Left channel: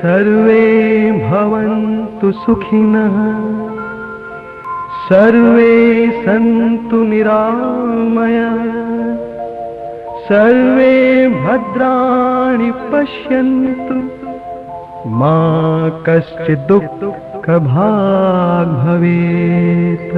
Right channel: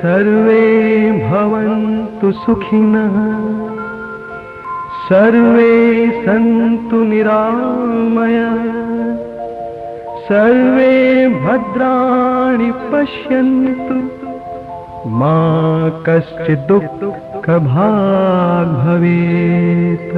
सर्वे भवन्तु सुखिनः, सर्वे सन्तु निरामयाः, सर्वे भद्राणि पश्यन्तु, मा कश्चित् दुःखभाग् भवेत्।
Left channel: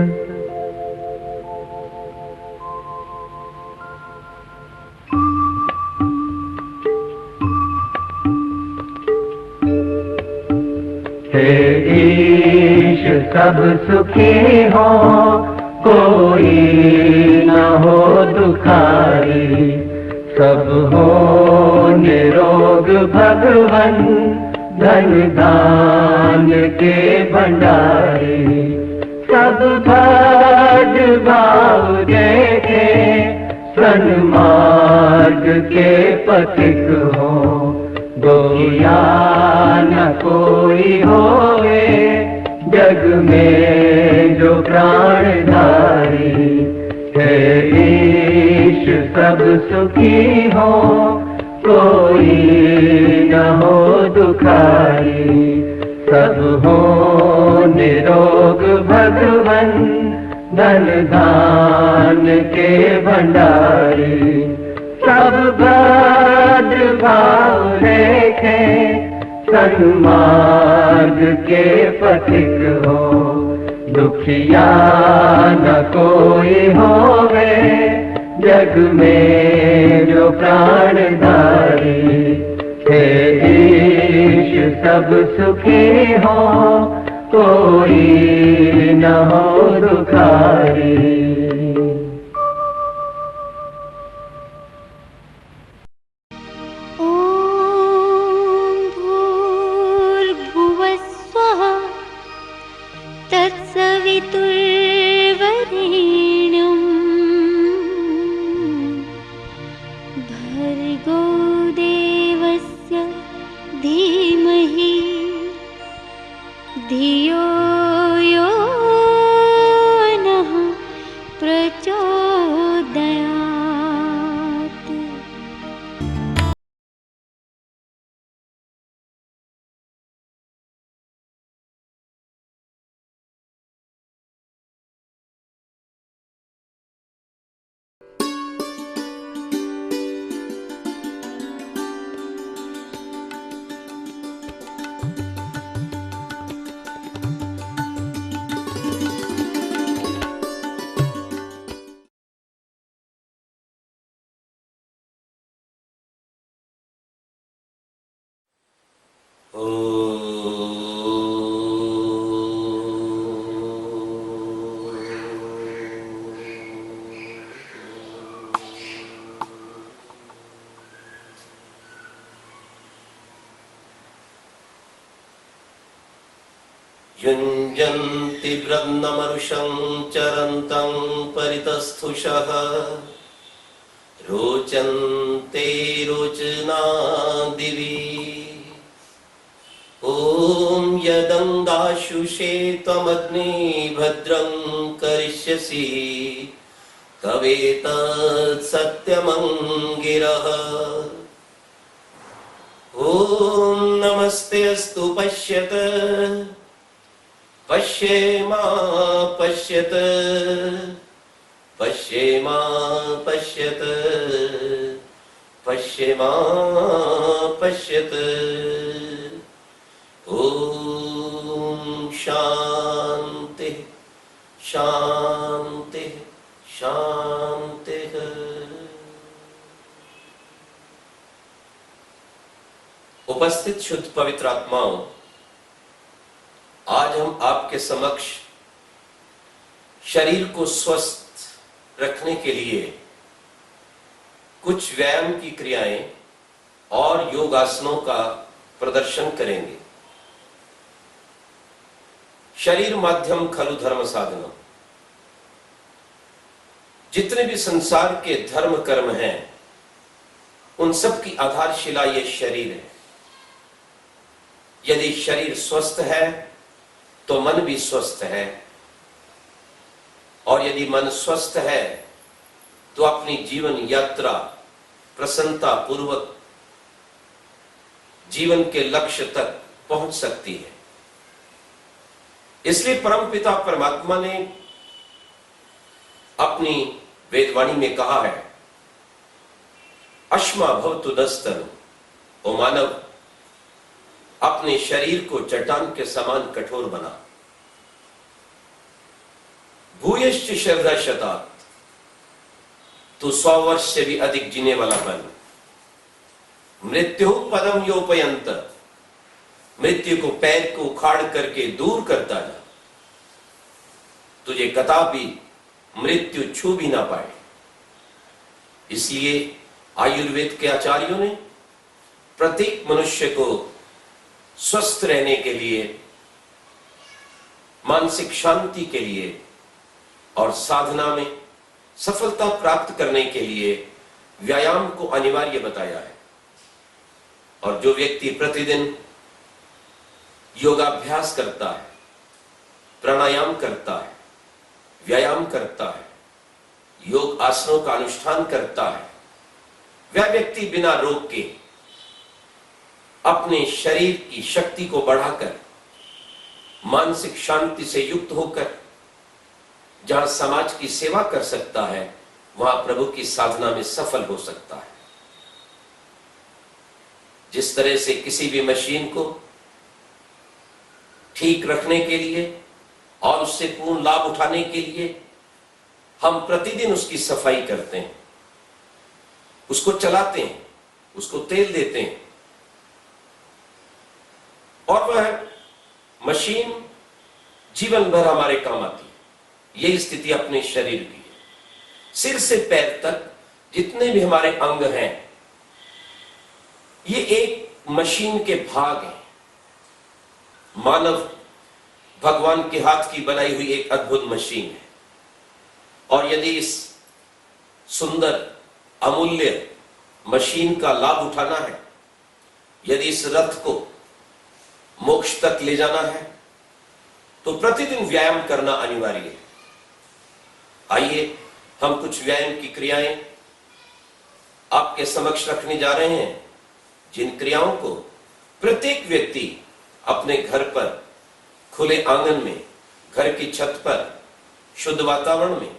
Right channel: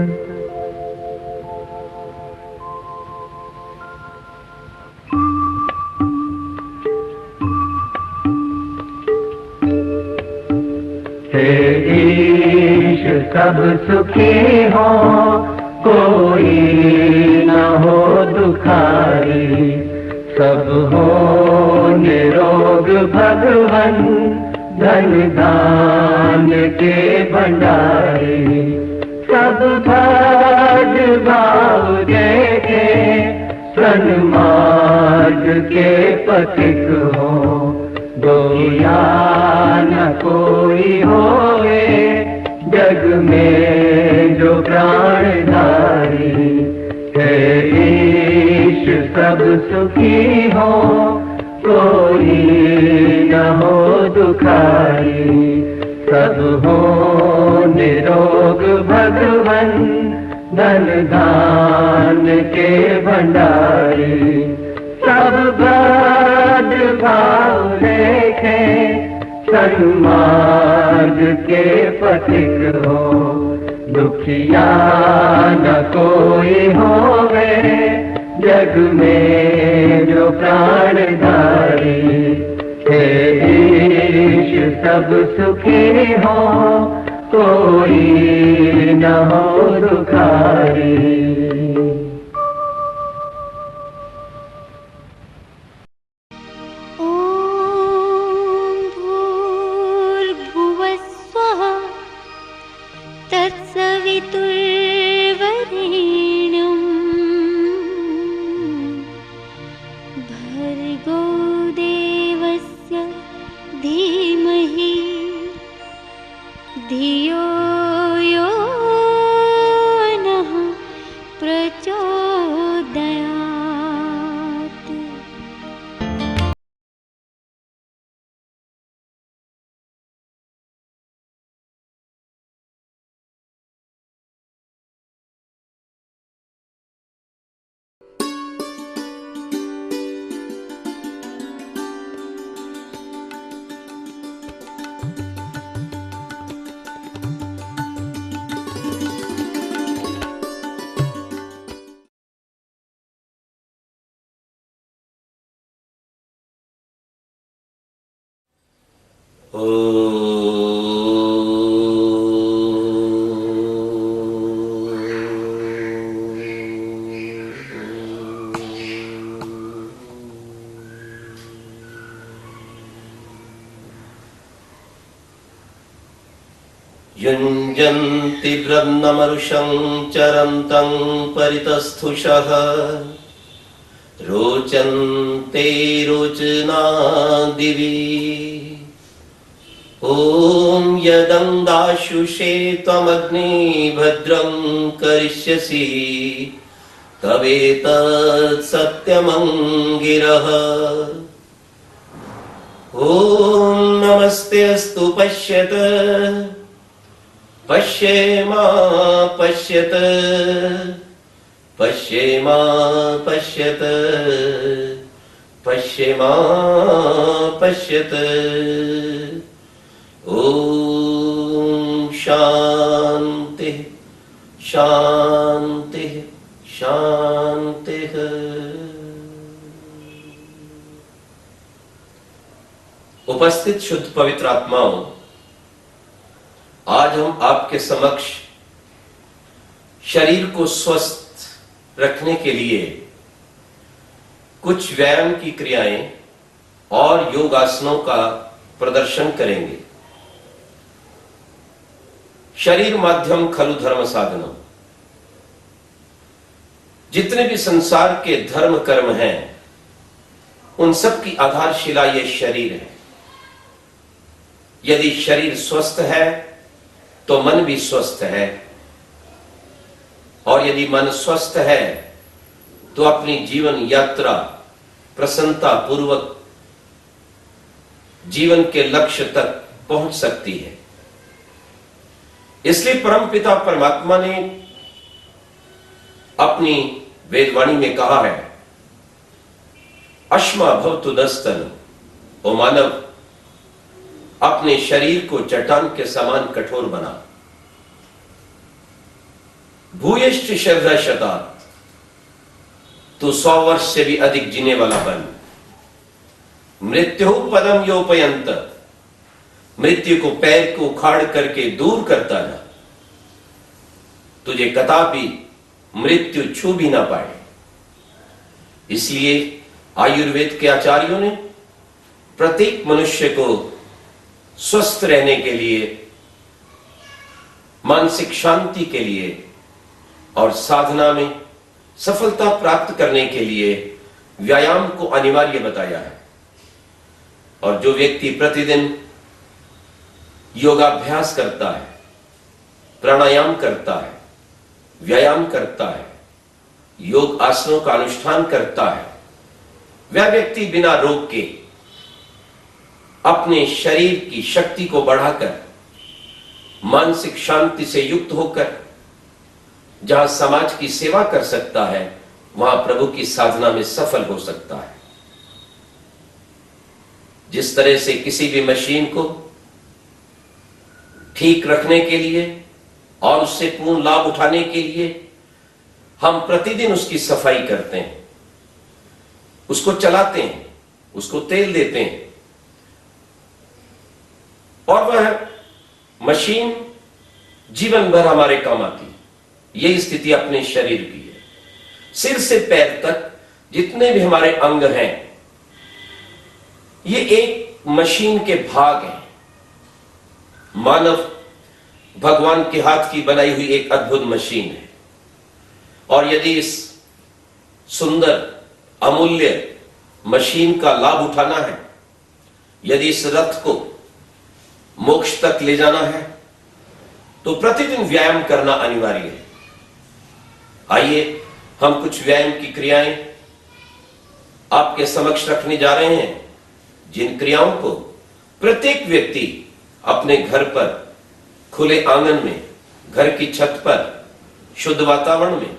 हे ईश सब सुखी हो, कोई न हो दुखारी, सब हो निरोग भगवन, धन दान के भंडारी। सब भज भाव देखे, सन्मार्ग के पथिक हो, गोया न कोई होए, जग में जो प्राणधारी। हे ईश सब सुखी हो, कोई न हो दुखारी, सब हो निरोग भगवन, धन दान के भंडारी। सब भज भाव देखे, सन्मार्ग के पथिक हो, दुखिया न कोई होवे, जग में जो प्राणधारी। हे ईश सब सुखी हो, कोई न हो दुखारी। युञ्जन्ति ब्रह्ममरुषं चरन्तं परितस्थुषः, रोचन्ते रोचना दिवि। ॐ यदङ्गाशुषे त्वमग्ने भद्रं करिष्यसि, तवेतत् सत्यमङ्गिरः। ॐ नमस्ते अस्तु पश्यत पश्येमा पश्यत पश्येमा पश्यत पश्येमा पश्यत। ॐ शान्ति शान्ति शान्तिः। उपस्थित शुद्ध पवित्र आत्माओं, आज हम आपके समक्ष शरीर को स्वस्थ रखने के लिए कुछ व्यायाम की क्रियाएं और योगासनों का प्रदर्शन करेंगे। शरीर माध्यम खलु धर्म साधनम। जितने भी संसार के धर्म कर्म हैं, उन सब की आधारशिला ये शरीर है। यदि शरीर स्वस्थ है तो मन भी स्वस्थ है, और यदि मन स्वस्थ है तो अपनी जीवन यात्रा प्रसन्नता पूर्वक जीवन के लक्ष्य तक पहुंच सकती है। इसलिए परमपिता परमात्मा ने अपनी वेदवाणी में कहा है, अश्मा भवतु दस्तन, ओ मानव अपने शरीर को चट्टान के समान कठोर बना। भूयश्च श्रद्धा शतात, तू 100 वर्ष से भी अधिक जीने वाला बन। मृत्यु पदम योपयंत, मृत्यु को पैर को उखाड़ करके दूर करता जा, तुझे कदापि मृत्यु छू भी ना पाए। इसलिए आयुर्वेद के आचार्यों ने प्रत्येक मनुष्य को स्वस्थ रहने के लिए, मानसिक शांति के लिए और साधना में सफलता प्राप्त करने के लिए व्यायाम को अनिवार्य बताया है। और जो व्यक्ति प्रतिदिन योगाभ्यास करता है, प्राणायाम करता है, व्यायाम करता है, योग आसनों का अनुष्ठान करता है, वह व्यक्ति बिना रोग के अपने शरीर की शक्ति को बढ़ाकर मानसिक शांति से युक्त होकर जहां समाज की सेवा कर सकता है, वहां प्रभु की साधना में सफल हो सकता है। जिस तरह से किसी भी मशीन को ठीक रखने के लिए और उससे पूर्ण लाभ उठाने के लिए हम प्रतिदिन उसकी सफाई करते हैं, उसको चलाते हैं, उसको तेल देते हैं, और वह मशीन जीवन भर हमारे काम आती है। यही स्थिति अपने शरीर की है। सिर से पैर तक जितने भी हमारे अंग हैं, ये एक मशीन के भाग हैं। मानव भगवान के हाथ की बनाई हुई एक अद्भुत मशीन है, और यदि इस सुंदर अमूल्य मशीन का लाभ उठाना है, यदि इस रथ को मोक्ष तक ले जाना है, तो प्रतिदिन व्यायाम करना अनिवार्य है। आइए हम कुछ व्यायाम की क्रियाएं आपके समक्ष रखने जा रहे हैं, जिन क्रियाओं को प्रत्येक व्यक्ति अपने घर पर, खुले आंगन में, घर की छत पर, शुद्ध वातावरण में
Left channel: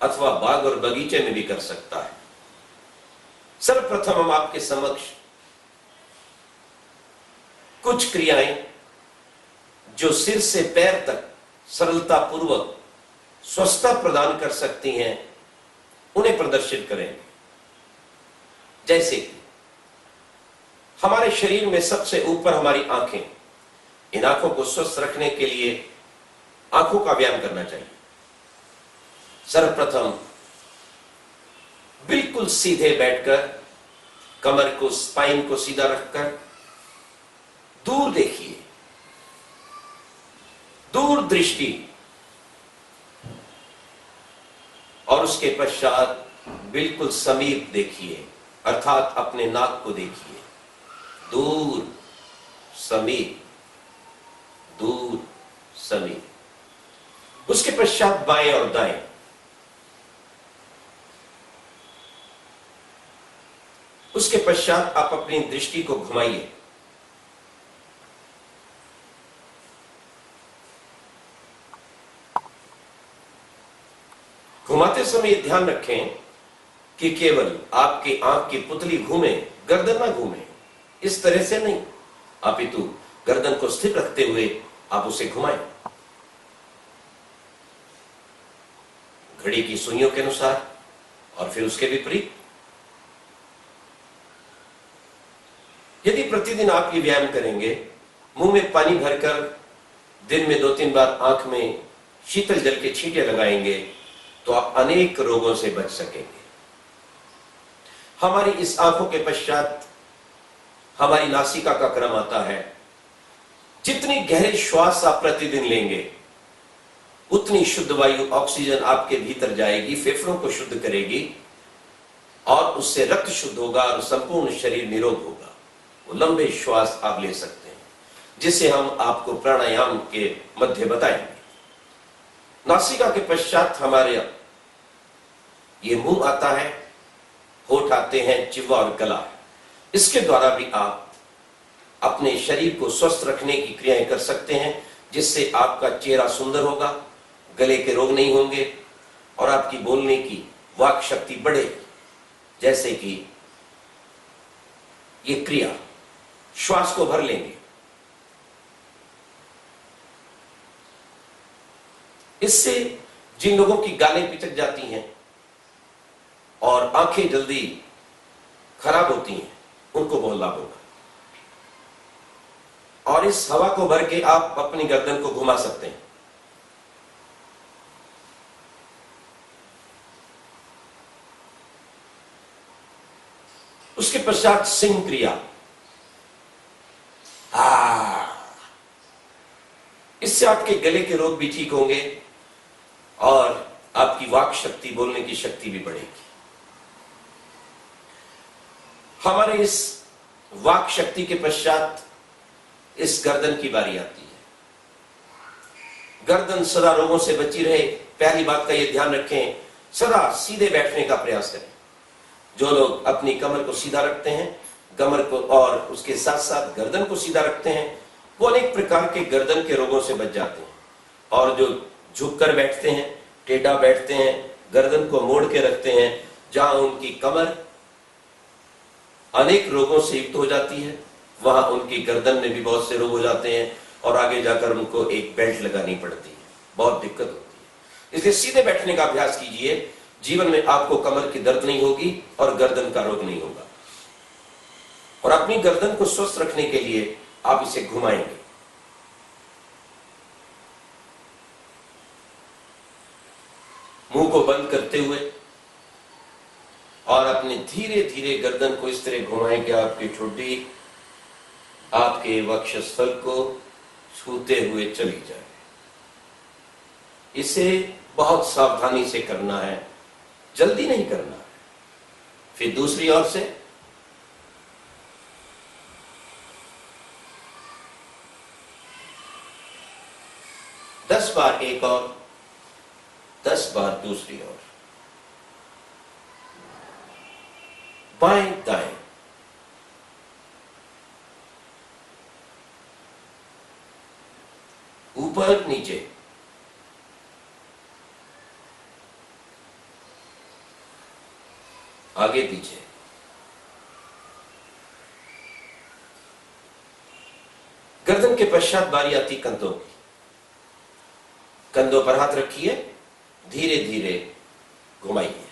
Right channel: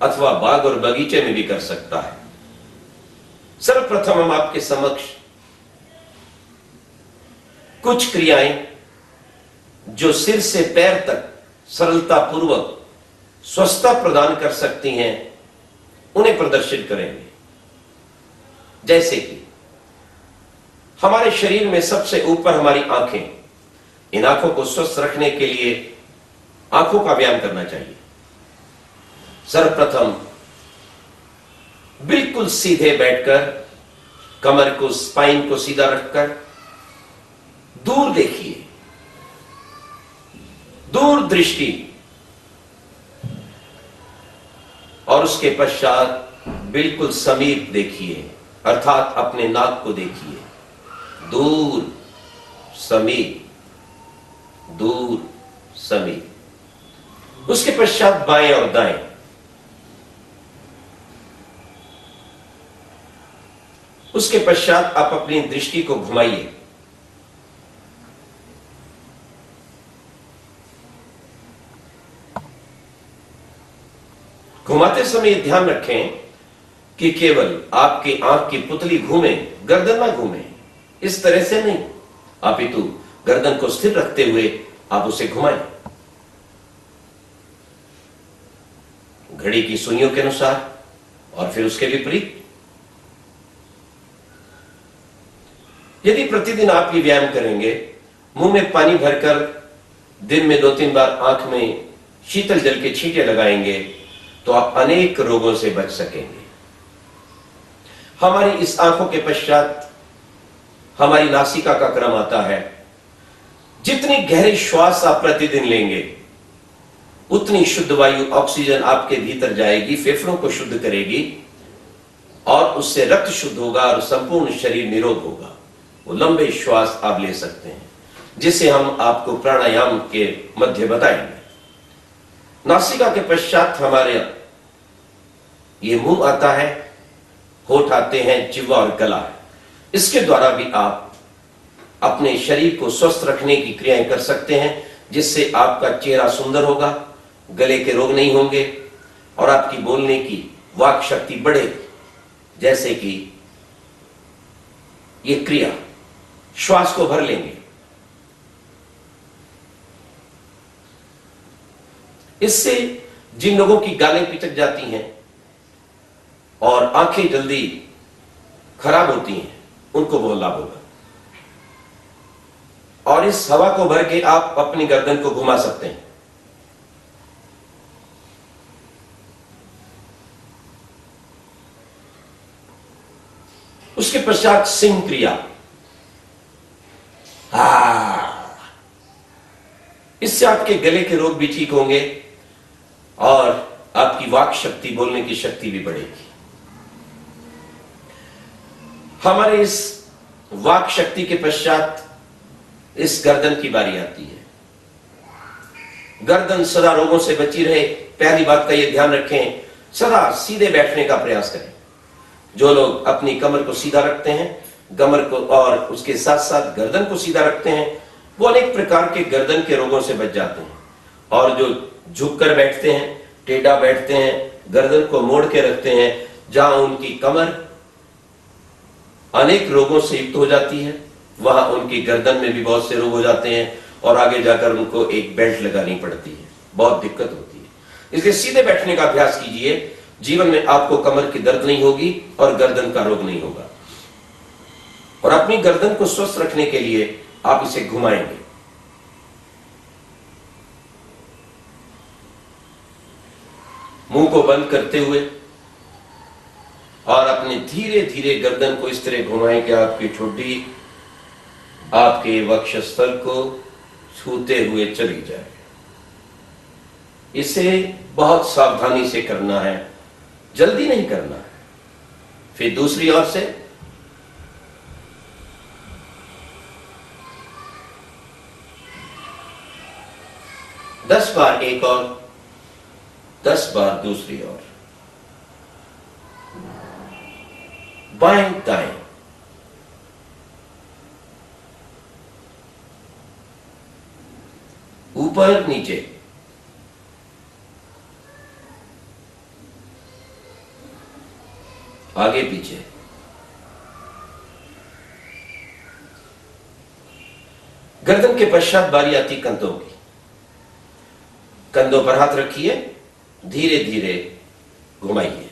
अथवा बाग और बगीचे में भी कर सकता है। सर्वप्रथम हम आपके समक्ष कुछ क्रियाएं जो सिर से पैर तक सरलता पूर्वक स्वस्थता प्रदान कर सकती हैं, उन्हें प्रदर्शित करेंगे। जैसे कि हमारे शरीर में सबसे ऊपर हमारी आंखें, इन आंखों को स्वस्थ रखने के लिए आंखों का व्यायाम करना चाहिए। सर्वप्रथम बिल्कुल सीधे बैठकर, कमर को, स्पाइन को सीधा रखकर दूर देखिए, दूर दृष्टि, और उसके पश्चात बिल्कुल समीप देखिए, अर्थात अपने नाक को देखिए। दूर, समीप, दूर, समीप। उसके पश्चात बाएं और दाएं। उसके पश्चात आप अपनी दृष्टि को घुमाइए। घुमाते समय ध्यान रखें कि केवल आपकी आंख की पुतली घूमे, गर्दन ना घूमे। इस तरह से नहीं, अपितु गर्दन को स्थिर रखते हुए आप उसे घुमाएं। घड़ी की सुइयों के अनुसार और फिर उसके विपरीत। यदि प्रतिदिन आप ये व्यायाम करेंगे, मुंह में पानी भरकर दिन में 2-3 बार आंख में शीतल जल के छींटे लगाएंगे, तो आप अनेक रोगों से बच सकेंगे। हमारी इस आंखों के पश्चात हमारी नासिका का क्रम आता है। जितनी गहरे श्वास आप प्रतिदिन लेंगे, उतनी शुद्ध वायु, ऑक्सीजन आपके भीतर जाएगी, फेफड़ों को शुद्ध करेगी, और उससे रक्त शुद्ध होगा और संपूर्ण शरीर निरोग होगा। वो लंबे श्वास आप ले सकते हैं, जिसे हम आपको प्राणायाम के मध्य बताएंगे। नासिका के पश्चात हमारे ये मुंह आता है, होठ आते हैं, जिह्वा और गला है। इसके द्वारा भी आप अपने शरीर को स्वस्थ रखने की क्रियाएं कर सकते हैं, जिससे आपका चेहरा सुंदर होगा, गले के रोग नहीं होंगे और आपकी बोलने की वाक शक्ति बढ़ेगी। जैसे कि ये क्रिया, श्वास को भर लेंगे। इससे जिन लोगों की गालें पिचक जाती हैं और आंखें जल्दी खराब होती हैं, उनको बहुत लाभ होगा। और इस हवा को भर के आप अपनी गर्दन को घुमा सकते हैं। उसके पश्चात सिंह क्रिया। इससे आपके गले के रोग भी ठीक होंगे और आपकी वाक शक्ति, बोलने की शक्ति भी बढ़ेगी। हमारे इस वाक शक्ति के पश्चात इस गर्दन की बारी आती है। गर्दन सदा रोगों से बची रहे, पहली बात का यह ध्यान रखें, सदा सीधे बैठने का प्रयास करें। जो लोग अपनी कमर को सीधा रखते हैं, कमर को और उसके साथ साथ गर्दन को सीधा रखते हैं, वो अनेक प्रकार के गर्दन के रोगों से बच जाते हैं। और जो झुककर बैठते हैं, टेढ़ा बैठते हैं, गर्दन को मोड़ के रखते हैं, जहां उनकी कमर अनेक रोगों से युक्त हो जाती है, वहां उनकी गर्दन में भी बहुत से रोग हो जाते हैं और आगे जाकर उनको एक बेल्ट लगानी पड़ती है, बहुत दिक्कत होती है। इसलिए सीधे बैठने का अभ्यास कीजिए। जीवन में आपको कमर की दर्द नहीं होगी और गर्दन का रोग नहीं होगा। और अपनी गर्दन को स्वस्थ रखने के लिए आप इसे घुमाएंगे। मुंह को बंद करते हुए और अपने धीरे धीरे गर्दन को इस तरह घुमाएं कि आपकी ठुड्डी आपके वक्षस्थल को छूते हुए चली जाए। इसे बहुत सावधानी से करना है, जल्दी नहीं करना है। फिर दूसरी ओर से दस बार एक और 10 बार दूसरी ओर, बाएं दाएं, ऊपर नीचे, आगे पीछे। गर्दन के पश्चात बारी आती कंधों की। कंधों पर हाथ रखिए, धीरे धीरे घुमाइए।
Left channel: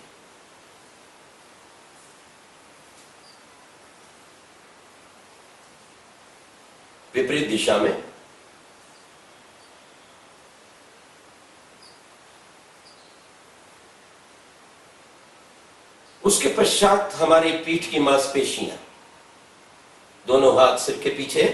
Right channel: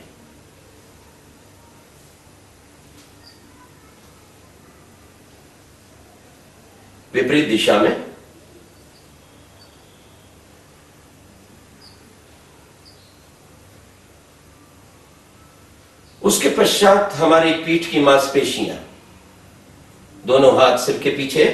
विपरीत दिशा में। उसके पश्चात हमारी पीठ की मांसपेशियां, दोनों हाथ सिर के पीछे,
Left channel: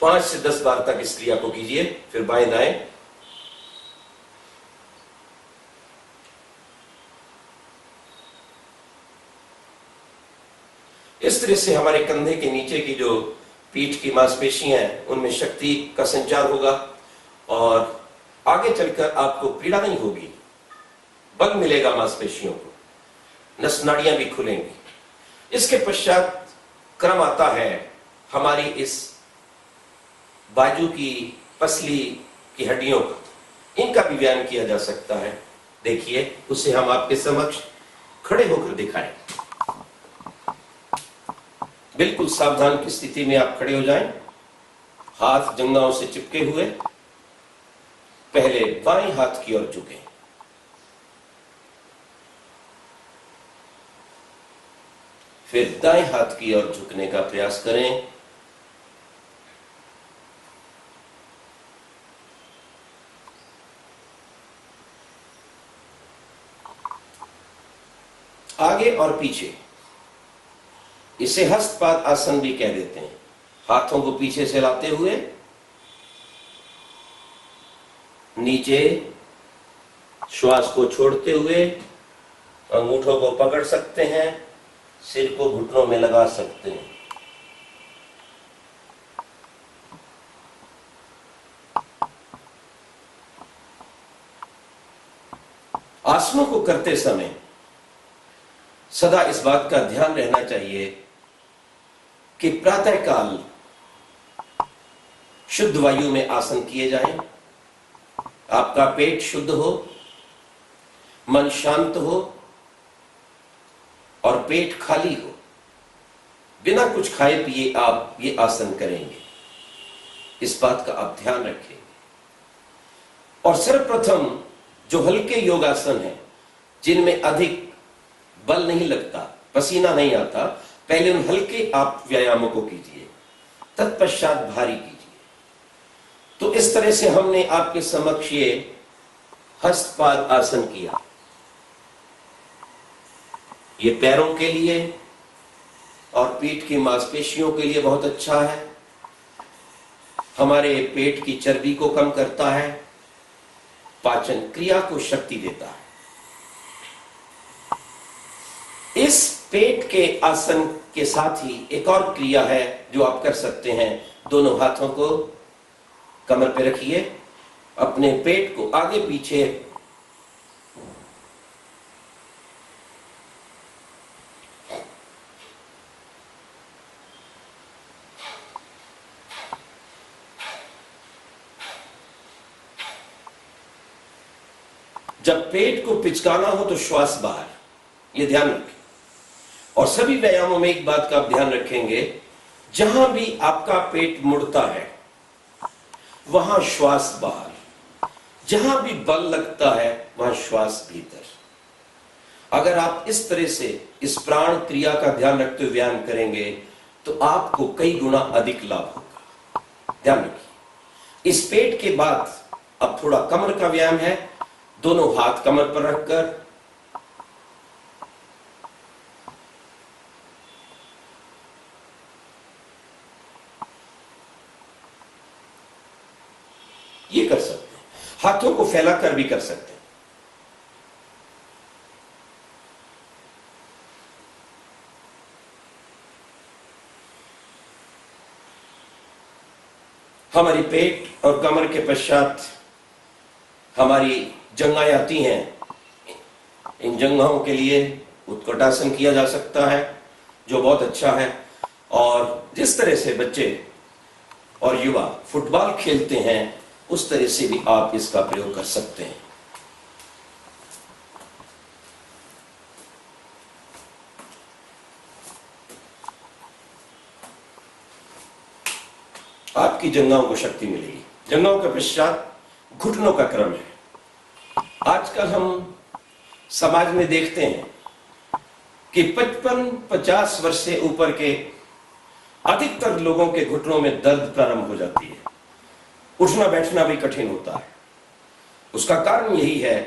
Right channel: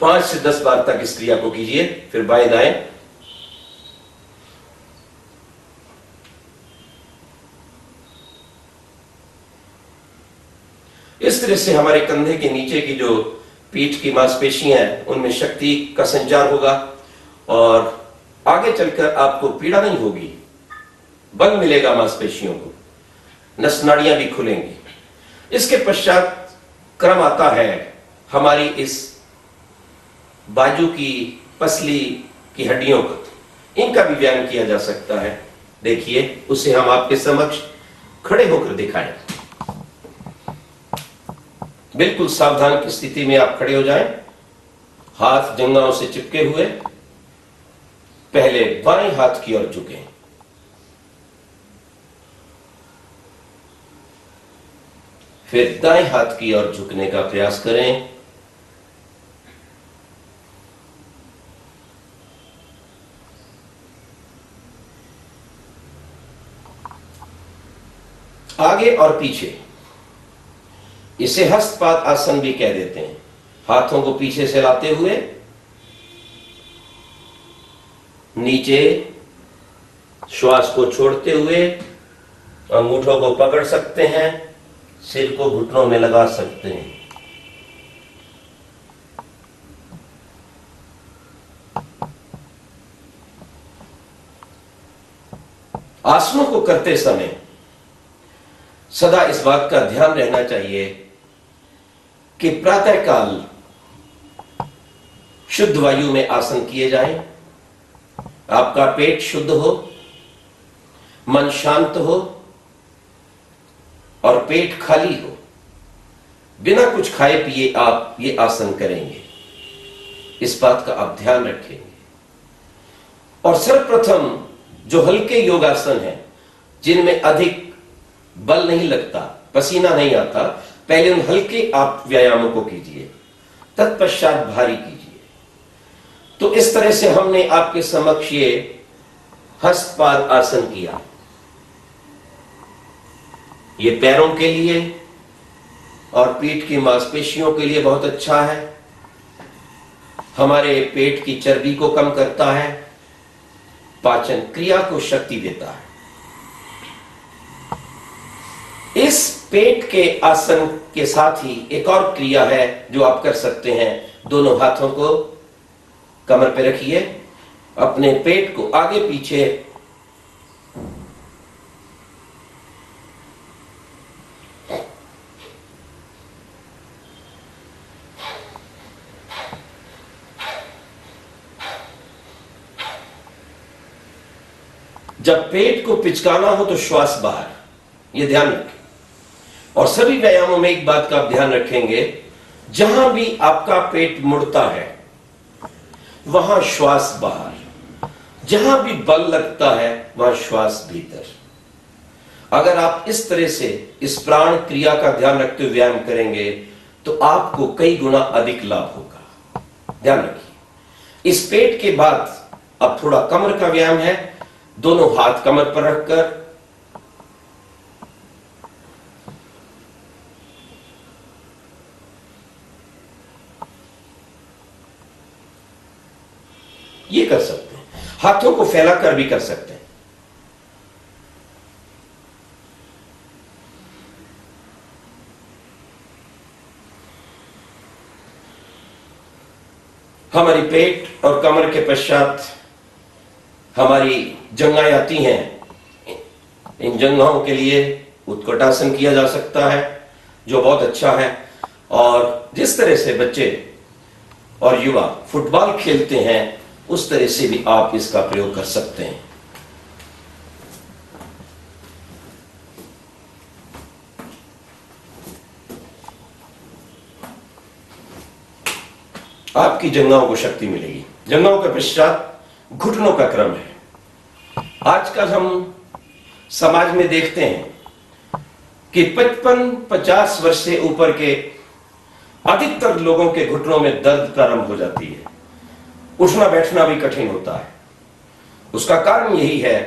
पांच से 10 बार तक इस क्रिया को कीजिए। फिर बाएं दाएं, इस तरह से हमारे कंधे के नीचे की जो पीठ की मांसपेशियां हैं, उनमें शक्ति का संचार होगा और आगे चलकर आपको पीड़ा नहीं होगी, बल मिलेगा मांसपेशियों को, नस नाड़ियां भी खुलेंगी। इसके पश्चात क्रम आता है हमारी इस बाजू की पसली की हड्डियों का, इनका भी व्यायाम किया जा सकता है। देखिए, उसे हम आपके समक्ष खड़े होकर दिखाएं। बिल्कुल सावधान की स्थिति में आप खड़े हो जाएं, हाथ जंघाओं से चिपके हुए। पहले बाएं हाथ की ओर झुकें, फिर दाएं हाथ की ओर झुकने का प्रयास करें। आगे और पीछे, इसे हस्तपाद आसन भी कह देते हैं। हाथों को पीछे से लाते हुए नीचे, श्वास को छोड़ते हुए अंगूठों को पकड़ सकते हैं, सिर को घुटनों में लगा सकते हैं। आसनों को करते समय सदा इस बात का ध्यान रहना चाहिए कि प्रातःकाल शुद्ध वायु में आसन किए जाएं, आपका पेट शुद्ध हो, मन शांत हो और पेट खाली हो, बिना कुछ खाए पिए आप ये आसन करेंगे। इस बात का आप ध्यान रखेंगे। और सर्वप्रथम जो हल्के योगासन हैं, जिनमें अधिक बल नहीं लगता, पसीना नहीं आता, पहले उन हल्के आप व्यायामों को कीजिए, तत्पश्चात भारी कीजिए। तो इस तरह से हमने आपके समक्ष ये हस्तपाद आसन किया। ये पैरों के लिए और पीठ की मांसपेशियों के लिए बहुत अच्छा है, हमारे पेट की चर्बी को कम करता है, पाचन क्रिया को शक्ति देता है। इस पेट के आसन के साथ ही एक और क्रिया है जो आप कर सकते हैं। दोनों हाथों को कमर पे रखिए, अपने पेट को आगे पीछे जब पेट को पिचकाना हो तो श्वास बाहर, यह ध्यान रखें। और सभी व्यायामों में एक बात का आप ध्यान रखेंगे, जहां भी आपका पेट मुड़ता है वहां श्वास बाहर, जहां भी बल लगता है वहां श्वास भीतर। अगर आप इस तरह से इस प्राण क्रिया का ध्यान रखते हुए व्यायाम करेंगे तो आपको कई गुना अधिक लाभ होगा। ध्यान रखिए। इस पेट के बाद अब थोड़ा कमर का व्यायाम है। दोनों हाथ कमर पर रखकर ये कर सकते हैं, हाथों को फैलाकर भी कर सकते हैं। हमारी पेट और कमर के पश्चात हमारी जंघाएं आती हैं। इन जंघाओं के लिए उत्कटासन किया जा सकता है, जो बहुत अच्छा है। और जिस तरह से बच्चे और युवा फुटबॉल खेलते हैं, उस तरह से भी आप इसका प्रयोग कर सकते हैं। आपकी जंघाओं को शक्ति मिलेगी। जंघाओं के पश्चात घुटनों का क्रम है। आजकल हम समाज में देखते हैं कि 55-50 वर्ष से ऊपर के अधिकतर लोगों के घुटनों में दर्द प्रारंभ हो जाती है, उठना बैठना भी कठिन होता है। उसका कारण यही है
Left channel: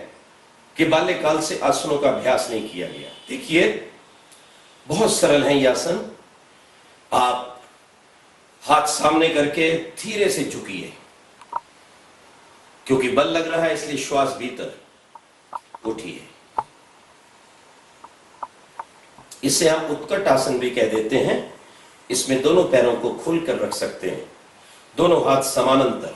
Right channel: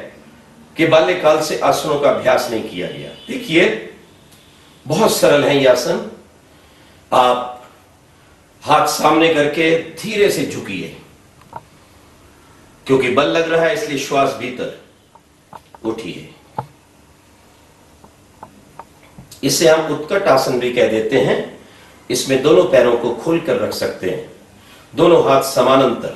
कि बाल्यकाल से आसनों का अभ्यास नहीं किया गया। देखिए, बहुत सरल है ये आसन। आप हाथ सामने करके धीरे से झुकिए, क्योंकि बल लग रहा है इसलिए श्वास भीतर। उठिए। इसे हम उत्कट आसन भी कह देते हैं। इसमें दोनों पैरों को खोलकर रख सकते हैं, दोनों हाथ समानांतर।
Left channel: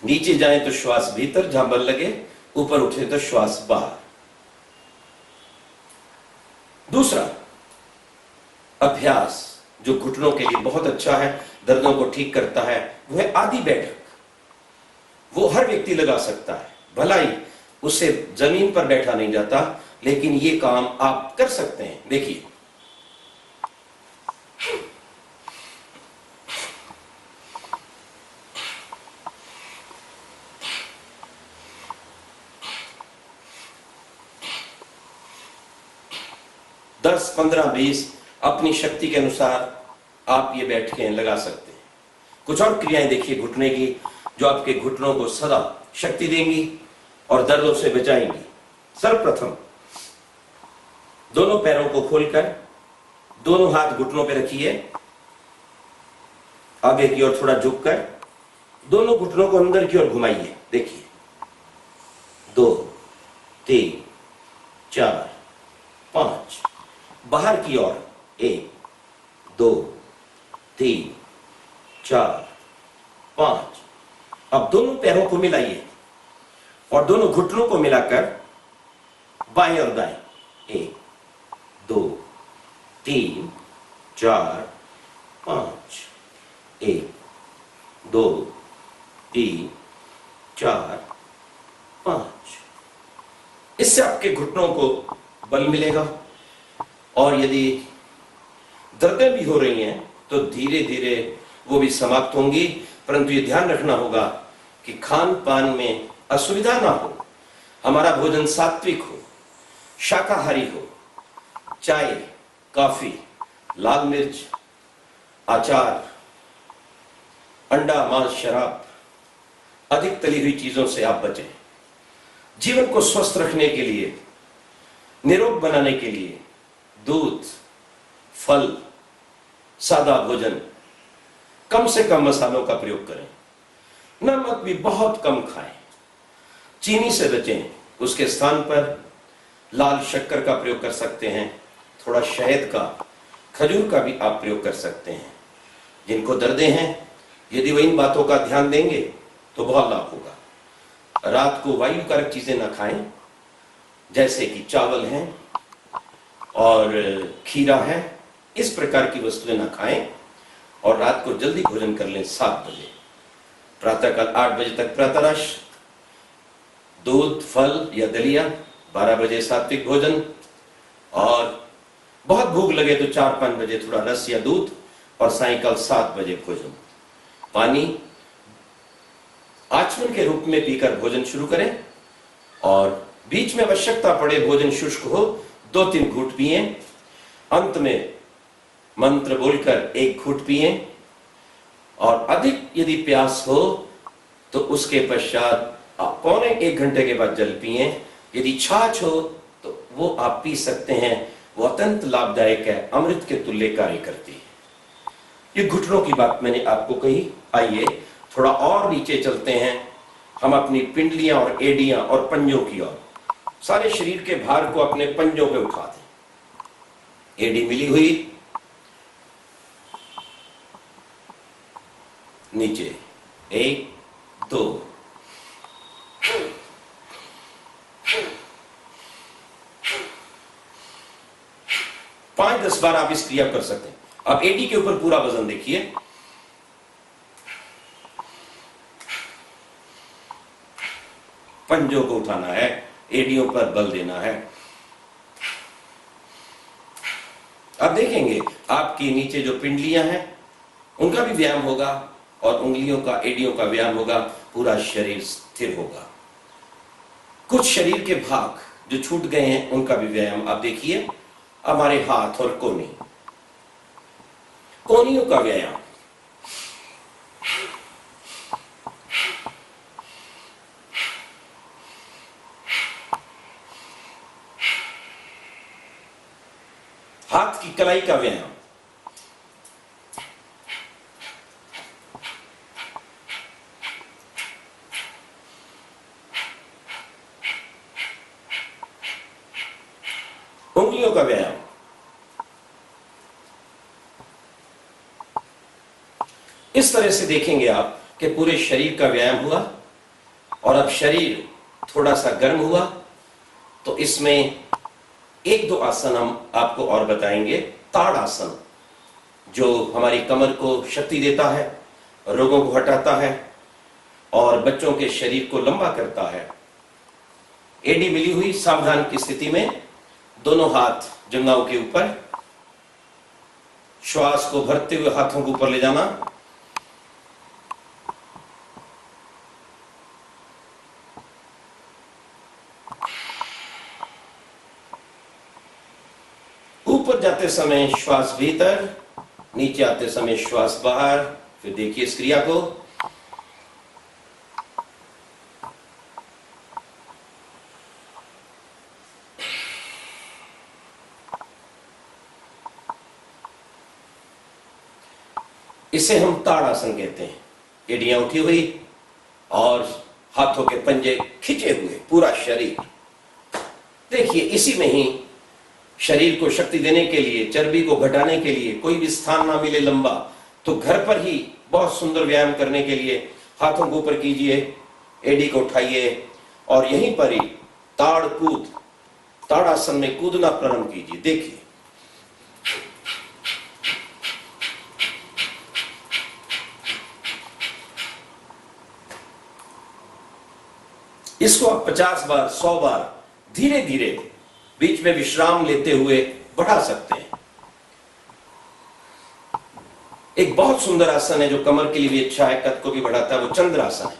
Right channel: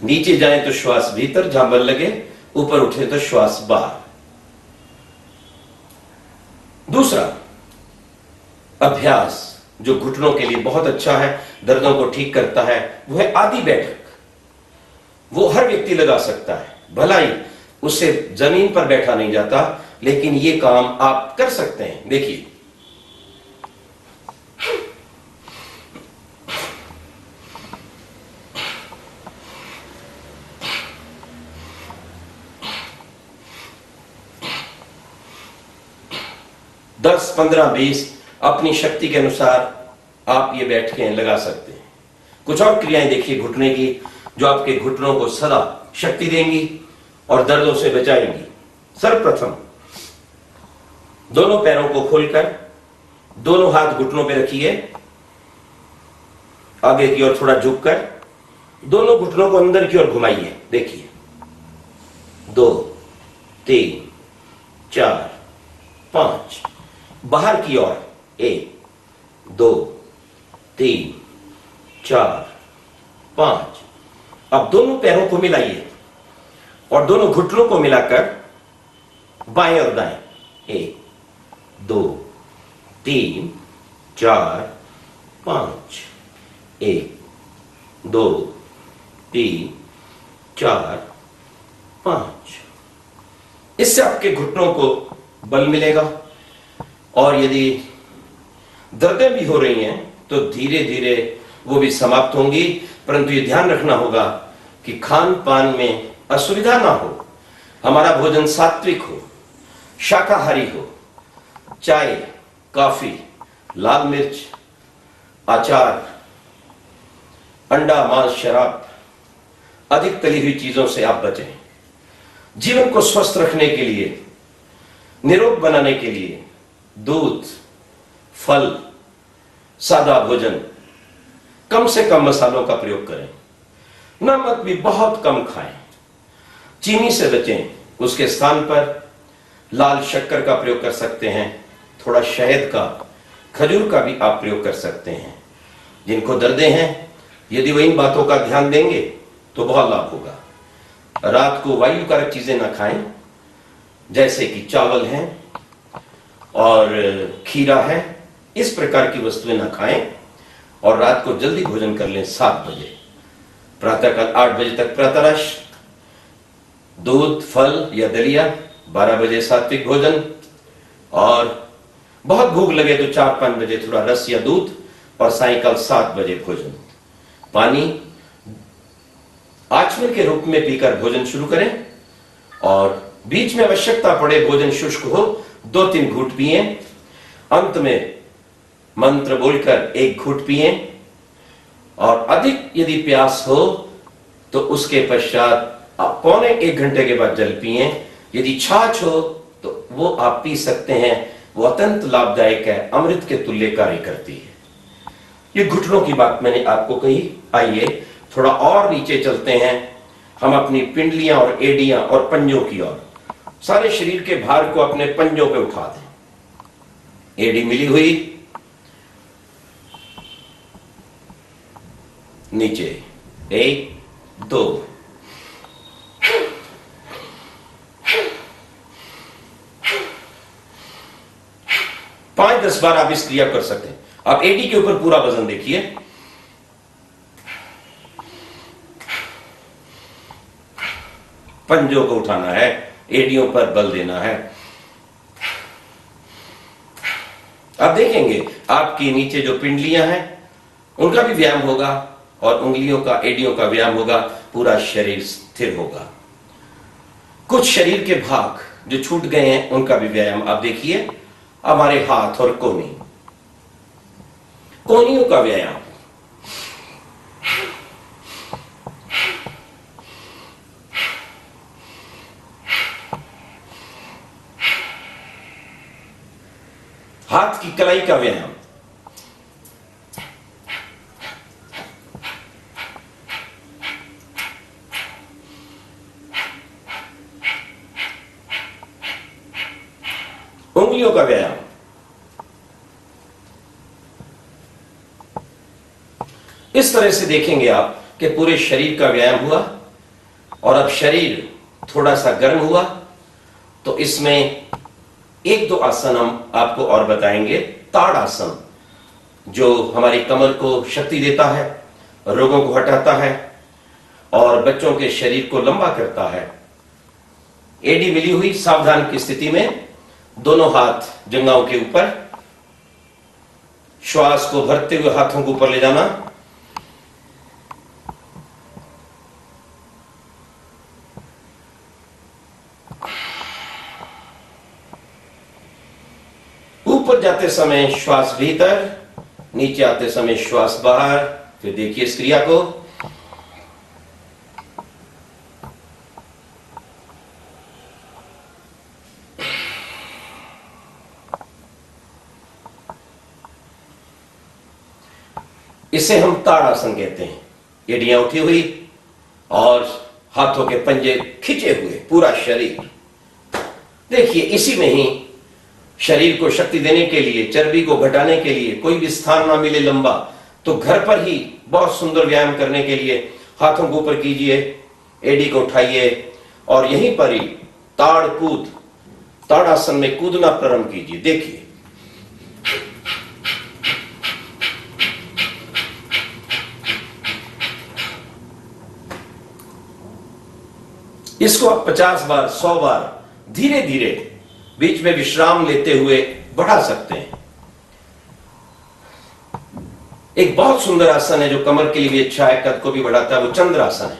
नीचे जाएं तो श्वास भीतर जहां बल लगे, ऊपर उठे तो श्वास बाहर। दूसरा अभ्यास जो घुटनों के लिए बहुत अच्छा है, दर्दों को ठीक करता है, वो है आधी बैठक। वो हर व्यक्ति लगा सकता है, भलाई उससे जमीन पर बैठा नहीं जाता, लेकिन ये काम आप कर सकते हैं। देखिए, दस 15-20 अपनी शक्ति के अनुसार आप ये बैठ के लगा सकते हैं। कुछ और क्रियाएं देखिए घुटने की, जो आपके घुटनों को सदा शक्ति देंगी और दर्दों से बचाएंगी। सर्वप्रथम दोनों पैरों को खोलकर दोनों हाथ घुटनों पे रखिए, आगे की ओर थोड़ा झुककर दोनों घुटनों को अंदर की ओर घुमाइए। देखिए, 2 3 4 5, बाहर की ओर 1 2 3 4 5। अब दोनों पैरों को मिलाइए और दोनों घुटनों को मिलाकर बाएं और दाएं, 1 2 3 4 5, 1 2 3 4 5। इससे आपके घुटनों को बल मिलेगा और यदि दर्दें भी हो रही हैं तो धीरे धीरे वो भी समाप्त होंगी। परंतु ये ध्यान रखना होगा कि खान पान में असुविधा ना हो, हमारा भोजन सात्विक हो, शाकाहारी हो। चाय, कॉफी, लाल मिर्च, अचार, अंडा, मांस, शराब, अधिक तली हुई चीजों से आप बचें। जीवन को स्वस्थ रखने के लिए, निरोग बनाने के लिए दूध, फल, सादा भोजन, कम से कम मसालों का प्रयोग करें। नमक भी बहुत कम खाएं। चीनी से बचें, उसके स्थान पर लाल शक्कर का प्रयोग कर सकते हैं। थोड़ा शहद का, खजूर का भी आप प्रयोग कर सकते हैं। जिनको दर्दें हैं, यदि वह इन बातों का ध्यान देंगे तो बहुत लाभ होगा। रात को वायुकारक चीजें ना खाएं, जैसे कि चावल हैं और खीरा है, इस प्रकार की वस्तुएं ना खाएं। और रात को जल्दी भोजन कर लें 7 बजे। प्रातःकाल 8 बजे तक प्रातःरश, दूध, फल या दलिया, 12 बजे सात्विक भोजन, और बहुत भूख लगे तो 4-5 बजे थोड़ा रस या दूध, और सायंकाल 7 बजे भोजन। पानी आचमन के रूप में पीकर भोजन शुरू करें और बीच में आवश्यकता पड़े, भोजन शुष्क हो, 2-3 घूंट पिए। अंत में मंत्र बोलकर 1 घूंट पिए और अधिक यदि प्यास हो तो उसके पश्चात आप 1.25 घंटे के बाद जल पिए। यदि छाछ हो तो वो आप पी सकते हैं, वो अत्यंत लाभदायक है, अमृत के तुल्य कार्य करती है। ये घुटनों की बात मैंने आपको कही। आइए थोड़ा और नीचे चलते हैं, हम अपनी पिंडलियां और एडियां और पंजों की ओर। सारे शरीर के भार को अपने पंजों पे उठा दें। एडी मिली हुई, नीचे 1 2, 5-10 बार आप इस क्रिया कर सकते हैं। आप एडी के ऊपर पूरा वजन देखिए। पंजों को उठाना है, एडियों पर बल देना है। आप देखेंगे आपकी नीचे जो पिंडलियां हैं उनका भी व्यायाम होगा और उंगलियों का, एडियों का व्यायाम होगा। पूरा शरीर स्थिर होगा। कुछ शरीर के भाग जो छूट गए हैं उनका भी व्यायाम आप देखिए। हमारे हाथ और कोहनियों का व्यायाम। हाथ की कलाई का व्यायाम। उंगलियों का व्यायाम। इस तरह से देखेंगे आप कि पूरे शरीर का व्यायाम हुआ। और अब शरीर थोड़ा सा गर्म हुआ तो इसमें 1-2 आसन हम आपको और बताएंगे। ताड़ आसन, जो हमारी कमर को शक्ति देता है, रोगों को हटाता है और बच्चों के शरीर को लंबा करता है। एडी मिली हुई, सावधान की स्थिति में दोनों हाथ जंघाओं के ऊपर, श्वास को भरते हुए हाथों को ऊपर ले जाना। ऊपर जाते समय श्वास भीतर, नीचे आते समय श्वास बाहर। फिर देखिए इस क्रिया को। इसे हम ताड़ आसन कहते हैं। एडियां उठी हुई और हाथों के पंजे खिंचे हुए, पूरा शरीर। देखिए इसी में ही शरीर को शक्ति देने के लिए, चर्बी को घटाने के लिए, कोई भी स्थान ना मिले लंबा तो घर पर ही बहुत सुंदर व्यायाम करने के लिए हाथों को ऊपर कीजिए, एडी को उठाइए और यहीं पर ही ताड़ासन में कूदना प्रारंभ कीजिए। देखिए, इसको आप 50 बार 100 बार धीरे धीरे बीच में विश्राम लेते हुए बढ़ा सकते हैं। एक बहुत सुंदर आसन है जो कमर के लिए भी अच्छा है, कद को भी बढ़ाता है, वो चंद्रासन है।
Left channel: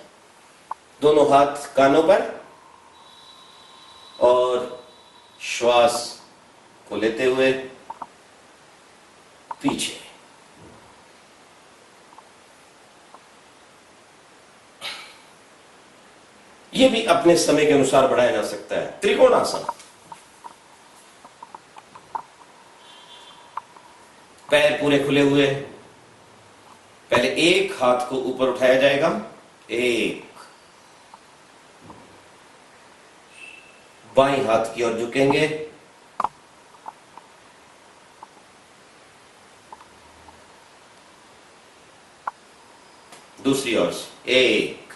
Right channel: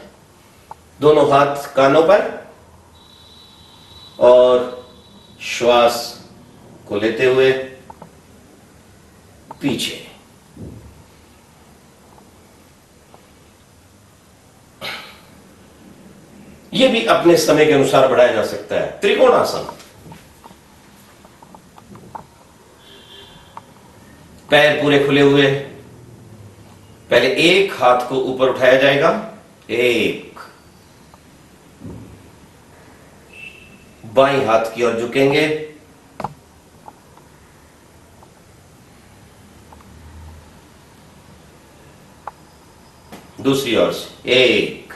दोनों हाथ कानों पर और श्वास को लेते हुए पीछे। यह भी अपने समय के अनुसार बढ़ाया जा सकता है। त्रिकोणासन, पैर पूरे खुले हुए, पहले एक हाथ को ऊपर उठाया जाएगा, एक, बाईं हाथ की ओर झुकेंगे, दूसरी ओर से एक,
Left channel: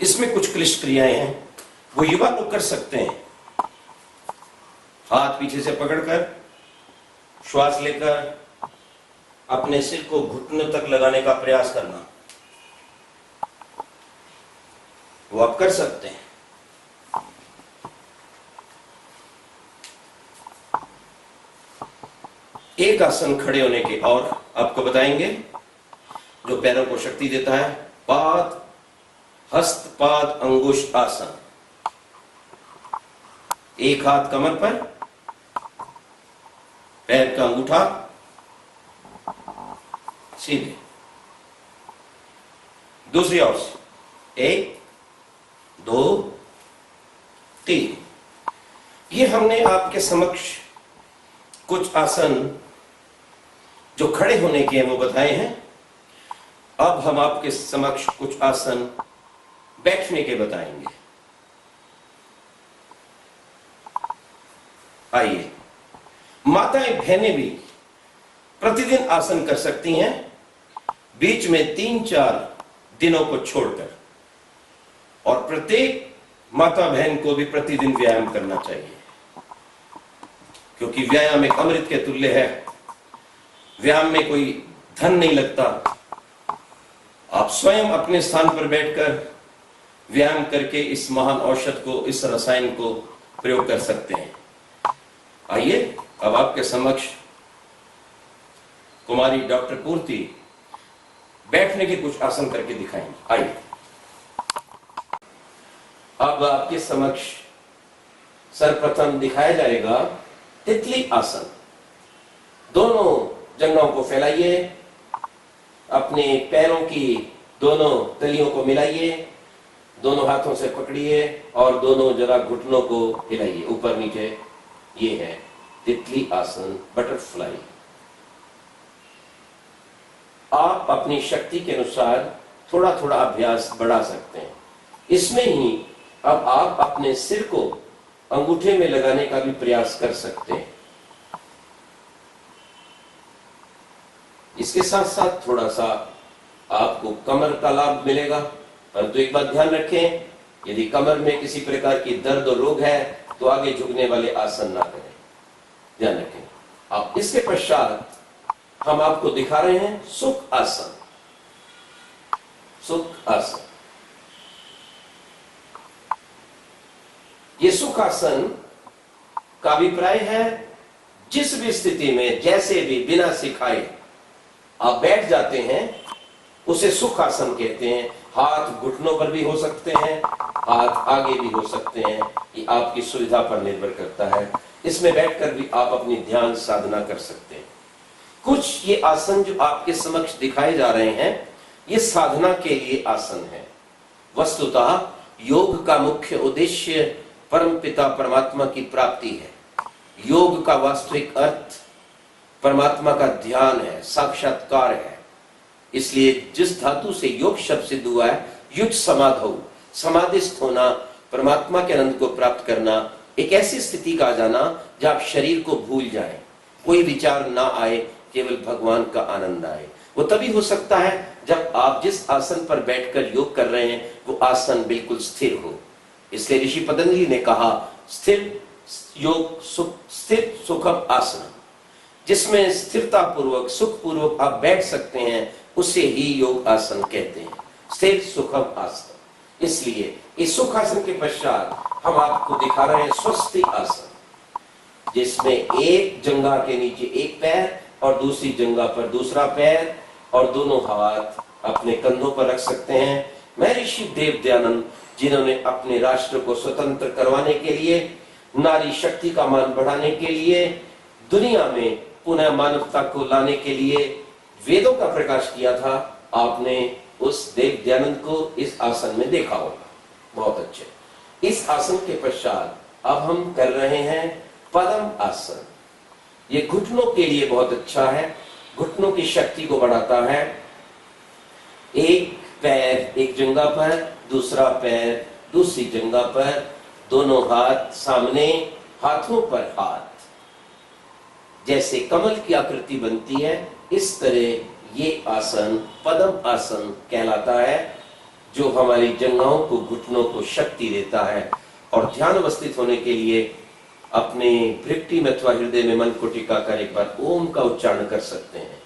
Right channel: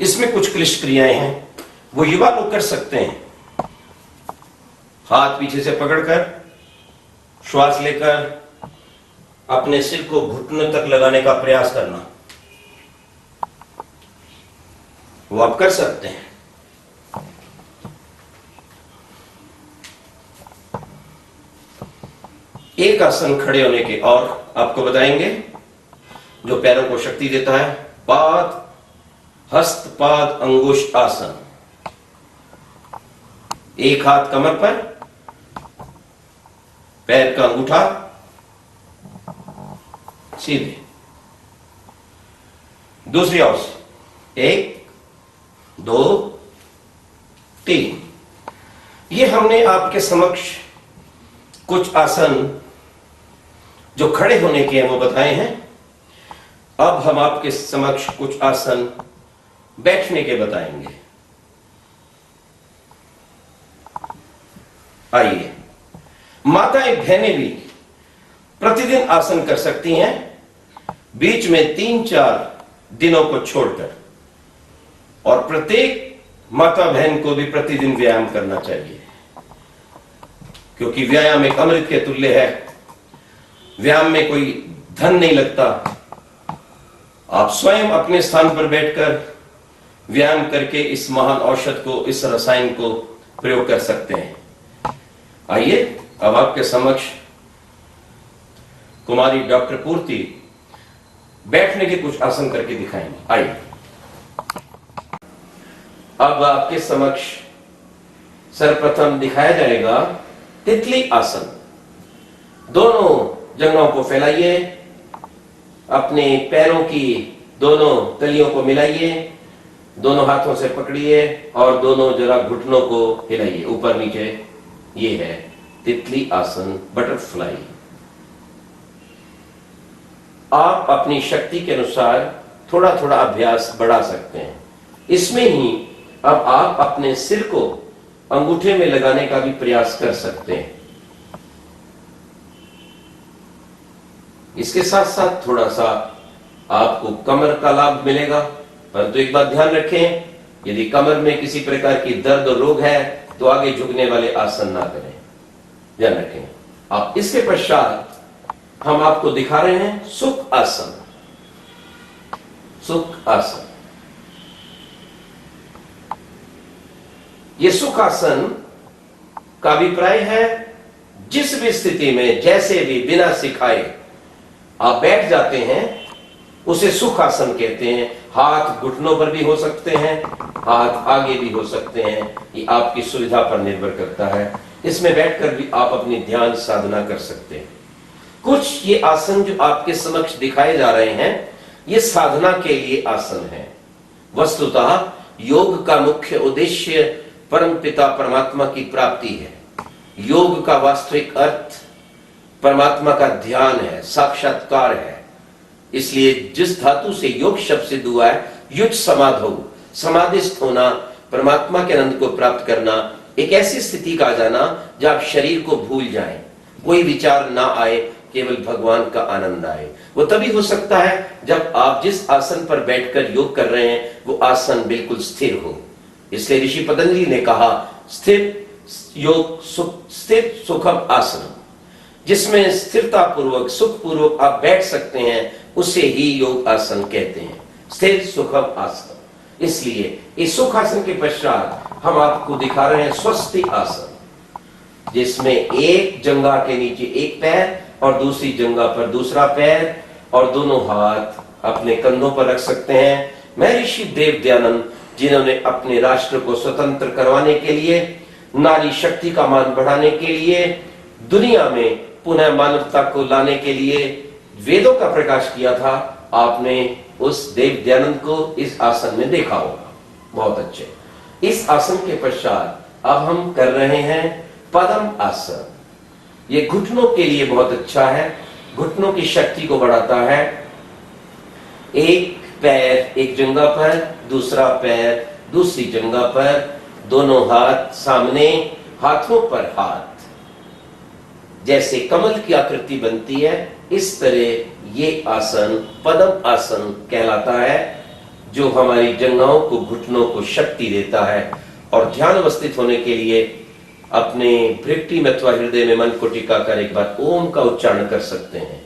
इसमें कुछ क्लिष्ट क्रियाएं हैं, वो युवा लोग कर सकते हैं। हाथ पीछे से पकड़कर श्वास लेकर अपने सिर को घुटने तक लगाने का प्रयास करना, वो आप कर सकते हैं। एक आसन खड़े होने के और आपको बताएंगे जो पैरों को शक्ति देता है, पाद हस्तपाद अंगुष्ठ आसन। एक हाथ कमर पर, पैर का अंगूठा सीधे, दूसरी ओर से एक, दो, तीन। ये हमने आपके समक्ष कुछ आसन जो खड़े होने के हैं वो बताए हैं। अब हम आपके समक्ष कुछ आसन बैठने के बताएंगे। आइए, माताएं बहनें भी प्रतिदिन आसन कर सकती हैं, बीच में 3-4 दिनों को छोड़कर, और प्रत्येक माता बहन को भी प्रतिदिन व्यायाम करना चाहिए, क्योंकि व्यायाम एक अमृत के तुल्य है। व्यायाम में कोई धन नहीं लगता। आप स्वयं अपने स्थान पर बैठकर व्यायाम करके इस महान औषध को, इस रसायन को प्रयोग कर सकते हैं। आइए, अब आपके समक्ष कुमारी डॉक्टर पूर्ति बैठने के कुछ आसन करके दिखाएंगे। आइए, अब आपके समक्ष सर्वप्रथम दिखाया जाएगा तितली आसन। दोनों जंघों को फैलाइए, अपने पैरों की दोनों तलियों को मिलाइए, दोनों हाथों से पकड़िए और दोनों जरा घुटनों को हिलाइए ऊपर नीचे। ये है तितली आसन, बटरफ्लाई। आप अपनी शक्ति के अनुसार थोड़ा थोड़ा अभ्यास बढ़ा सकते हैं। इसमें ही अब आप अपने सिर को अंगूठे में लगाने का भी प्रयास कर सकते हैं। इसके साथ साथ थोड़ा सा आपको कमर का लाभ मिलेगा, परंतु एक बात ध्यान रखें, यदि कमर में किसी प्रकार की दर्द और रोग है तो आगे झुकने वाले आसन ना करें, ध्यान रखें आप। इसके पश्चात हम आपको दिखा रहे हैं सुख आसन। सुख आसन, ये सुख आसन का अभिप्राय है जिस भी स्थिति में, जैसे भी, बिना सिखाए आप बैठ जाते हैं उसे सुख आसन कहते हैं। हाथ घुटनों पर भी हो सकते हैं, हाथ आगे भी हो सकते हैं, ये आपकी सुविधा पर निर्भर करता है। इसमें बैठकर भी आप अपनी ध्यान साधना कर सकते हैं। कुछ ये आसन जो आपके समक्ष दिखाए जा रहे हैं, ये साधना के लिए आसन है। वस्तुतः योग का मुख्य उद्देश्य परमपिता परमात्मा की प्राप्ति है। योग का वास्तविक अर्थ परमात्मा का ध्यान है, साक्षात्कार है। इसलिए जिस धातु से योग शब्द सिद्ध हुआ है, युज समाधौ, समाधिस्थ होना, परमात्मा के आनंद को प्राप्त करना, एक ऐसी स्थिति का आ जाना जब आप शरीर को भूल जाएं, कोई विचार ना आए, केवल भगवान का आनंद आए। वो तभी हो सकता है जब आप जिस आसन पर बैठकर योग कर रहे हैं वो आसन बिल्कुल स्थिर हो। इसलिए ऋषि पतंजलि ने कहा स्थिर सुखम आसन, जिसमें स्थिरता पूर्वक सुख पूर्वक आप बैठ सकते हैं, उसे ही योग आसन कहते हैं, स्थिर सुखम आसन। इसलिए इस सुख आसन के पश्चात हम आपको दिखा रहे हैं स्वस्ति आसन, जिसमें एक जंघा के नीचे एक पैर और दूसरी जंघा पर दूसरा पैर और दोनों हाथ अपने कंधों पर रख सकते हैं। महर्षि देव दयानंद, जिन्होंने अपने राष्ट्र को स्वतंत्र करवाने के लिए, नारी शक्ति का मान बढ़ाने के लिए, दुनिया में पुनः मानवता को लाने के लिए वेदों का प्रकाश किया था, आपने उस देव दयानंद को इस आसन में देखा होगा। बहुत अच्छे। इस आसन के पश्चात अब हम कर रहे हैं पद्म आसन। ये घुटनों के लिए बहुत अच्छा है, घुटनों की शक्ति को बढ़ाता है। एक पैर एक जंघा पर, दूसरा पैर दूसरी जंघा पर, दोनों हाथ सामने, हाथों पर हाथ, जैसे कमल की आकृति बनती है, इस तरह ये आसन पद्म आसन कहलाता है, जो हमारी जंघाओं को, घुटनों को शक्ति देता है। और ध्यान अवस्थित होने के लिए अपने भृकुटी में अथवा हृदय में मन को टिका कर एक बार ओम का उच्चारण कर सकते हैं।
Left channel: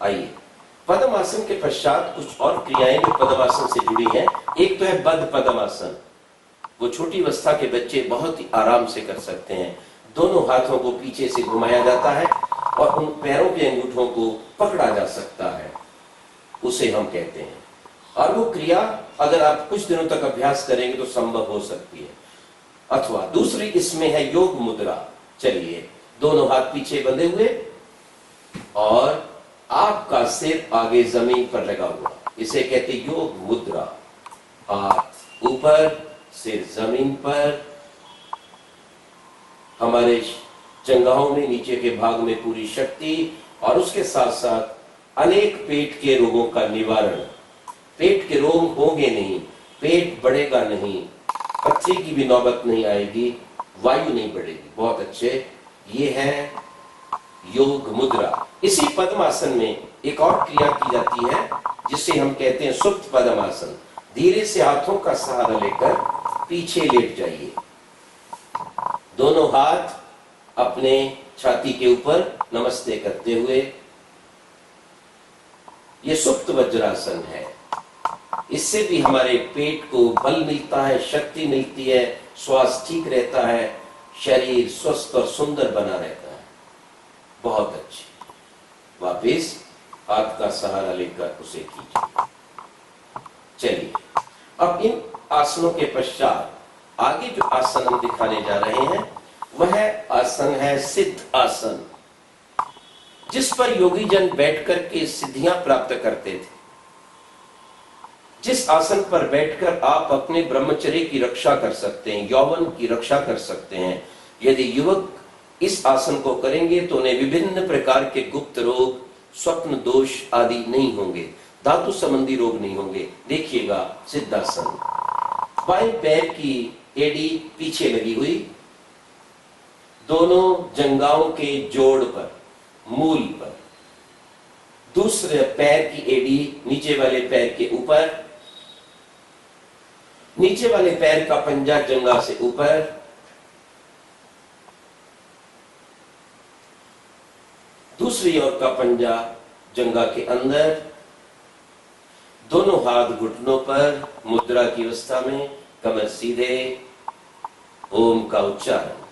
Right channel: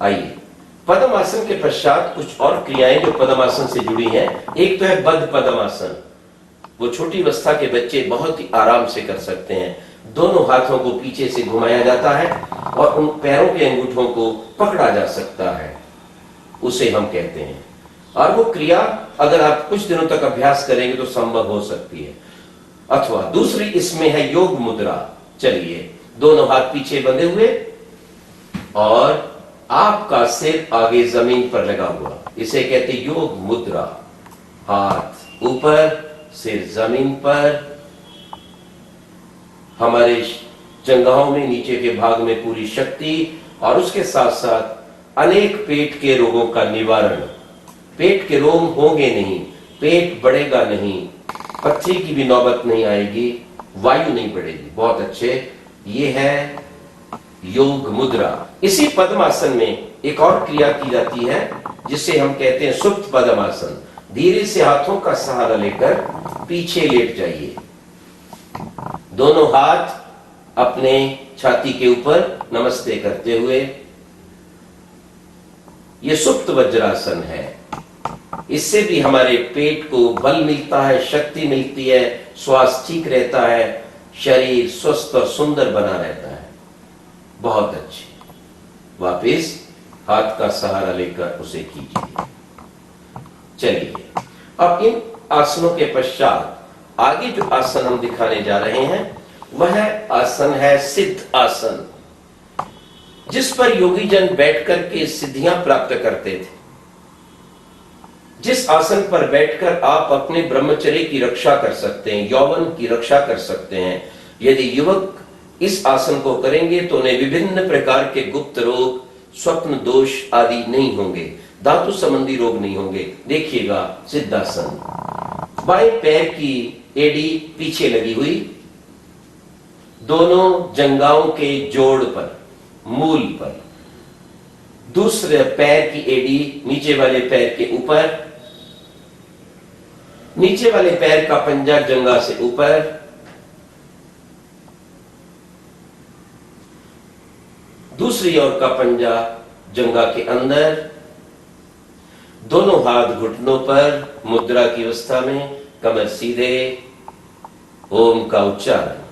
आइए, पद्मासन के पश्चात कुछ और क्रियाएं जो पद्मासन से जुड़ी हैं। एक तो है बद्ध पद्मासन, वो छोटी अवस्था के बच्चे बहुत ही आराम से कर सकते हैं। दोनों हाथों को पीछे से घुमाया जाता है और उन पैरों के अंगूठों को पकड़ा जा सकता है, उसे हम कहते हैं। और वो क्रिया अगर आप कुछ दिनों तक अभ्यास करेंगे तो संभव हो सकती है। अथवा दूसरी इसमें है योग मुद्रा। चलिए, दोनों हाथ पीछे बंधे हुए और आपका सिर आगे जमीन पर लगा हुआ, इसे कहते योग मुद्रा। हाथ ऊपर, सिर जमीन पर, हमारे जंघाओं में नीचे के भाग में पूरी शक्ति, और उसके साथ साथ अनेक पेट के रोगों का निवारण। पेट के रोग होंगे नहीं, पेट बढ़ेगा नहीं, पथरी की भी नौबत नहीं आएगी, वायु नहीं बढ़ेगी। बहुत अच्छे। ये है योग मुद्रा। इसी पद्मासन में एक और क्रिया की जाती है जिसे हम कहते हैं सुप्त पद्मासन। धीरे से हाथों का सहारा लेकर पीछे लेट जाइए, दोनों हाथ अपने छाती के ऊपर नमस्ते करते हुए। यह सुप्त वज्रासन है। इससे भी हमारे पेट को बल मिलता है, शक्ति मिलती है, स्वास्थ्य ठीक रहता है, शरीर स्वस्थ और सुंदर बना रहता है। बहुत अच्छी। वापिस हाथ का सहारा लेकर उसे कीजिए। चलिए, अब इन आसनों के पश्चात आगे जो आसन हम दिखाने जा रहे हैं वह आसन है सिद्ध आसन, जिस पर योगी जन बैठकर के सिद्धियां प्राप्त करते थे। जिस आसन पर बैठकर आप अपने ब्रह्मचर्य की रक्षा कर सकते हैं, यौवन की रक्षा कर सकते हैं। यदि युवक इस आसन को करेंगे तो उन्हें विभिन्न प्रकार के गुप्त रोग, स्वप्न दोष आदि नहीं होंगे, धातु संबंधी रोग नहीं होंगे। देखिएगा सिद्धासन। बाएं पैर की एड़ी पीछे लगी हुई, दोनों जंघाओं के जोड़ पर, मूल पर। दूसरे पैर की एड़ी नीचे वाले पैर के ऊपर, नीचे वाले पैर का पंजा जंघा से ऊपर, दूसरी ओर का पंजा जंघा के अंदर, दोनों हाथ घुटनों पर, मुद्रा की अवस्था में, कमर सीधे, ओम का उच्चारण।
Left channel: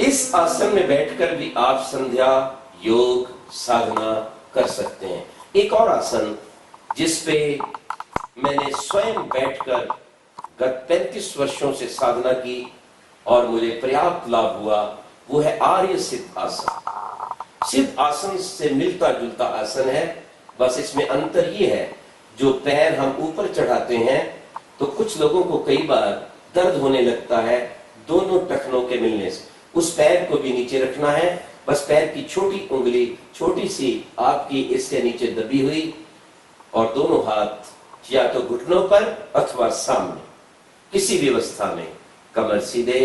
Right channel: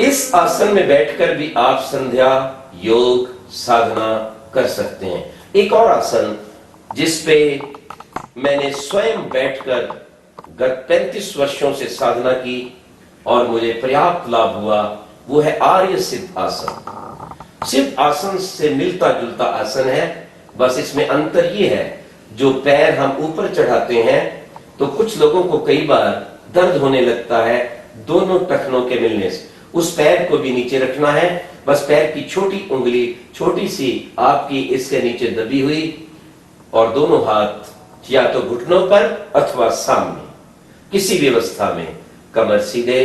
इस आसन में बैठकर भी आप संध्या, योग, साधना कर सकते हैं। एक और आसन जिस पे मैंने स्वयं बैठकर गत 35 वर्षों से साधना की और मुझे पर्याप्त लाभ हुआ, वो है आर्य सिद्ध आसन। सिद्ध आसन से मिलता जुलता आसन है, बस इसमें अंतर ये है, जो पैर हम ऊपर चढ़ाते हैं तो कुछ लोगों को कई बार दर्द होने लगता है दोनों टखनों के मिलने से। उस पैर को भी नीचे रखना है, बस पैर की छोटी उंगली छोटी सी आपकी इसके नीचे दबी हुई और दोनों हाथ या तो घुटनों पर अथवा सामने, किसी भी अवस्था में कमर सीधे।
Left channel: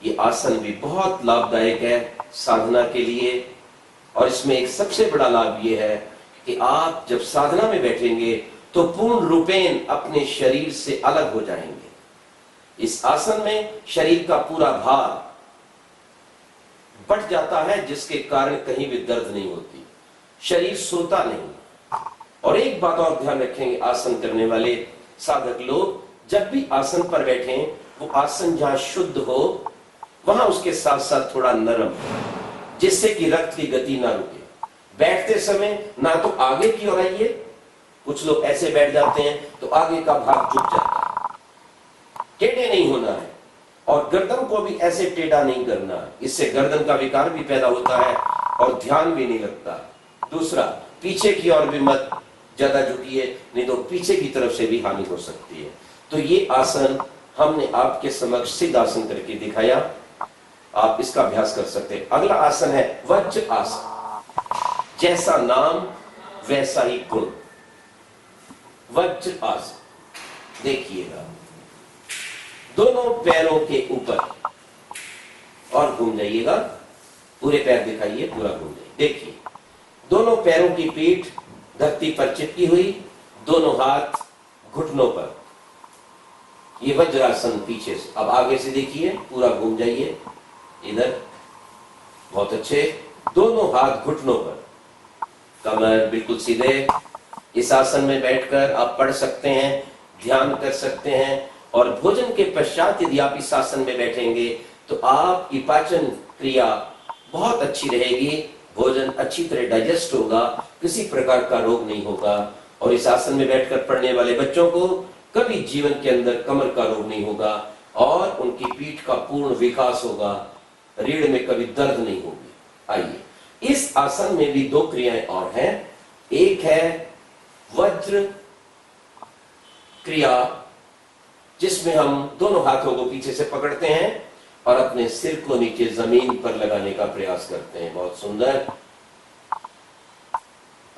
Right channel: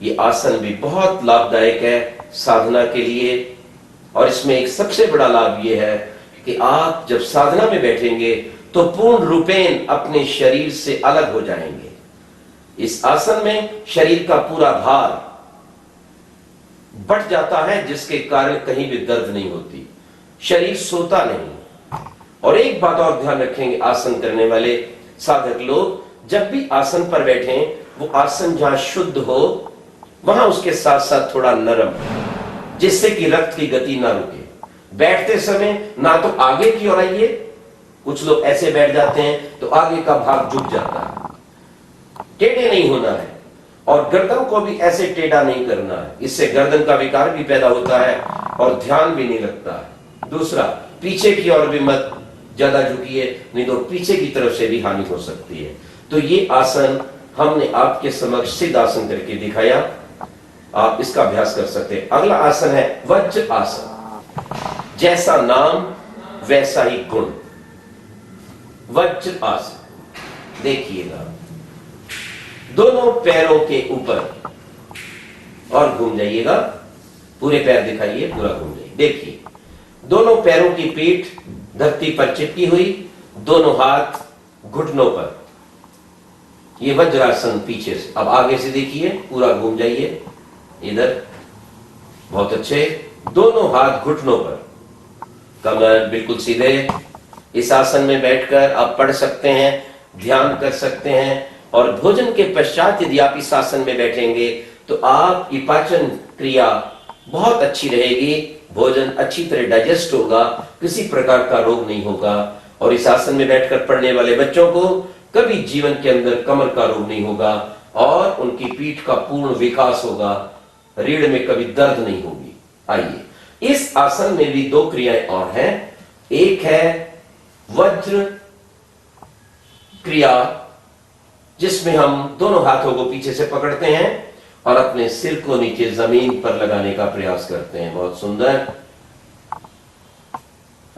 ये आसन भी बहुत लाभदायक है साधना के लिए। और इसमें एक सबसे बड़ा लाभ ये है कि आप जब साधना में बैठेंगे तो पूर्ण रूपेण अपने शरीर से अलग हो जाएंगे। इस आसन में शरीर का पूरा भार बढ़ जाता है, जिसके कारण कहीं भी दर्द नहीं होती, शरीर सोता नहीं। और एक बात और ध्यान रखेंगे आसन करने वाले साधक लोग, जब भी आसन पर बैठें वो आसन जहां शुद्ध हो वहां उसके साथ साथ थोड़ा नरम, जिससे कि रक्त की गति ना रुके। बैठते समय ना तो आगे की ओर आइए, कुछ लोग ऐसे बैठ जाते हैं तो आगे का भाग झुक जाता है, टेढ़े नहीं होना है। और गर्दन को भी ऐसे टेढ़ा नहीं करना है, इससे गर्दन का विकार भी पैदा होता है और ध्यान भी नहीं लगता है। दूसरा, पीछे की ओर भी मत ज्यादा झुकिए, नहीं तो पीछे की तरफ से भी हानि हो सकती है। तो ये आसन हमने आपके समक्ष सिद्ध आसन करके दिखाया, आप इसका अभ्यास कर सकते हैं। अगला आसन है वज्र आसन। जैसा नाम वैसा ही गुण, वज्र आसन। देखिएगा, दोनों पैरों के ऊपर और घूम जाइएगा, पूरे पैर दिखाइए, पूरा घूम जाइए। देखिए, दोनों पैरों की पीठ धरती पर चिपकी हुई, दोनों हाथ घुटनों पर। ये वज्रासन पीछे से। अब आगे से देखिए, पूरा घूम जाइए इधर, बहुत अच्छे। दोनों हाथ घुटनों पर, कमर बिल्कुल सीधे। इस आसन में बैठकर आप पढ़ सकते हैं, ध्यान कर सकते हैं। और भोजन के पश्चात यदि आप इस आसन में बैठेंगे तो आपकी पाचन क्रिया बहुत अच्छी रहेगी, भोजन अच्छी तरह डाइजेस्ट होगा, किसी प्रकार का रोग नहीं होगा। और इस आसन में बैठकर पढ़ने वाले बच्चों को कभी जीवन के अंदर कमर का रोग नहीं होगा और उनकी पीठ का पूर्ण विकास होगा, रीढ़ में कभी दर्द नहीं होगी। आइए, इस आसन में भी दो क्रियाएं और हैं। एक है वज्र क्रिया, जिसमें हम दोनों हाथों को पीछे से पकड़ते हैं और अपने सिर को नीचे जमीन पर लगाने का प्रयास करते हैं। बहुत सुंदर।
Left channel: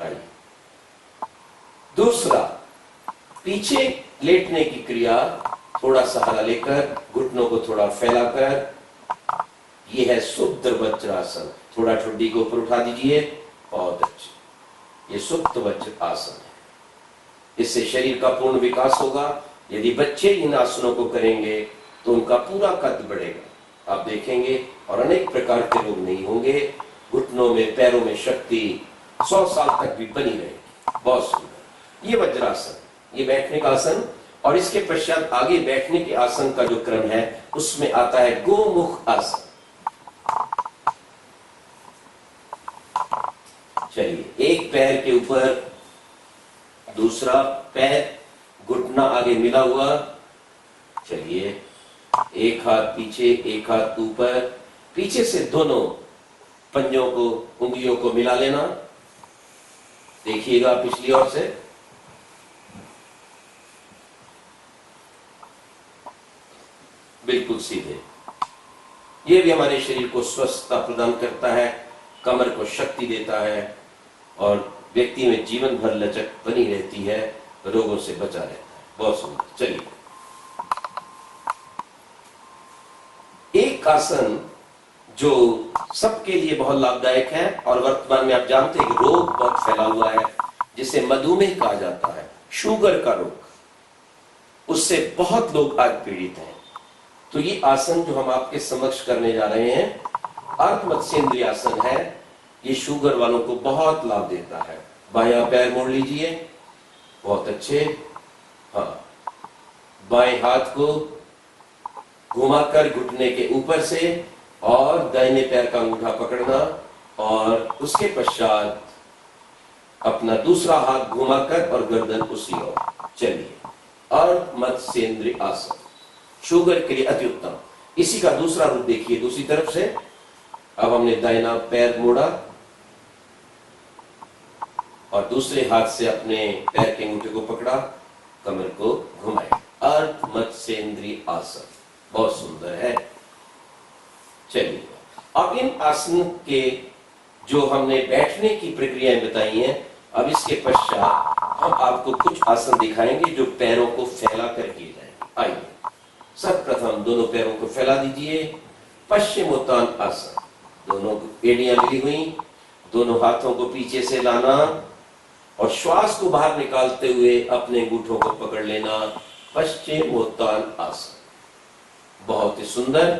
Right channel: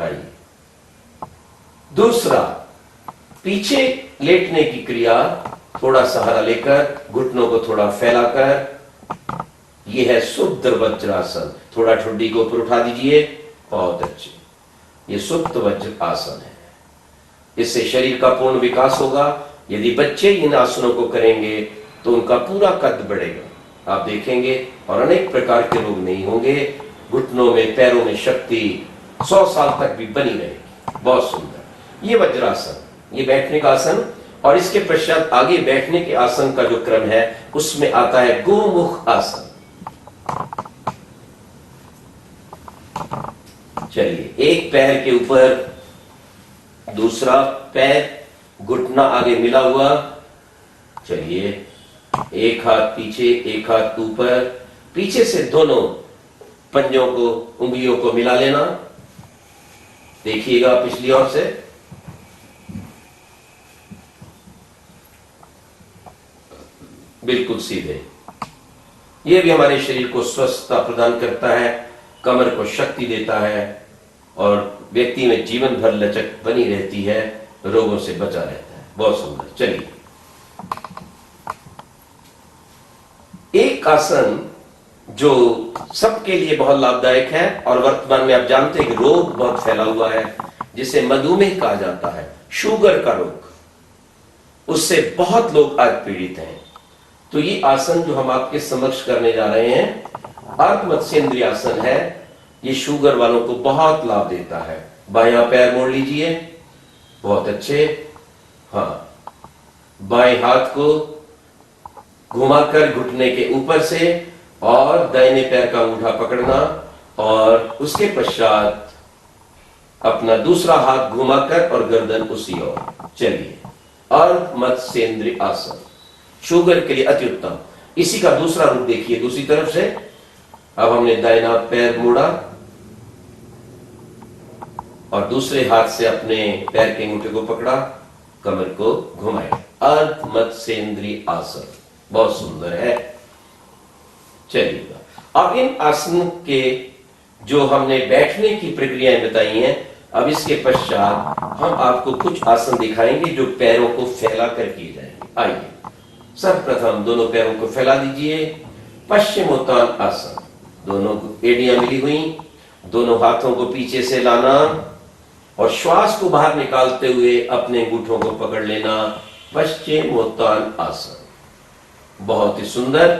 आइए, दूसरा, पीछे लेटने की क्रिया, थोड़ा सहारा लेकर घुटनों को थोड़ा फैलाकर, यह है शुद्ध वज्रासन। थोड़ा ठुड्डी को ऊपर उठा दीजिए, बहुत अच्छे। ये शुद्ध वज्र आसन है, इससे शरीर का पूर्ण विकास होगा। यदि बच्चे इन आसनों को करेंगे तो उनका पूरा कद बढ़ेगा, आप देखेंगे, और अनेक प्रकार के रोग नहीं होंगे। घुटनों में, पैरों में शक्ति 100 साल तक भी बनी रहेगी। बहुत सुंदर। ये वज्रासन, ये बैठने का आसन। और इसके पश्चात आगे बैठने के आसन का जो क्रम है उसमें आता है गोमुख आसन। चलिए, एक पैर के ऊपर दूसरा पैर, घुटना आगे मिला हुआ। चलिए, एक हाथ पीछे, एक हाथ ऊपर, पीछे से दोनों पंजों को, उंगलियों को मिला लेना। देखिएगा पिछली ओर से, बिल्कुल सीधे। यह भी हमारे शरीर को स्वस्थता प्रदान करता है, कमर को शक्ति देता है और व्यक्ति में जीवन भर लचक बनी रहती है, रोगों से बचा रहता है। बहुत सुंदर। चलिए, एक आसन जो सबके लिए बहुत लाभदायक है और वर्तमान में आप जानते हैं कि रोग बहुत फैला हुआ है, जिसे मधुमेह कहा जाता है, शुगर का रोग, उससे बहुत लोग आज पीड़ित हैं। तो ये आसन जो हम आपके समक्ष करने जा रहे हैं, अर्धमत्स्येंद्रिय आसन है। ये शुगर वालों को बहुत लाभ देता है। बायां पैर मोड़ लीजिए, बहुत अच्छे। हाँ, बाएं हाथ को घुमाकर घुटने के ऊपर से और दाहिने पैर का अंगूठा पकड़ना और उसके पश्चात अपना दूसरा हाथ घुमाकर और गर्दन उसी ओर। चलिए, अर्धमत्स्येंद्रिय आसन शुगर के लिए अति उत्तम। इसी का दूसरा रूप देखिए, दूसरी तरफ से। अब हमने दाहिना पैर मोड़ा, और दूसरे हाथ से अपने पैर के अंगूठे को पकड़ा, कमर को घुमाया। अर्ध मत्स्येंद्रीय आसन बहुत सुंदर है। चलिए अब इन आसन के जो हमने बैठने की प्रक्रियाएं बताई हैं, अब इसके पश्चात हम आपको कुछ आसन दिखाएंगे जो पैरों को फैला कर किए जाएंगे। आइए सर्वप्रथम दोनों पैरों को फैला दीजिए। पश्चिमोत्तान आसन, दोनों एड़ियां मिली हुई, दोनों हाथों को पीछे से लाना और श्वास को बाहर निकालते हुए अपने अंगूठों को पकड़ लेना। पश्चिमोत्तान आसन बहुत ही सुंदर।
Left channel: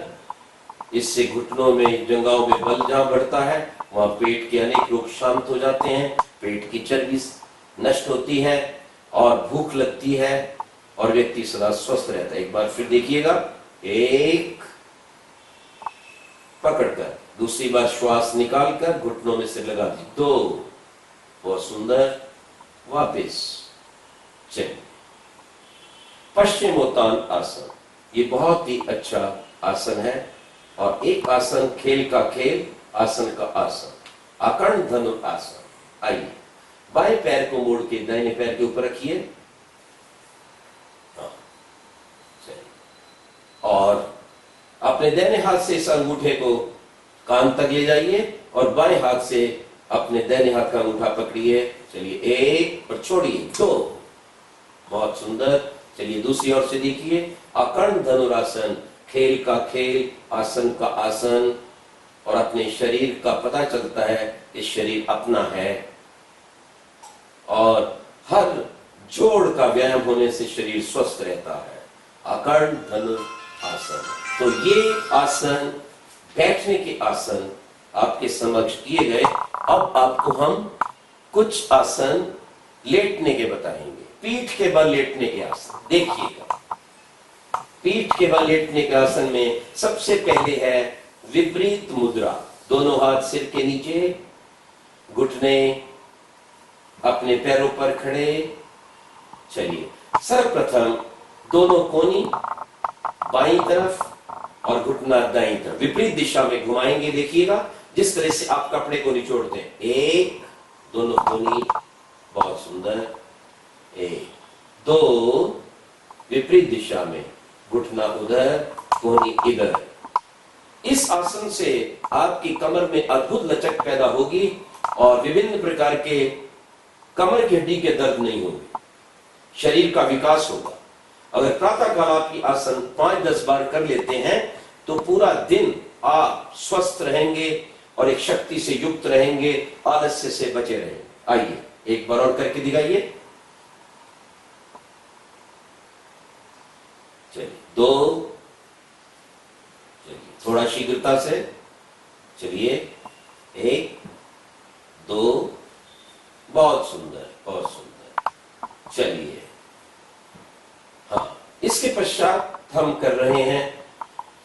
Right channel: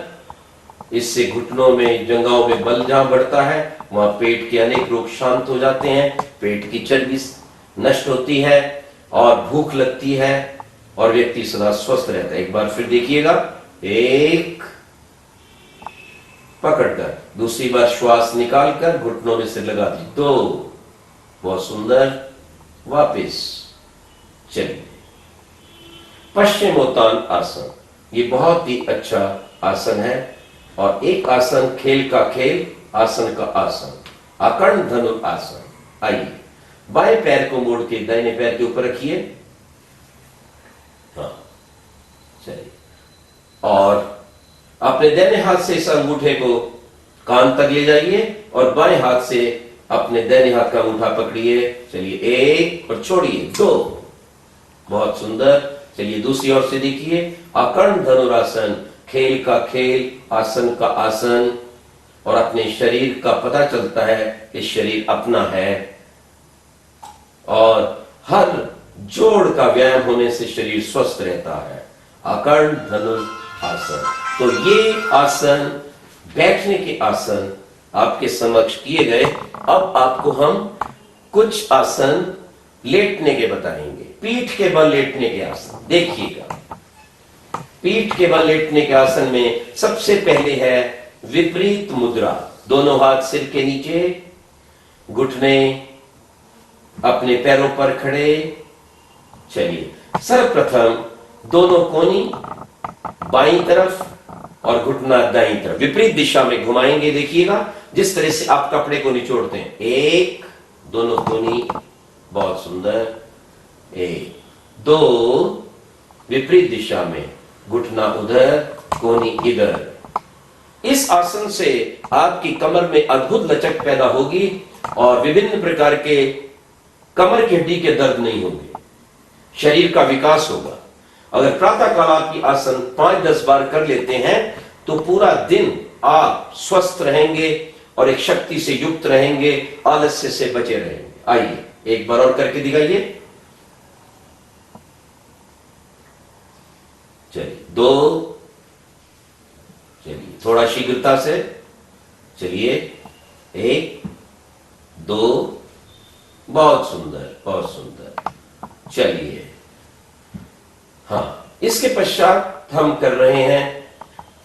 इससे घुटनों में, जंघाओं में बल जहां बढ़ता है वहां पेट के अनेक रोग शांत हो जाते हैं, पेट की चर्बी नष्ट होती है और भूख लगती है और व्यक्ति सदा स्वस्थ रहता है। एक बार फिर देखिएगा, एक पकड़कर, दूसरी बार श्वास निकालकर घुटनों में सिर लगा दी, दो, बहुत सुंदर, वापस। चलिए पश्चिमोत्तान आसन, ये बहुत ही अच्छा आसन है और एक आसन खेल का खेल, आसन का आसन, अकर्ण धनुरासन। आइए बाएं पैर को मोड़ के दाहिने पैर के ऊपर रखिए। हाँ चलिए, और अपने दाहिने हाथ से इस अंगूठे को कान तक ले जाइए और बाएं हाथ से अपने दाहिने हाथ का अंगूठा पकड़िए। चलिए एक और छोड़िए, दो, बहुत सुंदर। चलिए दूसरी ओर से देखिए, अकर्ण धनुरासन, खेल का खेल, आसन का आसन, और अपने शरीर का पता चलता है कि शरीर अपना है और हर जोड़ का व्यायाम होने से शरीर स्वस्थ रहता है। अकर्ण धनुरासन। तो ये आसन, बैठने के आसन आपके समक्ष किए गए। अब आपको हम कुछ आसन लेटने के बताएंगे। पीठ के बल लेटने के आसन देखिएगा। पीठ के बल लेटने के आसन में सबसे पहले है विपरीत मुद्रा। दोनों हाथ सिर के नीचे, घुटने अपने पैरों पर खड़े। चलिए सर्वप्रथम दोनों कोनी बाईं तरफ और घुटना दाईं तरफ विपरीत दिशा में घुमाएंगे। देखिएगा जिस तरह से आप कपड़े को निचोड़ते हैं। एक, दोनों कोनी, बहुत सुंदर, एक, दो, विपरीत दिशा में, घुटना उधर, कोनी इधर। इस आसन से आपकी कमर में अद्भुत लचक पैदा होगी और विभिन्न प्रकार के कमर की हड्डी के दर्द नहीं होंगे, शरीर का विकास होगा। अगर प्रातः काल आप ये आसन 5-10 बार कर लेते हैं तो पूरा दिन आप स्वस्थ रहेंगे और एक शक्ति से युक्त रहेंगे, आलस्य से बचे रहेंगे। आइए एक बार और करके दिखाइए। चलिए दो, चलिए थोड़ा शीघ्रता से, चलिए एक, दो, बहुत सुंदर, बहुत सुंदर। चलिए हाँ, इसके पश्चात हम कर रहे हैं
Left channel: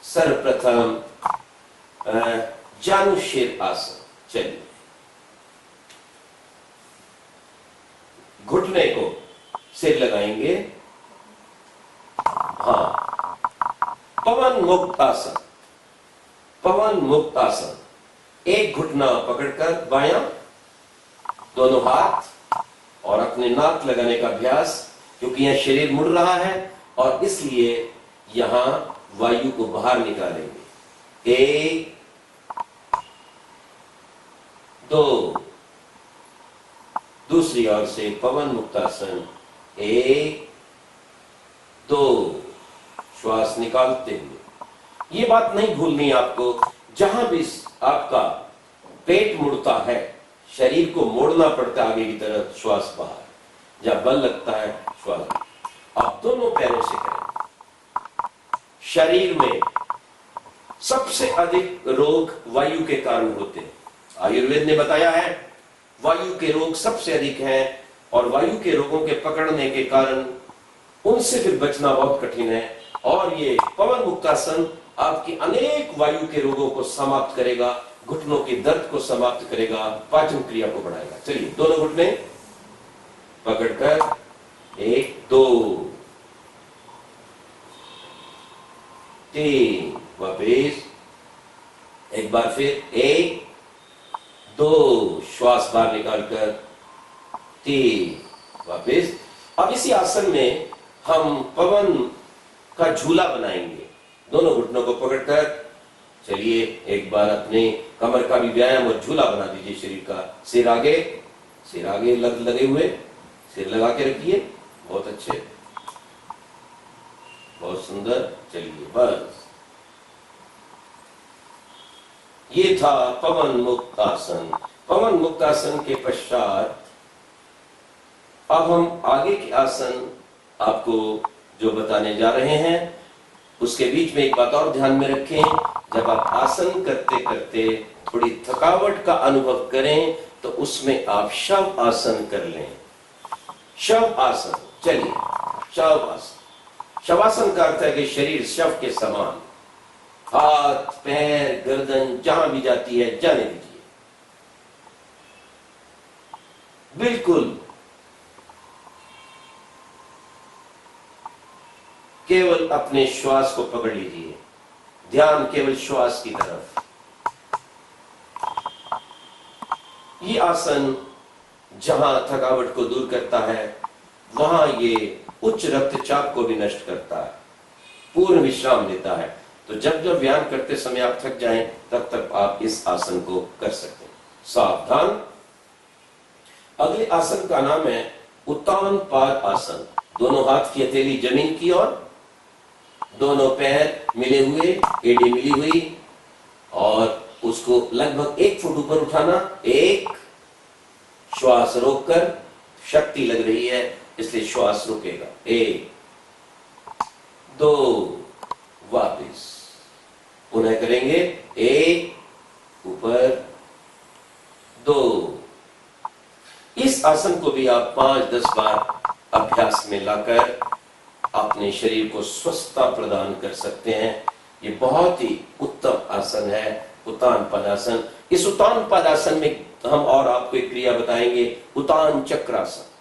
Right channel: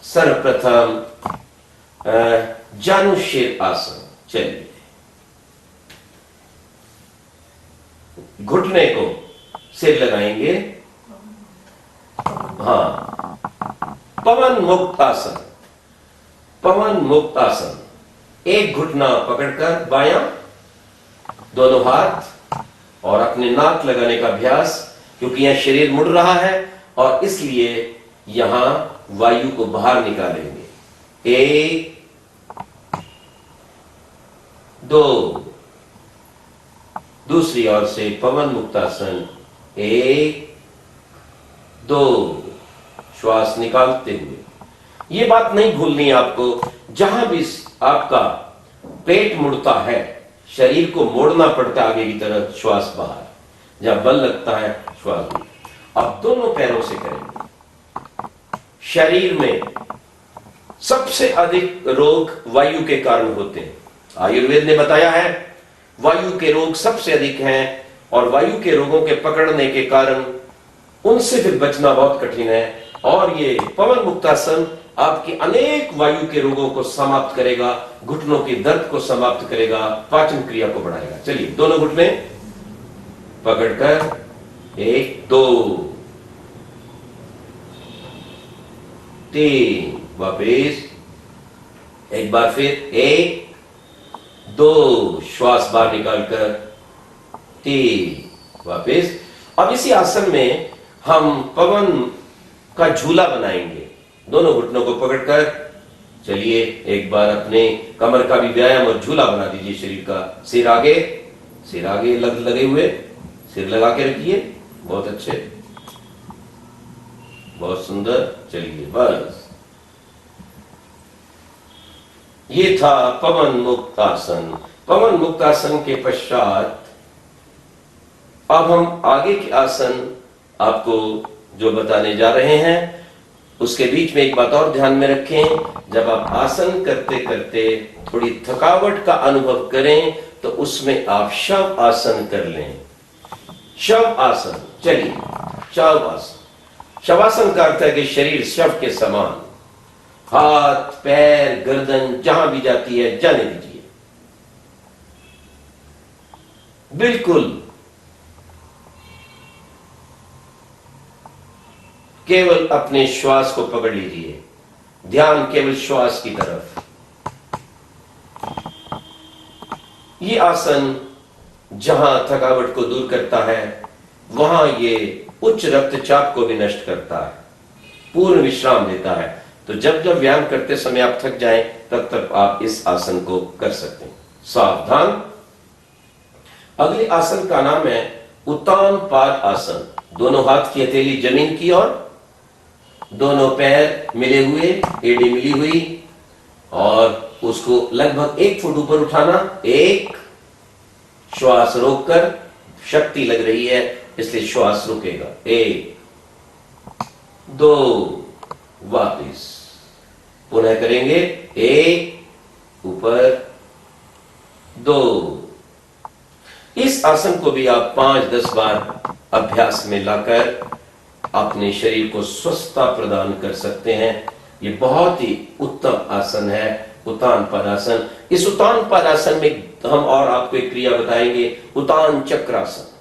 सर्वप्रथम जानुशीर आसन। चलिए घुटने को सिर लगाएंगे। हाँ, पवन मुक्त आसन। पवन मुक्त आसन, एक घुटना पकड़कर बायां, दोनों हाथ और अपने नाक लगाने का अभ्यास, क्योंकि यहां शरीर मुड़ रहा है और इसलिए यहां वायु को बाहर निकालेंगे। एक, दो, दूसरी ओर से पवन मुक्तासन, एक, दो, श्वास निकालते हुए। ये बात नहीं भूलनी आपको, जहां भी आपका पेट मुड़ता है, शरीर को मोड़ना पड़ता है आगे की तरफ, श्वास बाहर, जहां बल लगता है श्वास बाहर। अब दोनों पैरों से करेंगे। शरीर में सबसे अधिक रोग वायु के कारण होते हैं। आयुर्वेद ने बताया है वायु के रोग सबसे अधिक हैं और वायु के रोगों के पकड़ने के कारण उनसे फिर बचना बहुत कठिन है। और ये पवन मुक्तासन आपके अनेक वायु के रोगों को समाप्त करेगा, घुटनों के दर्द को समाप्त करेगा, पाचन क्रिया को बढ़ाएगा। चलिए दोनों घुटने पकड़कर, एक, दो, तीन, वापिस, एक बार फिर, एक, दो, श्वास बाहर निकालकर, ठीक, वापस। अब इसी आसन में हम पवन का झूला बनाएंगे, दोनों घुटनों को पकड़कर। चलिए एक बार अपने कमर का भी व्यायाम और झूला बना दीजिए शरीर का। सिर आगे लगे हुए, सिर लगा के रखिए। बहुत अच्छे, बहुत सुंदर। चलिए बस, ये था पवन मुक्त आसन। पवन मुक्त आसन के पश्चात अब हम आगे के आसन आपको जो बताने जा रहे हैं, उसके बीच में एक बात और ध्यान में रखें। जब आप आसन करते करते थोड़ी थकावट का अनुभव करें तो उसमें आप शव आसन कर लें। शव आसन, चलिए शव आसन। शवासन का अर्थ है कि शरीर शव के समान, हाथ पैर गर्दन जहां भी जाती है जाने दीजिए, बिल्कुल केवल अपने श्वास को पकड़ लीजिए, ध्यान केवल श्वास की तरफ। ये आसन जहां थकावट को दूर करता है वहां ये उच्च रक्तचाप को भी नष्ट करता है, पूर्ण विश्राम देता है। तो जब जब व्यायाम करते समय आप थक जाएं तब तक आप इस आसन को कर सकते हैं। सावधान, अगले आसन का नाम है उत्तान पाद आसन। दोनों हाथ की हथेली जमीन की ओर, दोनों पैर मिले हुए, एड़ी मिली हुई, और उसको लगभग 1 फुट ऊपर उठाना। एक, श्वास रोककर, शक्ति लग रही है इसलिए श्वास रुकेगा। 1 2, वापिस, पुनः करेंगे। 1 ऊपर, 2। इस आसन को भी आप 5-10 बार अभ्यास में लाकर अपने शरीर को स्वस्थता प्रदान कर सकते हैं। ये बहुत ही उत्तम आसन है, उत्तान पदासन। इस उत्तान पदासन में हम और आपको एक क्रिया बताएंगे, उत्तान चक्रासन।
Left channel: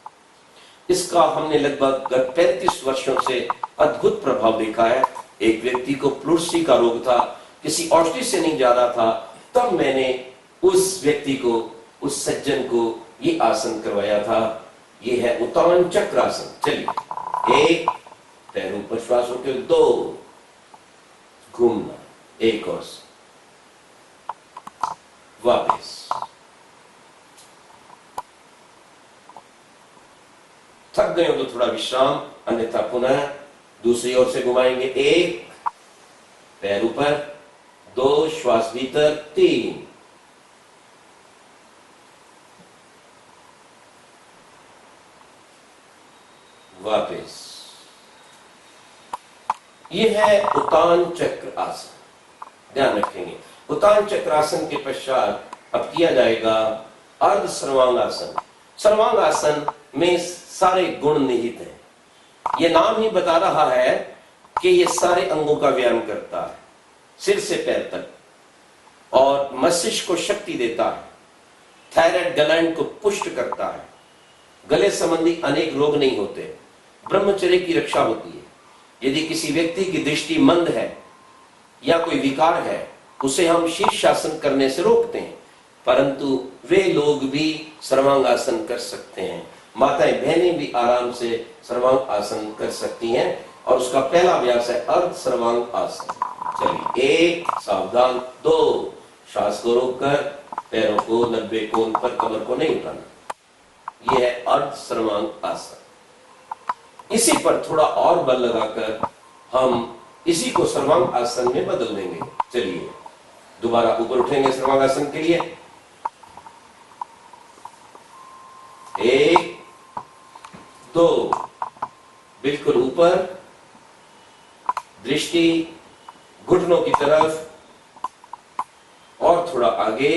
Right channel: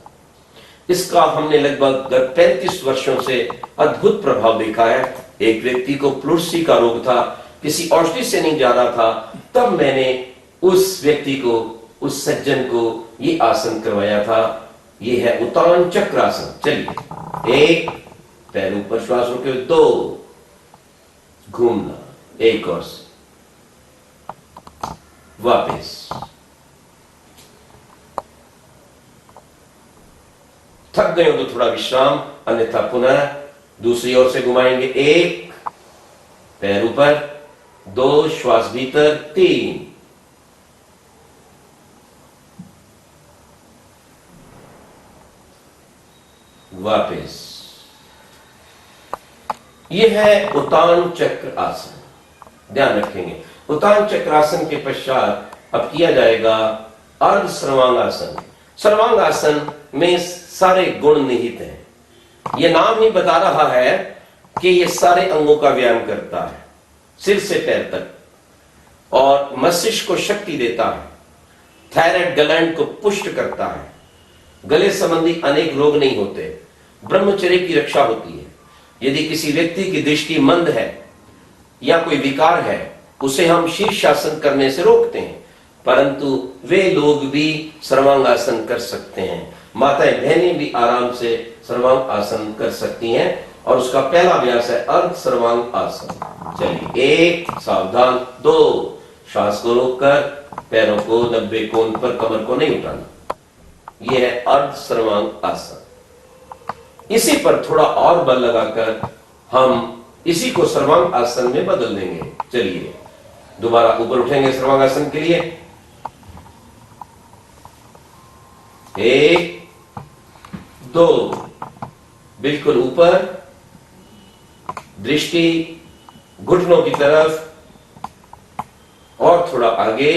इसका हमने लगभग गत 35 वर्षों से अद्भुत प्रभाव देखा है। एक व्यक्ति को प्लुरसी का रोग था, किसी औषधि से नहीं जा रहा था, तब मैंने उस व्यक्ति को, उस सज्जन को ये आसन करवाया था। ये है उत्तान चक्रासन। चलिए, 1 पैर ऊपर, श्वास रोके, 2 घूमना, 1 और से, वापस, थक गए हो तो थोड़ा विश्राम, अन्यथा पुनः दूसरी ओर से घुमाएंगे। 1 पैर ऊपर, 2 श्वास भीतर, 3 वापस। यह है उत्तान चक्र आसन। ध्यान रखेंगे, उत्तान चक्रासन के पश्चात अब किया जाएगा अर्ध सर्वांगासन। सर्वांगासन में सारे गुण निहित हैं। यह नाम ही बता रहा है कि यह सारे अंगों का व्यायाम करता है, सिर से पैर तक, और मस्तिष्क को शक्ति देता है, थायराइड ग्लैंड को पुष्ट करता है, गले संबंधी अनेक रोग नहीं होते, ब्रह्मचर्य की रक्षा होती है। यदि किसी व्यक्ति की दृष्टि मंद है या कोई विकार है, उसे हम शीर्षासन करने से रोकते हैं, परंतु वे लोग भी सर्वांगासन कर सकते हैं। माताएं बहनें भी आराम से सर्वांग आसन कर सकती हैं, और उसका पहला अभ्यास है अर्ध सर्वांग आसन। चलिए, 1 सावधान, 2 श्वास को रोककर, पैरों को 90 कोण पर, कमर को नहीं उठाना। यह है अर्ध सर्वांग आसन। इसी पर थोड़ा और बल लगाकर हम इसी को सर्वांग आसन में बदल देंगे। चलिए, दोबारा ऊपर उठेंगे सर्वांग आसन के लिए। 1 2, बिल्कुल ऊपर, दृष्टि घुटनों की तरफ, और थोड़ा आगे,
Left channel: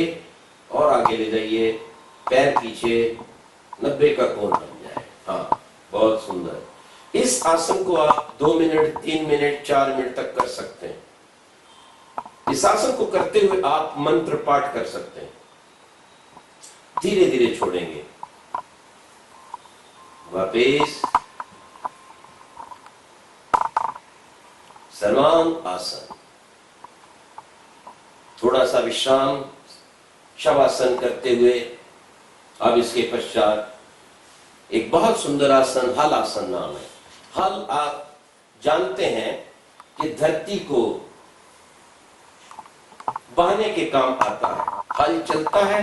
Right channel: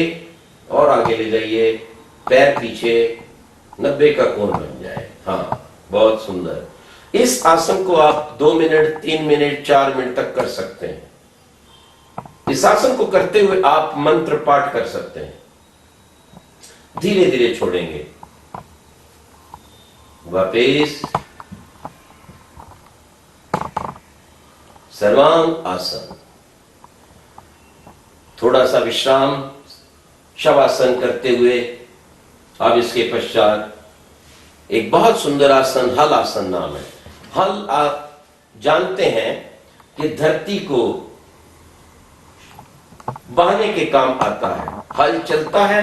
और आगे ले जाइए, पैर पीछे, 90 का कोण बन जाए। हाँ, बहुत सुंदर। इस आसन को आप 2 मिनट, 3 मिनट, 4 मिनट तक कर सकते हैं। इस आसन को करते हुए आप मंत्र पाठ कर सकते हैं। धीरे धीरे छोड़ेंगे, वापिस, सर्वांग आसन, थोड़ा सा विश्राम, शवासन करते हुए अब इसके पश्चात एक बहुत सुंदर आसन हल आसन नाम है। हल आप जानते हैं कि धरती को बहाने के काम आता है। हल चलता है,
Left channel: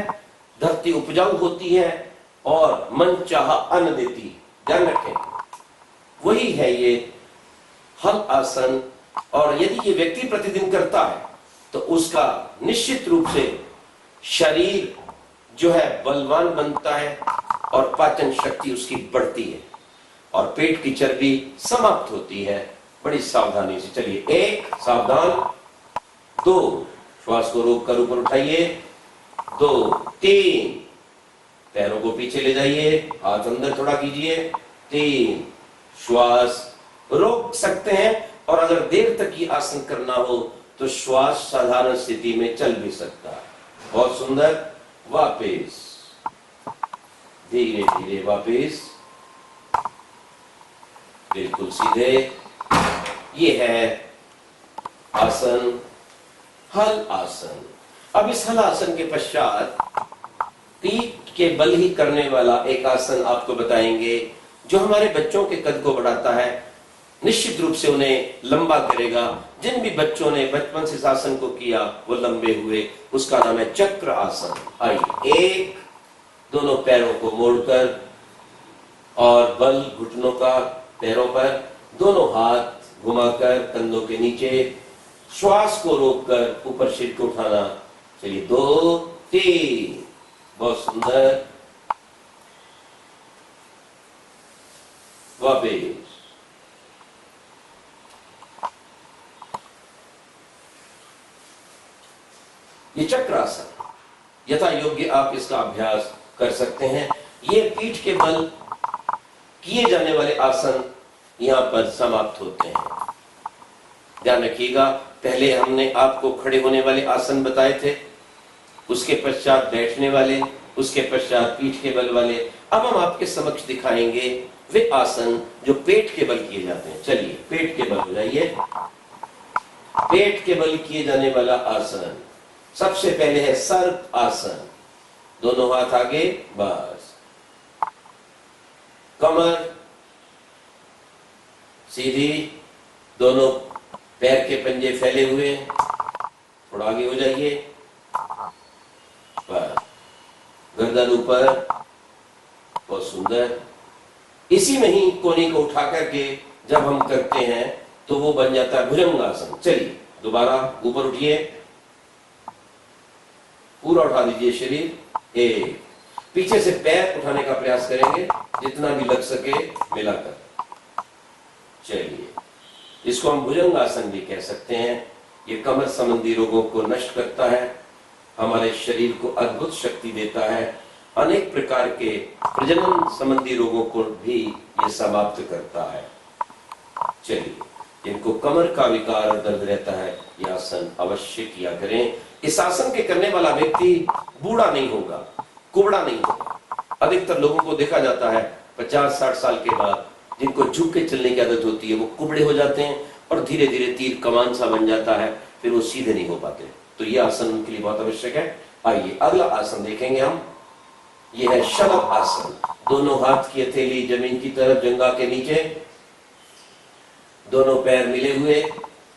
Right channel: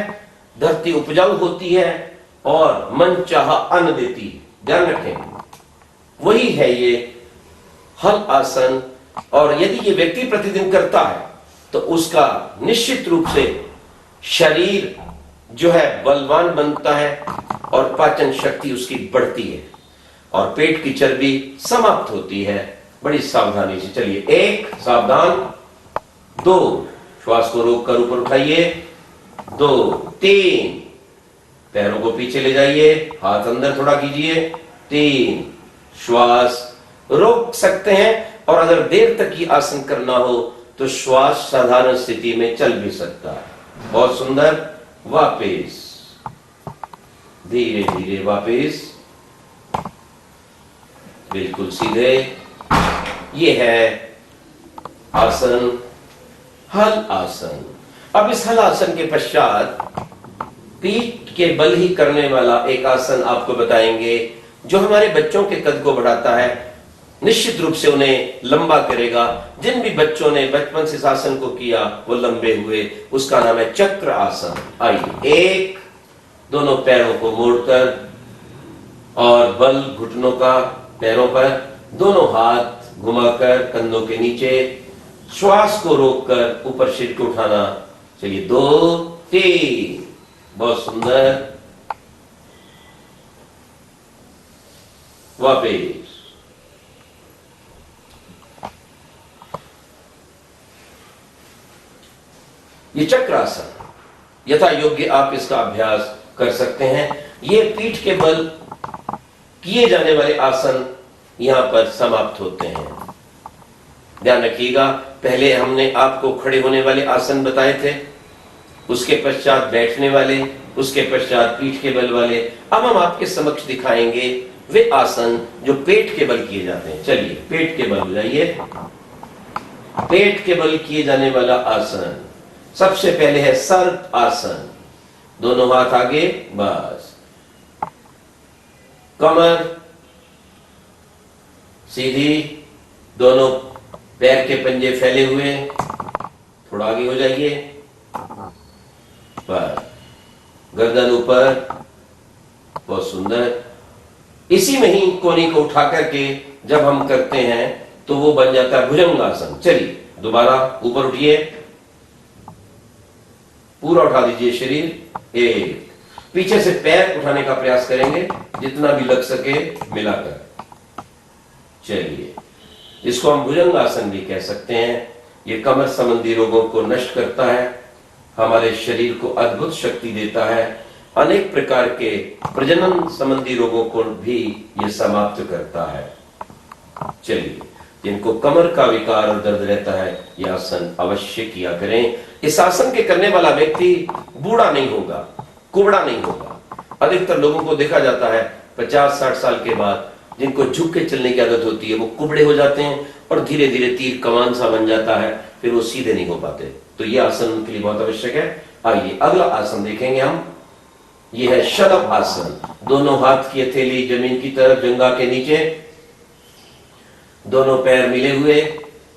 धरती उपजाऊ होती है और मन चाहा अन्न देती है। ध्यान रखें, वही है ये हल आसन। और यदि ये व्यक्ति प्रतिदिन करता है तो उसका निश्चित रूप से शरीर जो है बलवान बनता है और पाचन शक्ति उसकी बढ़ती है और पेट की चर्बी समाप्त होती है। बड़ी सावधानी से चलिए, 1 सावधान, 2 श्वास को रोककर ऊपर उठाइए, 2 3 पैरों को पीछे ले जाइए, हाथ अंदर थोड़ा कीजिए, 3 श्वास रोक सकते हैं। और अगर देर तक ये आसन करना हो तो श्वास साधारण स्थिति में चल भी सकता है। बहुत सुंदर। वापिस धीरे धीरे वापिस, बिल्कुल सीधे। ये है आसन हल आसन। अब इस हल आसन के पश्चात पीठ के बल ही करने वाला एक आसन आपको बताएंगे जो हमारे बच्चों के कद को बढ़ाता है, निश्चित रूप से उन्हें लंबा करेगा। जिन भी बच्चों ने बचपन से इस आसन को किया वो लंबे हुए। उसका नाम है चक्र आसन। आइए, 1 दोनों पैरों को मोड़कर और बल घुटनों का पैरों पर, दोनों हाथ घुमाकर कंधों के नीचे, श्वास को रोककर ऊपर सिर को उठाना। चलिए, 2 3 बहुत सुंदर। वापिस, ये चक्रासन यथा योग्य आप इसका अभ्यास कर सकते हैं। ये पीठ के बल किए जाने वाले आसन यहां पर समाप्त होते हैं। ध्यान रखिएगा, पहले हमने आपको खड़े होने वाले आसन बताए थे, उसके पश्चात बैठने वाले, उसके पश्चात पीठ के बल वाले। अब हम आपके समक्ष दिखाएंगे वे आसन जो पेट के बल किए जाते हैं। चलिए, पेट के बल हो जाइए। पेट के बल किए जाने वाला आसन सबसे पहले है सर्प आसन। दोनों हाथ आगे, बस, कमर सीधी, दोनों पैर के पंजे फैले हुए, थोड़ा आगे हो जाइए, बस, गर्दन ऊपर, बहुत सुंदर। इसी में ही कोहनी को उठा करके जब हम करते हैं तो वो बन जाता है भुजंगासन। चलिए, दोबारा ऊपर उठिए, पूरा उठा दीजिए शरीर। 1 पीछे से पैर उठाने का प्रयास करेंगे जितना भी लग सके मिलाकर। चलिए, इसको हम भुजंगासन भी कह सकते हैं। ये कमर संबंधी रोगों को नष्ट करता है, हमारे शरीर को अद्भुत शक्ति देता है, अनेक प्रकार के प्रजनन संबंधी रोगों को भी ये समाप्त करता है। चलिए, जिनको कमर का विकार और दर्द रहता है यह आसन अवश्य किया करें। इस आसन के करने वाला व्यक्ति बूढ़ा नहीं होगा, कुबड़ा नहीं होगा। अधिकतर लोगों को देखा जाता है 50-60 साल के बाद जिनको झुक के चलने की आदत होती है वो कुबड़े हो जाते हैं और धीरे धीरे तीर कमान सा बन जाता है, फिर वो सीधे नहीं हो पाते। तो ये आसन उनके लिए बहुत आवश्यक है। आइए, अगला आसन देखेंगे हम। ये है शलभ आसन। दोनों हाथ की हथेली जमीन की तरफ, जंघा के नीचे, दोनों पैर मिले हुए,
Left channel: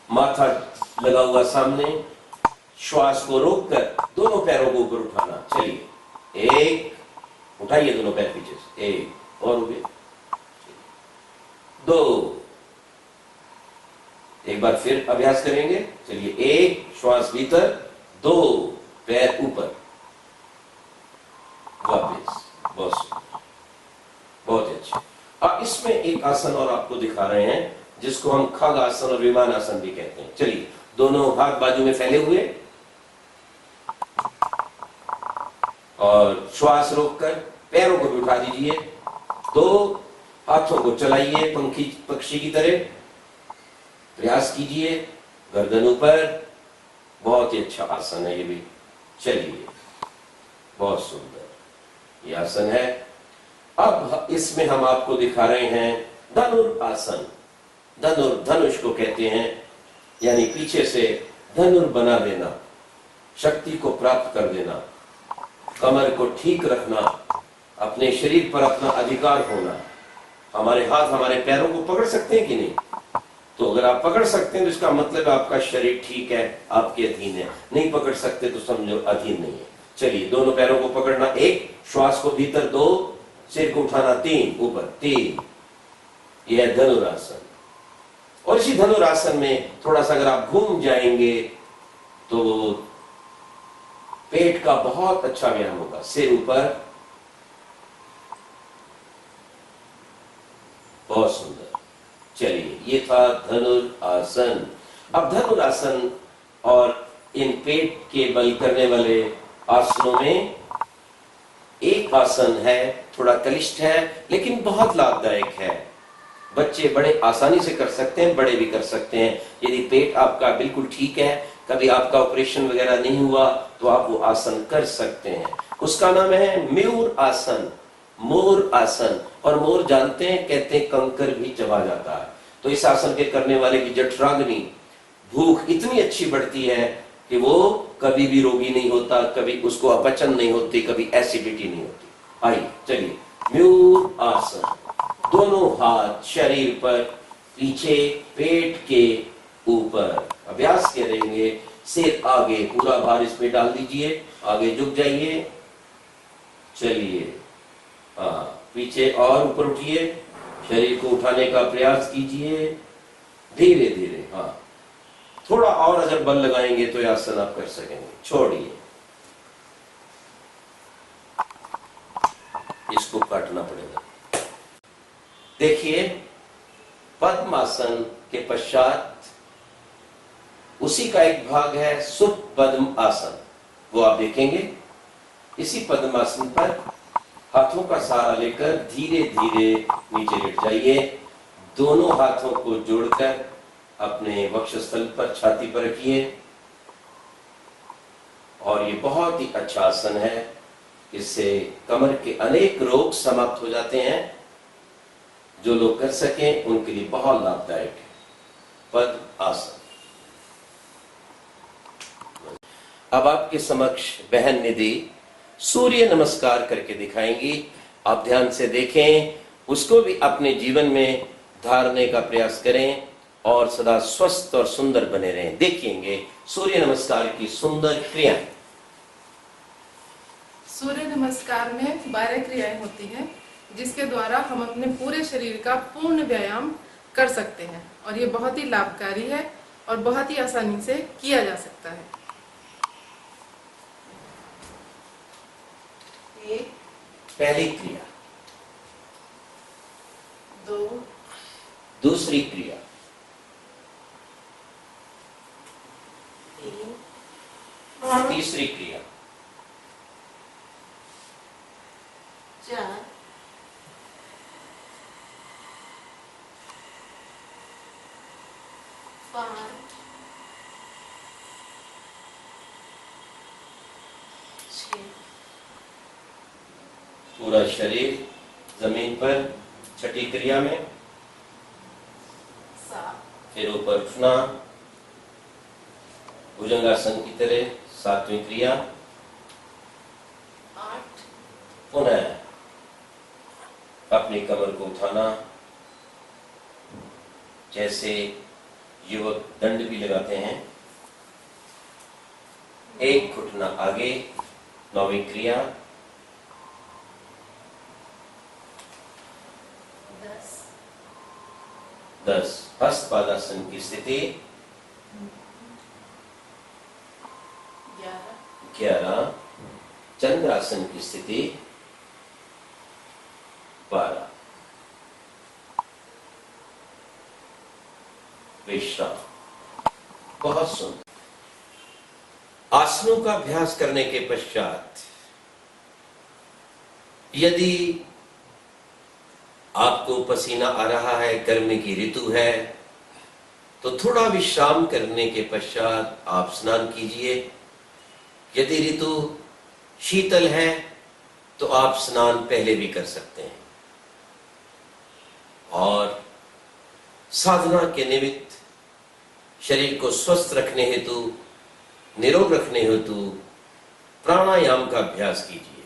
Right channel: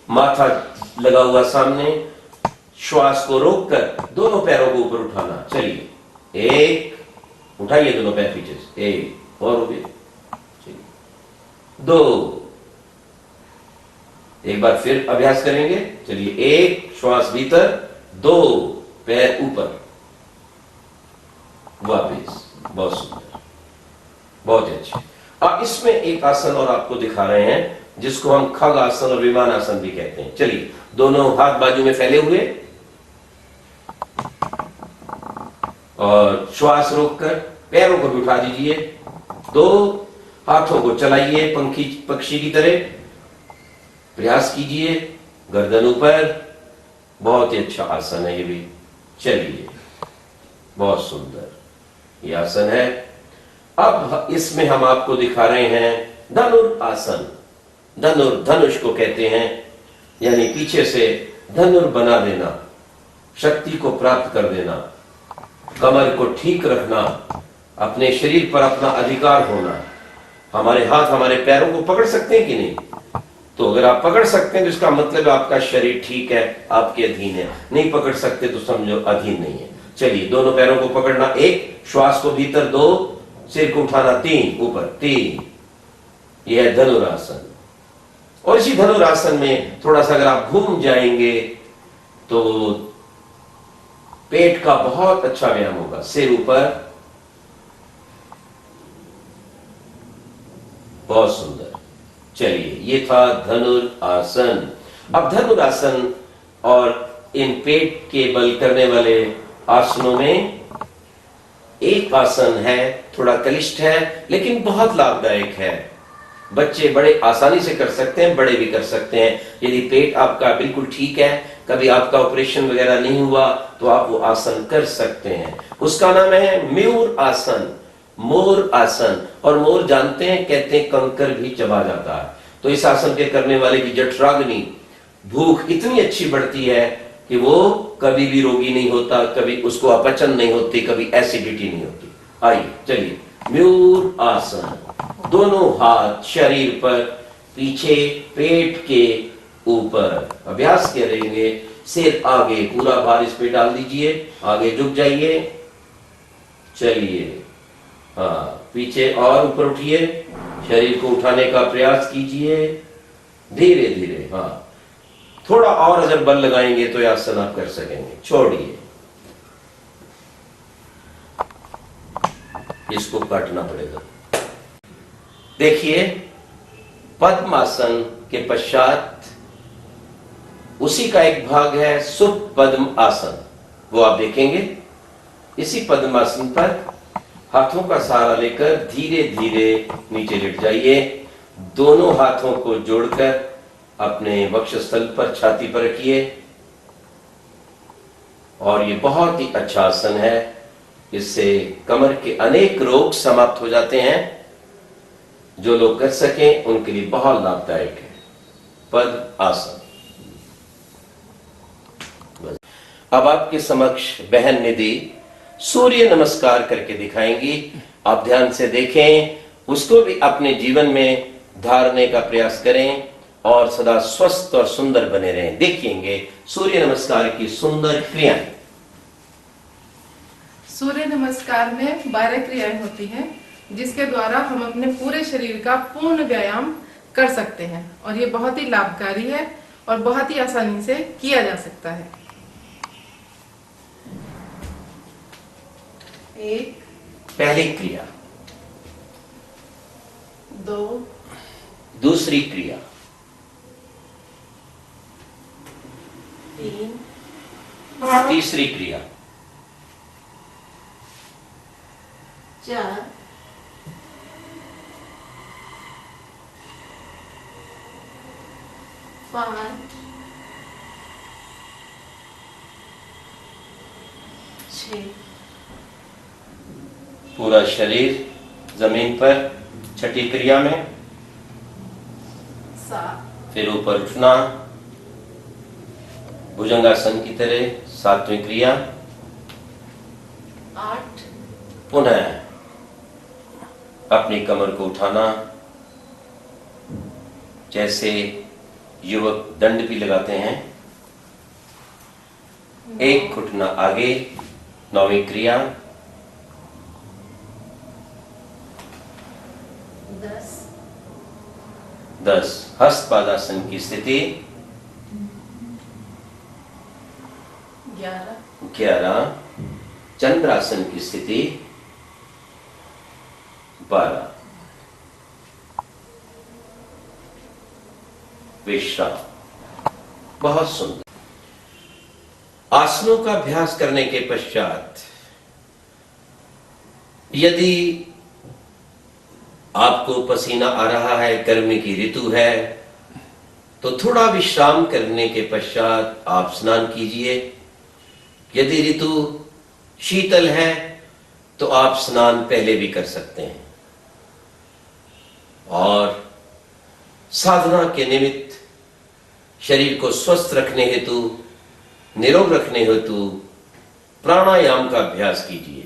माथा लगा हुआ सामने, श्वास को रोककर दोनों पैरों को ऊपर उठाना। चलिए, 1 उठाइए दोनों पैर पीछे से, 1 और हो गए, 2 एक बार फिर अभ्यास करेंगे। चलिए, 1 श्वास भीतर, 2 पैर ऊपर, वापिस, बहुत सुंदर, बहुत अच्छे। अब इसमें एक आसन और आपको दिखा रहे हैं जिसको हम खग आसन और विमान आसन भी कहते हैं। चलिए, दोनों हाथ बाजू में फैले हुए और श्वास रोककर पैरों को भी उठा दीजिए, 2 हाथों को चलाइए पक्षी की तरह, प्रयास कीजिए, गर्दन ऊपर। बहुत ही अच्छा आसन है ये भी। चलिए, बहुत सुंदर ये आसन है। अब इसमें हम आपको दिखा रहे हैं धनुर आसन। धनुष को कहते हैं, यानी पीछे से धनुर बना देना, शक्ति को प्राप्त कर देना, कमर को ठीक रखना, अपने शरीर पर अपना अधिकार होना। हमारे हाथ हमारे पैरों को पकड़ सकते हैं कि नहीं? तो अगर आप पकड़ सकते हैं तो इसका मतलब आपका शरीर ठीक है, आपके अधीन है। नहीं पकड़ सकते तो समझो अधीन नहीं है। चलिए, दोनों पैरों को पकड़ना, 1, श्वास को भीतर 2, सिर को उठाना 3, ऊपर 3। यह है धनुरासन। और इसी धनुरासन में थोड़ा सा अगर आप घूम जाएंगे तो पेट का बहुत अच्छा व्यायाम होगा। सिर ऊपर, बहुत सुंदर। चलिए, ये था धनुरासन। अब धनुरासन और इन पेट के बल करने वाले आसनों में एक आसन है, थोड़ा क्लिष्ट है लेकिन बहुत लाभदायक है। बच्चे बड़े आसानी से कर सकते हैं, बड़े भी कर सकते हैं। यदि पेट आपका बिल्कुल ठीक है, कभी आपका ऑपरेशन वगैरह नहीं हुआ, तो आप वो आसन कर सकते हैं। उसका नाम है मयूर आसन, मोर आसन। और मोर जानते हैं, कहते हैं कंकर भी चबा जाता है। तो इस आसन के करने वाले की जठराग्नि, भूख इतनी अच्छी बढ़ती है कि वो कभी भी रोगी नहीं होता, कभी उसको अपचन नहीं होती, कभी एसिडिटी नहीं होती। आइए चलिए, मयूर आसन। दोनों हाथ शरीर पर, पीछे पेट के ऊपर। अभ्यास करेंगे, सिर आगे, पूरा भार इस पे डाल दीजिए, आगे झुक जाइए। चलिए, हाँ, पीछे और ऊपर उठिए, शरीर को उठाने का प्रयास कीजिए धीरे धीरे। हाँ, थोड़ा और जब बल लगाएंगे तो यह आसन आप कर सकेंगे। छोड़िए, इसको काटना पड़ेगा। देखिए, पद्मासन के पश्चात उसी का एक भाग है सुपद्म आसन, वो आप देखेंगे। इसी पद्मासन पर हाथों का सहारा लेकर धीरे धीरे नीचे लेट जाइए। दोनों हाथों को जोड़कर अपने वक्षस्थल पर, छाती पर रखिए। और ये बहुत ही अच्छा आसन है। इससे कमर के अनेक रोग समाप्त हो जाते हैं। जो लोग कर सकें उनके लिए बहुत लाभदायक है पद्म आसन। अब आपके समक्ष बहन निधि सूर्य नमस्कार करके दिखाएंगी। आप ध्यान से देखें, उसको भी अपने जीवन में धारने का प्रयास करें और सदा स्वस्थ और सुंदर बने रहें। देखिएंगे सूर्य नमस्कार की सुंदर क्रियाएं। सूर्य नमस्कार में 12 क्रियाएं होती हैं, जिसके द्वारा हम अपने पूरे शरीर का पूर्ण व्यायाम कर सकते हैं। और ये बहुत ही लाभकारी है और बहुत ही आसानी से किया जा सकता है। 1, पहली क्रिया। 2, दूसरी क्रिया। 3, तीसरी क्रिया। 4, 5, 6, पूरा शरीर जमीन पर छठी क्रिया में। 7, फिर ऊपर उठना भुजंगासन की तरह, 7वीं क्रिया। 8, पुनः अपनी कमर को उठाना, जैसे युवक दंड भी लगाते हैं। 1 घुटना आगे, 9वीं क्रिया। 10 हस्त पादासन की स्थिति। 11 चंद्रासन की स्थिति। 12 विश्राम। बहुत सुंदर। आसनों का अभ्यास करने के पश्चात यदि आपको पसीना आ रहा है, गर्मी की ऋतु है, तो थोड़ा विश्राम करने के पश्चात आप स्नान कीजिए। यदि ऋतु शीतल है तो आप स्नान पहले भी कर सकते हैं। और साधना के निमित्त शरीर को स्वस्थ रखने हेतु, निरोग रखने हेतु प्राणायाम का अभ्यास कीजिए।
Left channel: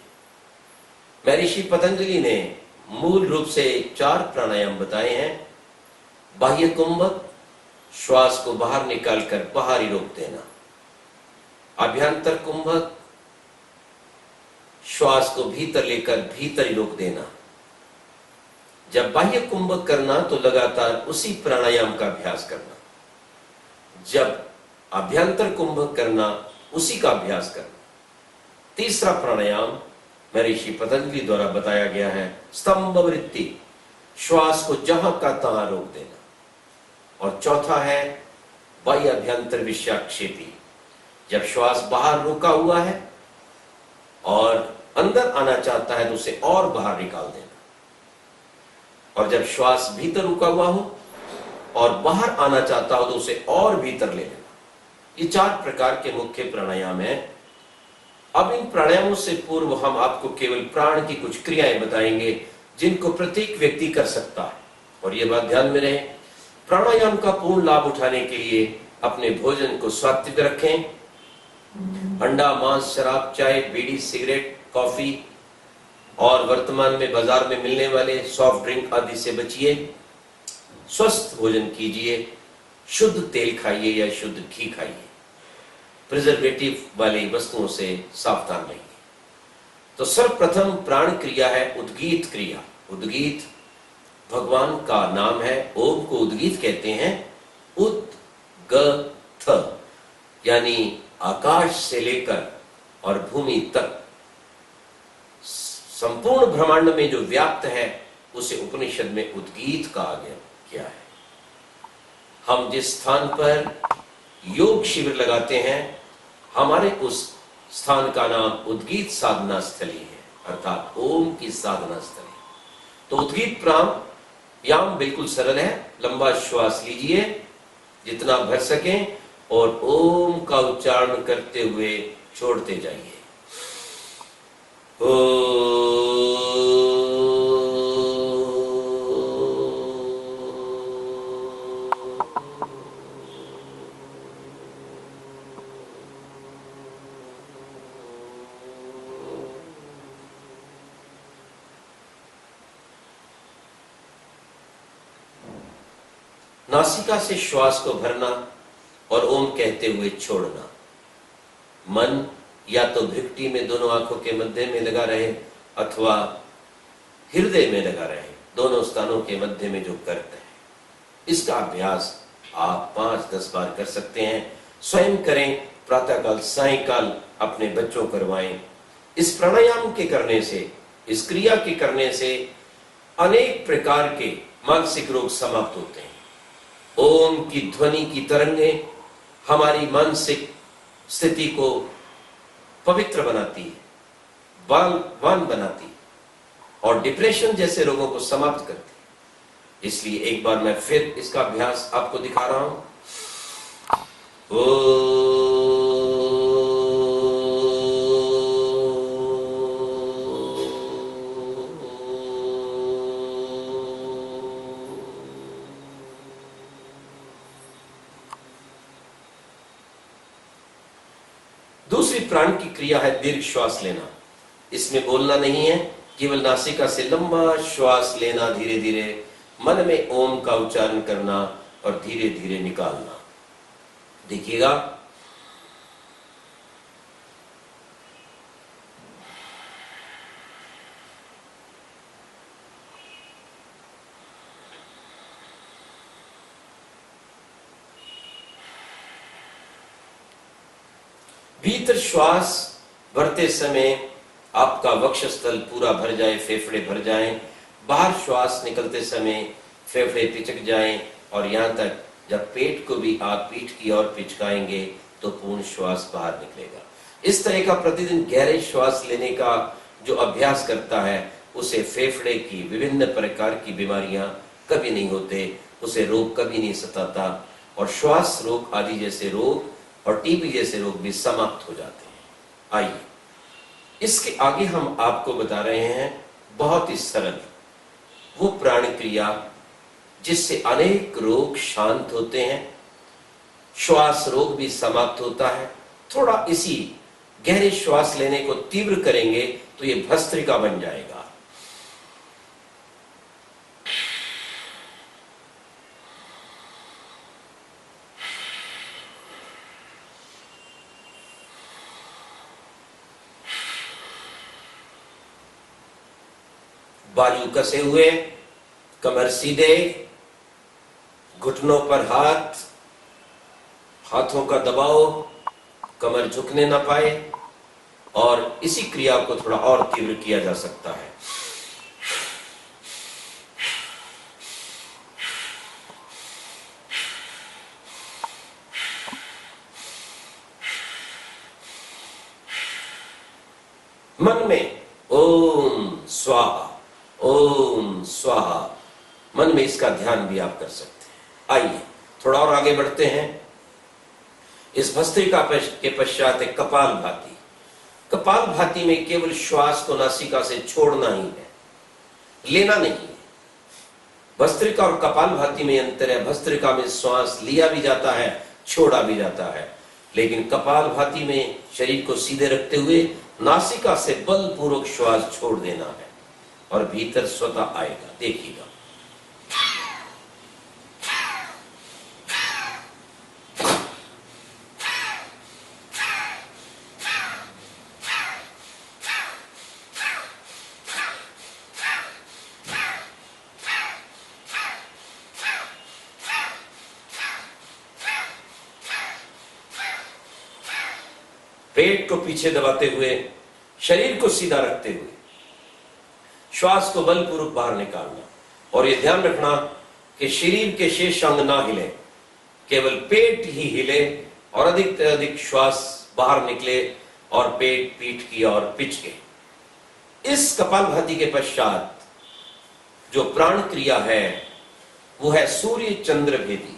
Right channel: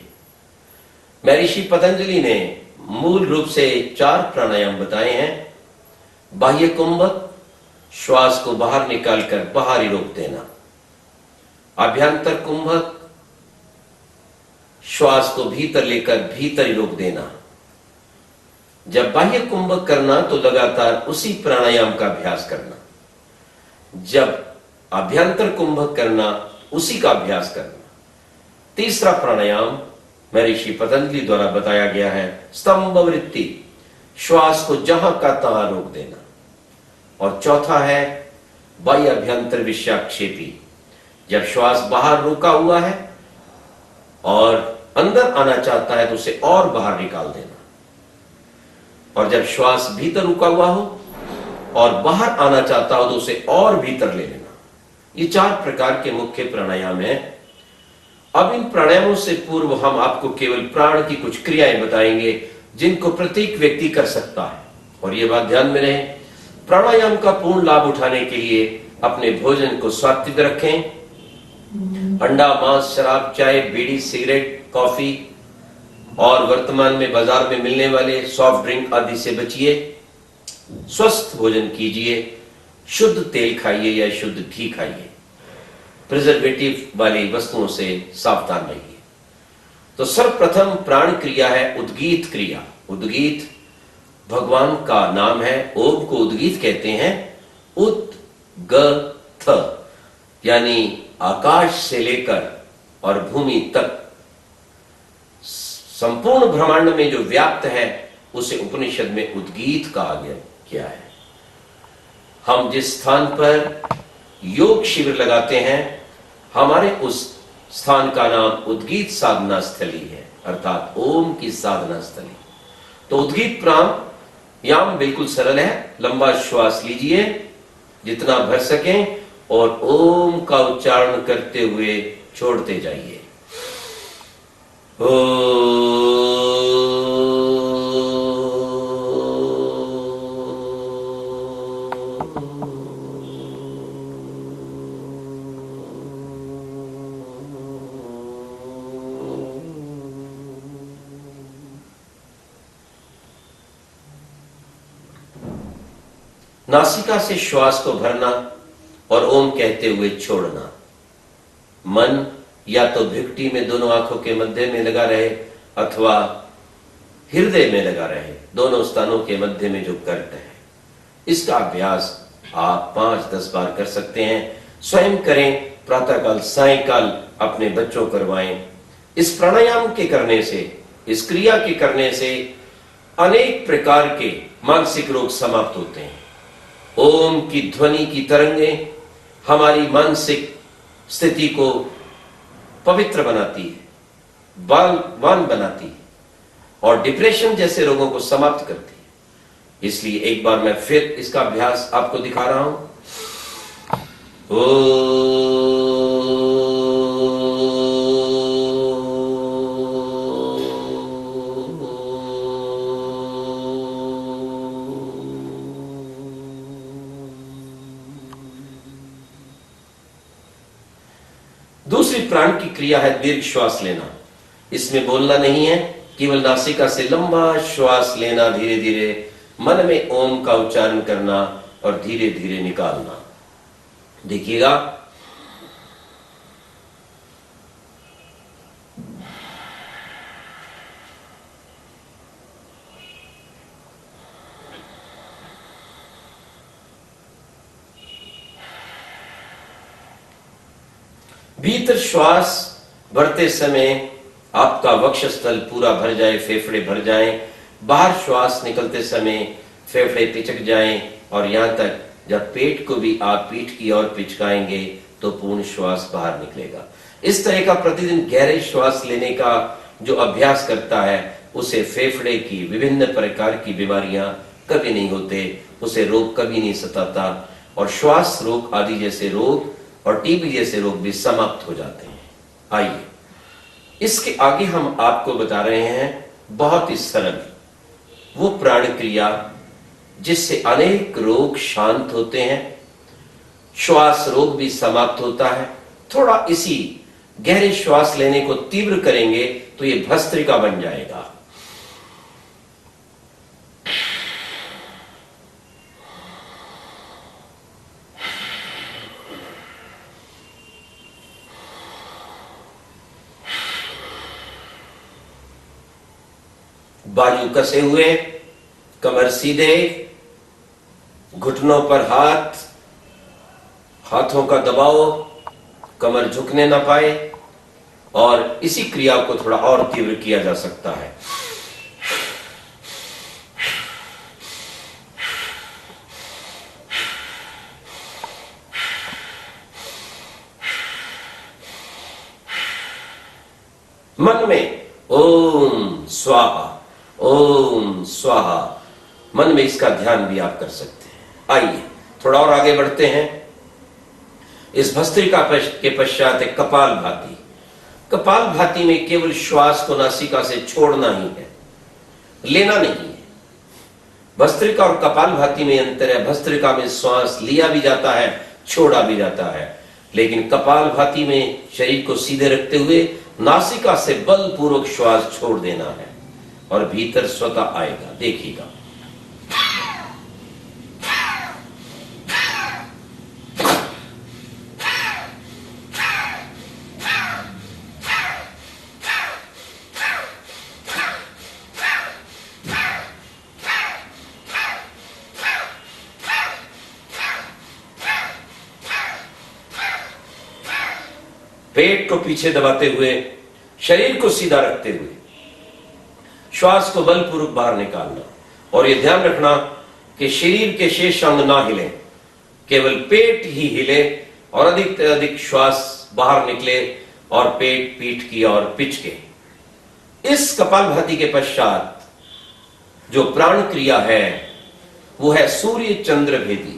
महर्षि पतंजलि ने मूल रूप से 4 प्राणायाम बताए हैं। बाह्य कुंभक, श्वास को बाहर निकालकर बाहर ही रोक देना। अभ्यंतर कुंभक, श्वास को भीतर लेकर भीतर ही रोक देना। जब बाह्य कुंभक करना तो लगातार उसी प्राणायाम का अभ्यास करना। जब अभ्यंतर कुंभक करना, उसी का अभ्यास करना। तीसरा प्राणायाम महर्षि पतंजलि द्वारा बताया गया है स्तंभ वृत्ति, श्वास को जहां का तहां रोक देना। और चौथा है बाह्य अभ्यंतर विषाक्षेपी, जब श्वास बाहर रोका हुआ है और अंदर आना चाहता है तो उसे और बाहर निकाल देना। और जब श्वास भीतर रुका हुआ हो और बाहर आना चाहता हो तो उसे और भीतर ले लेना। ये 4 प्रकार के मुख्य प्राणायाम हैं। अब इन प्राणायामों से पूर्व हम आपको केवल प्राण की कुछ क्रियाएं बताएंगे जिनको प्रत्येक व्यक्ति कर सकता है। और ये बात ध्यान में रहे, प्राणायाम का पूर्ण लाभ उठाने के लिए अपने भोजन को सात्विक रखें। अंडा, मांस, शराब, चाय, बीड़ी, सिगरेट, कॉफी और वर्तमान में बाजार में मिलने वाले सॉफ्ट ड्रिंक आदि से बचिए। स्वस्थ भोजन कीजिए, शुद्ध तेल खाइए या शुद्ध घी खाइए। प्रिजर्वेटिव वाली वस्तुओं से सावधान रहिए। तो सर्वप्रथम प्राण क्रिया है उद्गीत क्रिया। उद्गीत भगवान का नाम है, ओम को उद्गीत कहते हैं। उद्गथ यानी आकाश से लेकर और भूमि तक संपूर्ण ब्रह्मांड में जो व्याप्त है उसे उपनिषद में उद्गीत कहा गया है। हम जिस स्थान पर योग शिविर लगाते हैं, हमारे उस स्थान का नाम उद्गीत साधना स्थली है, अर्थात ओम की साधना स्थली। तो उद्गीत प्राणायाम बिल्कुल सरल है। लंबा श्वास लीजिए जितना भर सकें और ओम का उच्चारण करते हुए छोड़ते जाइए। नासिका से श्वास को भरना और ओम कहते हुए छोड़ना। मन या तो भिक्टी में दोनों आंखों के मध्य में लगा रहे अथवा हृदय में लगा रहे, दोनों स्थानों के मध्य में जो करते हैं। इसका अभ्यास आप 5-10 बार कर सकते हैं। स्वयं करें, प्रातःकाल सायंकाल अपने बच्चों करवाएं। इस प्राणायाम के करने से, इस क्रिया के करने से अनेक प्रकार के मानसिक रोग समाप्त होते हैं। ओम की ध्वनि की तरंगें हमारी मानसिक स्थिति को पवित्र बनाती है, बलवान बनाती है और डिप्रेशन जैसे रोगों को समाप्त करती है। इसलिए एक बार मैं फिर इसका अभ्यास आपको दिखा रहा हूं। दूसरी प्राण की क्रिया है दीर्घ श्वास लेना। इसमें बोलना नहीं है, केवल नासिका से लंबा श्वास लेना, धीरे धीरे मन में ओम का उच्चारण करना और धीरे धीरे निकालना। देखिएगा, भीतर श्वास भरते समय आपका वक्षस्थल पूरा भर जाए, फेफड़े भर जाएं। बाहर श्वास निकलते समय फेफड़े पिचक जाएं और यहां तक जब पेट को भी आप पीठ की ओर पिचकाएंगे तो पूर्ण श्वास बाहर निकलेगा। इस तरह का प्रतिदिन गहरे श्वास लेने का जो अभ्यास करता है उसे फेफड़े की विभिन्न प्रकार की बीमारियां कभी नहीं होते, उसे रोग कभी नहीं सताता और श्वास रोग आदि जैसे रोग और टीबी जैसे रोग भी समाप्त हो जाते हैं। आइए इसके आगे हम आपको बता रहे हैं बहुत ही सरल वो प्राण क्रिया जिससे अनेक रोग शांत होते हैं, श्वास रोग भी समाप्त होता है। थोड़ा इसी गहरे श्वास लेने को तीव्र करेंगे तो ये भस्त्रिका बन जाएगा। बाजू कसे हुए, कमर सीधे, घुटनों पर हाथ, हाथों का दबाव, कमर झुकने ना पाए। और इसी क्रिया को थोड़ा और तीव्र किया जा सकता है। मन में ओम स्वाहा, ओम स्वाहा, मन में इसका ध्यान भी आप कर सकते हैं। आइए थोड़ा और आगे बढ़ते हैं। इस भस्त्रिका के पश्चात एक कपाल भाती। कपाल भाती में केवल श्वास को नासिका से छोड़ना ही है, लेना नहीं है। भस्त्रिका और कपाल भाती में अंतर है। भस्त्रिका में श्वास लिया भी जाता है, छोड़ा भी जाता है, लेकिन कपाल भाती में शरीर को सीधे रखते हुए नासिका से बलपूर्वक श्वास छोड़ देना है और भीतर स्वतः आएगा। देखिएगा। पेट को पीछे दबाते हुए, शरीर को सीधा रखते हुए श्वास को बलपूर्वक बाहर निकालना। और यह ध्यान रखना कि शरीर के शेष अंग ना हिले, केवल पेट ही हिले और अधिक से अधिक श्वास बाहर निकले और पेट पीठ की ओर पिचके। इस कपालभाति के पश्चात जो प्राण क्रिया है वो है सूर्य चंद्र भेदी।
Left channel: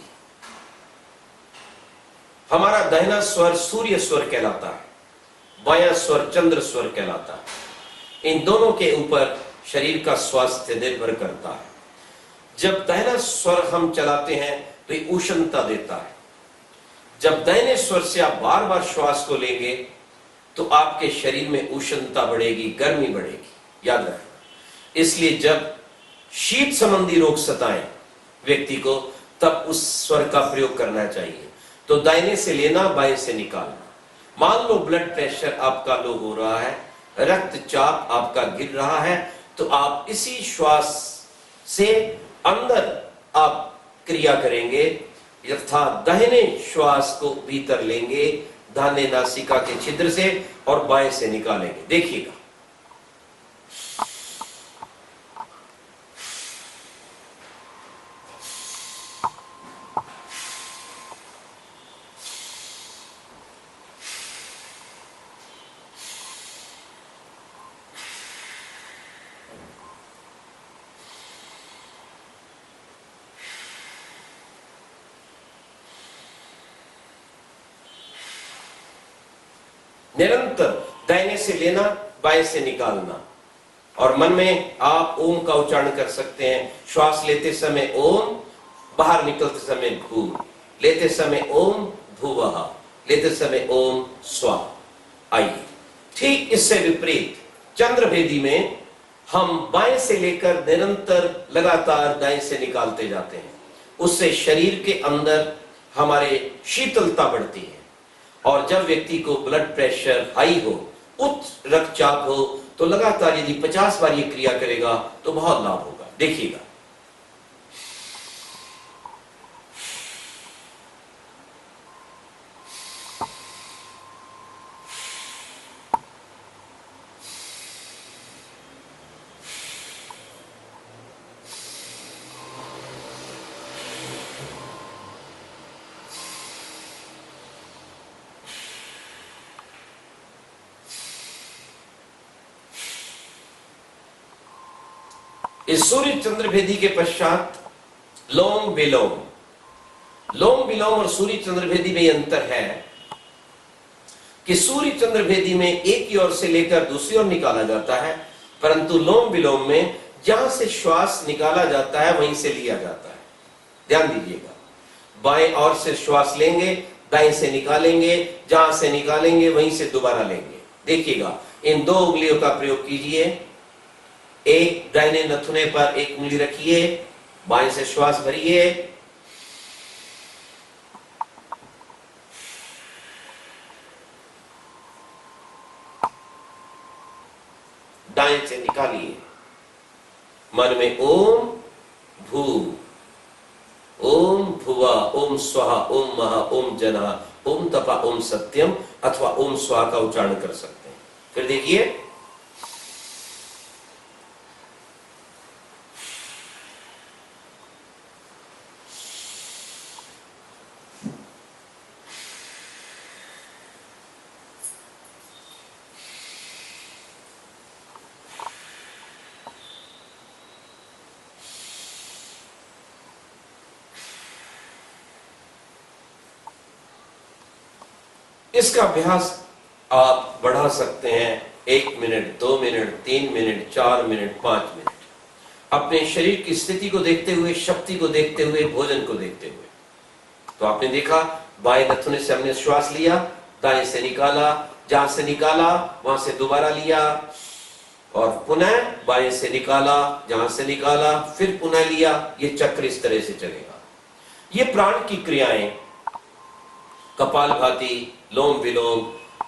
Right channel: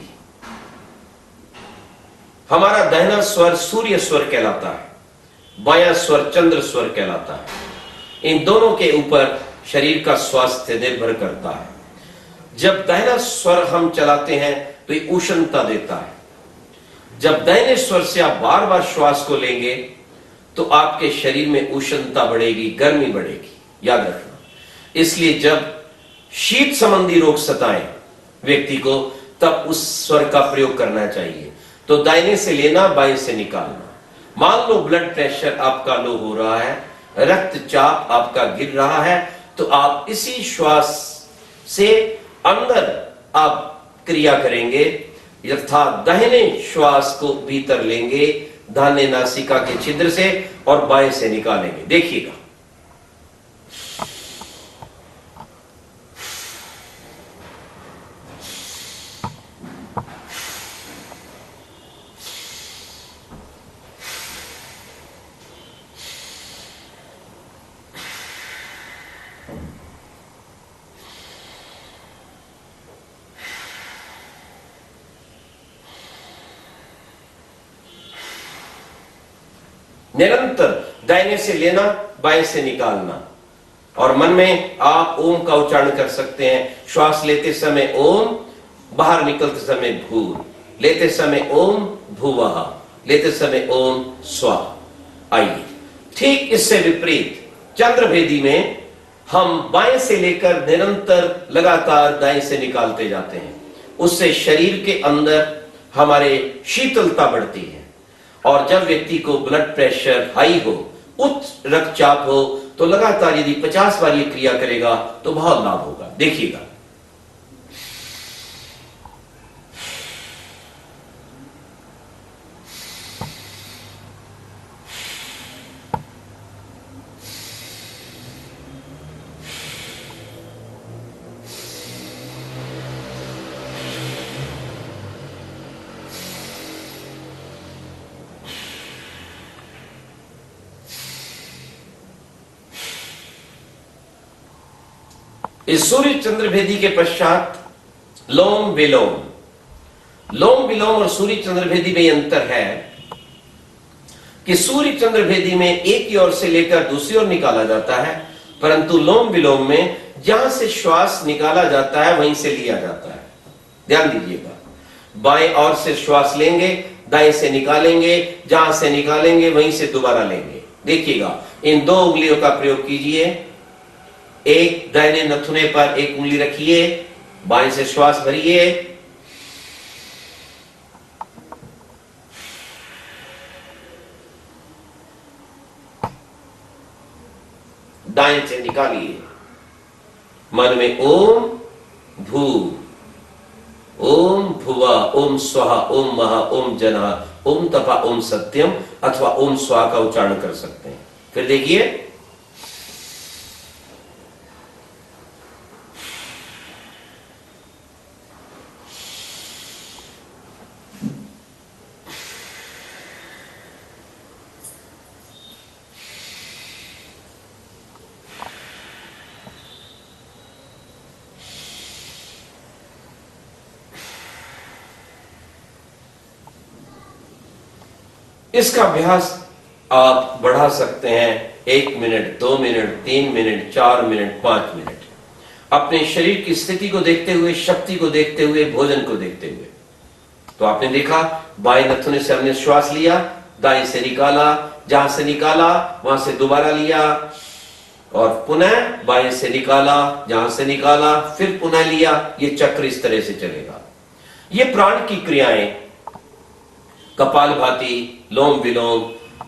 हमारा दाहिना स्वर सूर्य स्वर कहलाता है, बायां स्वर चंद्र स्वर कहलाता है। इन दोनों के ऊपर शरीर का स्वास्थ्य निर्भर करता है। जब दाहिना स्वर हम चलाते हैं तो ये उष्णता देता है। जब दाहिने स्वर से आप बार बार श्वास को लेंगे तो आपके शरीर में उष्णता बढ़ेगी, गर्मी बढ़ेगी, याद रखना। इसलिए जब शीत संबंधी रोग सताएं व्यक्ति को, तब उस स्वर का प्रयोग करना चाहिए। तो दाहिने से लेना, बाएं से निकालना। मान लो ब्लड प्रेशर आपका लो हो रहा है, रक्तचाप आपका गिर रहा है, तो आप इसी श्वास से अंदर आप क्रिया करेंगे, अर्थात दाहिने श्वास को भीतर लेंगे दाहिने नासिका के छिद्र से और बाएं से निकालेंगे। देखिएगा। निरंतर दाहिने से लेना, बाएं से निकालना। और मन में आप ओम का उच्चारण कर सकते हैं। श्वास लेते समय ओम, बाहर निकलते समय भूर, लेते समय ओम भुवः, लेते समय ओम स्वाहा। आइए, ठीक इससे विपरीत चंद्रभेदी में हम बाएं से लेकर निरंतर लगातार दाएं से निकालते जाते हैं। उससे शरीर के अंदर हमारे शीतलता बढ़ती है। और जब व्यक्ति को ब्लड प्रेशर हाई हो, उच्च रक्तचाप हो, तो लगातार यदि 50 बार ये क्रिया करेगा तो बहुत लाभ होगा। देखिएगा। इस सूर्य चंद्र भेदी के पश्चात लोम विलोम। लोम विलोम और सूर्य चंद्र भेदी में अंतर है कि सूर्य चंद्र भेदी में एक ही ओर से लेकर दूसरी ओर निकाला जाता है, परंतु लोम विलोम में जहां से श्वास निकाला जाता है वहीं से लिया जाता है। ध्यान दीजिएगा। बाएं ओर से श्वास लेंगे, दाएं से निकालेंगे, जहां से निकालेंगे वहीं से दोबारा लेंगे। देखिएगा, इन 2 उंगलियों का प्रयोग कीजिए। एक दाहिने नथुने पर एक उंगली रखिए, बाएं से श्वास भरिए, दाएं से निकालिए। मन में ओम भू, ओम भुवा, ओम स्वाहा, ओम महा, ओम जना, ओम तपा, ओम सत्यम अथवा ओम स्वाहा का उच्चारण कर सकते हैं। फिर देखिए, इसका अभ्यास आप बढ़ा सकते हैं 1 minute, 2 minute, 3 minute, 4 minute, 5 minute, अपने शरीर की स्थिति को देखते हुए, शक्ति को देखते हुए, भोजन को देखते हुए। तो आपने देखा, बाएं नथुने से हमने श्वास लिया, दाएं से निकाला, जहां से निकाला वहां से दोबारा लिया, और पुनः बाएं से निकाला, जहां से निकाला फिर पुनः लिया। ये चक्र इस तरह से चलेगा। ये प्राण की क्रियाएं कपालभाति, लोम विलोम,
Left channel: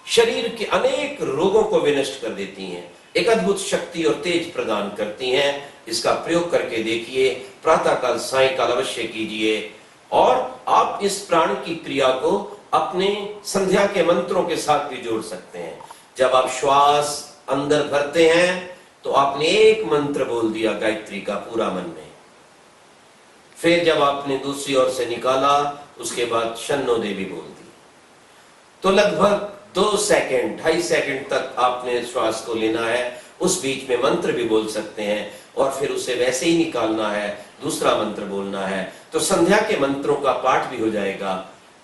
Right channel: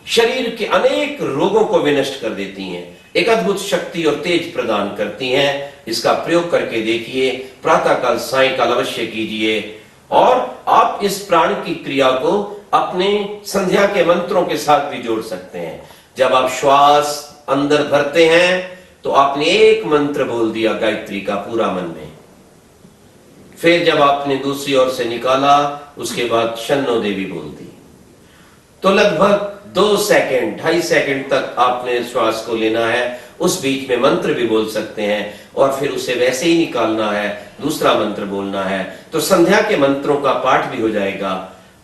शरीर के अनेक रोगों को विनष्ट कर देती हैं, एक अद्भुत शक्ति और तेज प्रदान करती हैं। इसका प्रयोग करके देखिए, प्रातःकाल सायंकाल अवश्य कीजिए, और आप इस प्राण की क्रिया को अपने संध्या के मंत्रों के साथ भी जोड़ सकते हैं। जब आप श्वास अंदर भरते हैं तो आपने एक मंत्र बोल दिया गायत्री का पूरा मन में, फिर जब आपने दूसरी ओर से निकाला उसके बाद शन्नो देवी बोल दी। तो लगभग 2 सेकंड, 2.5 सेकंड तक आपने श्वास को लेना है। उस बीच में मंत्र भी बोल सकते हैं, और फिर उसे वैसे ही निकालना है, दूसरा मंत्र बोलना है। तो संध्या के मंत्रों का पाठ भी हो जाएगा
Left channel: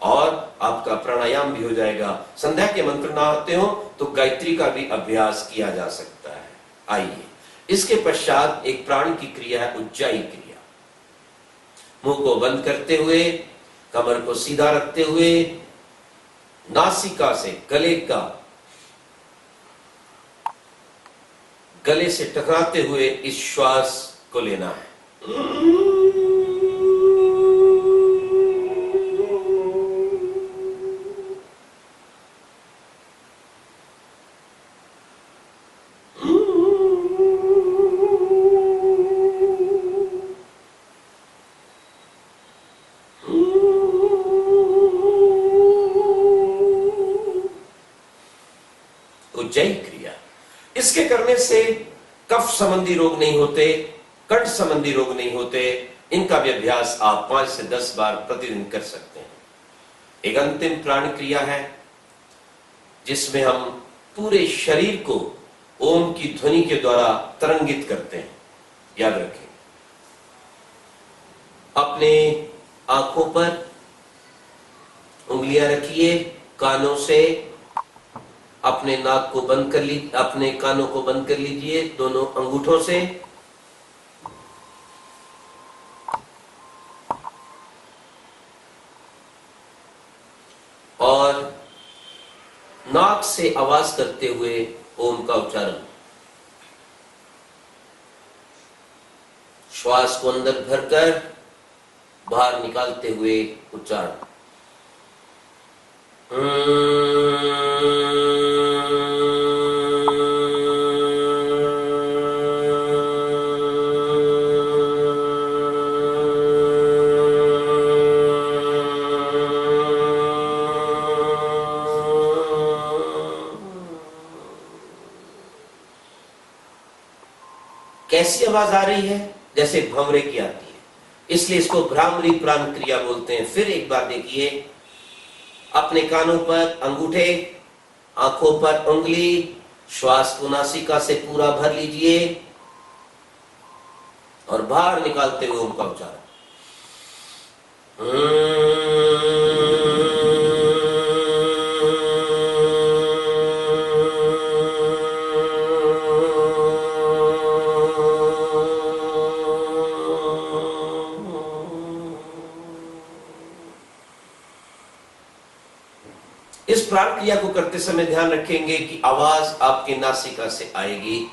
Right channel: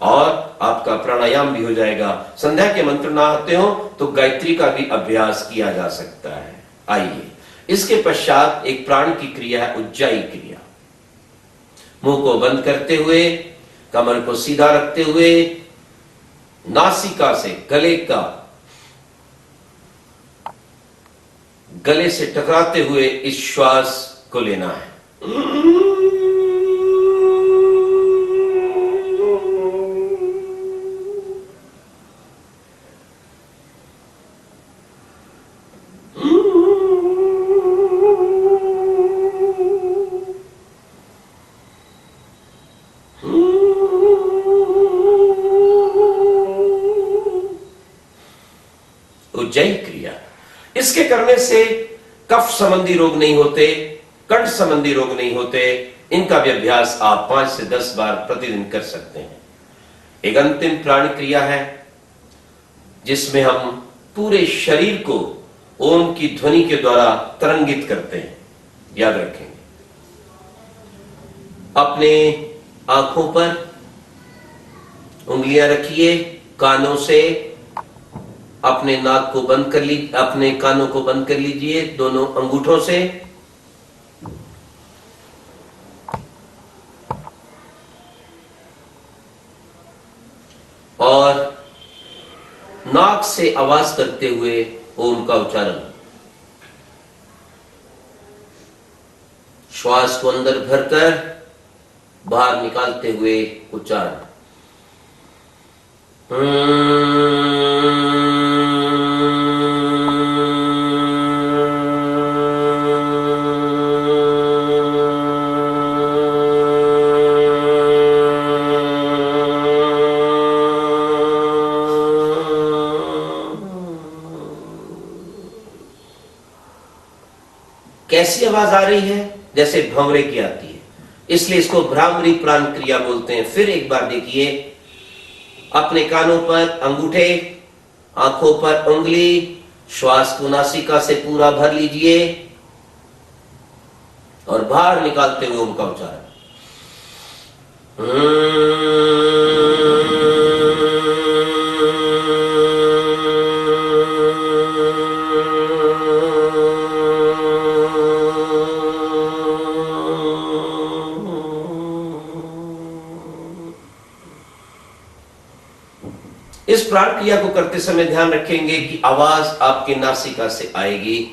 और आपका प्राणायाम भी हो जाएगा। संध्या के मंत्र ना आते हो तो गायत्री का भी अभ्यास किया जा सकता है। आइए, इसके पश्चात एक प्राण की क्रिया है उज्जाई क्रिया। मुंह को बंद करते हुए, कमर को सीधा रखते हुए, नासिका से गले से टकराते हुए इस श्वास को लेना है। उज्जयी क्रिया, इसके करने से कफ संबंधी रोग नहीं होते, कंठ संबंधी रोग नहीं होते। इनका भी अभ्यास आप 5 से 10 बार प्रतिदिन कर सकते हैं। एक अंतिम प्राण क्रिया है जिसमें हम पूरे शरीर को ओम की ध्वनि के द्वारा तरंगित करते हैं। याद रखेंगे, अपने आंखों पर उंगलियां रखिए, कानों से अपने नाक को बंद कर लीजिए, अपने कानों को बंद कर लीजिए दोनों अंगूठों से, और नाक से आवाज करते हुए ओम का उच्चारण। श्वास को अंदर भरकर बाहर निकालते हुए उच्चारण। कैसी आवाज आ रही है? जैसे भंवरे की आती है, इसलिए इसको भ्रामरी प्राण क्रिया बोलते हैं। फिर एक बार देखिए, अपने कानों पर अंगूठे, आंखों पर उंगली, श्वास को नासिका से पूरा भर लीजिए और बाहर निकालते हुए ओम का उच्चारण। इस प्राण क्रिया को करते समय ध्यान रखेंगे कि आवाज आपकी नासिका से आएगी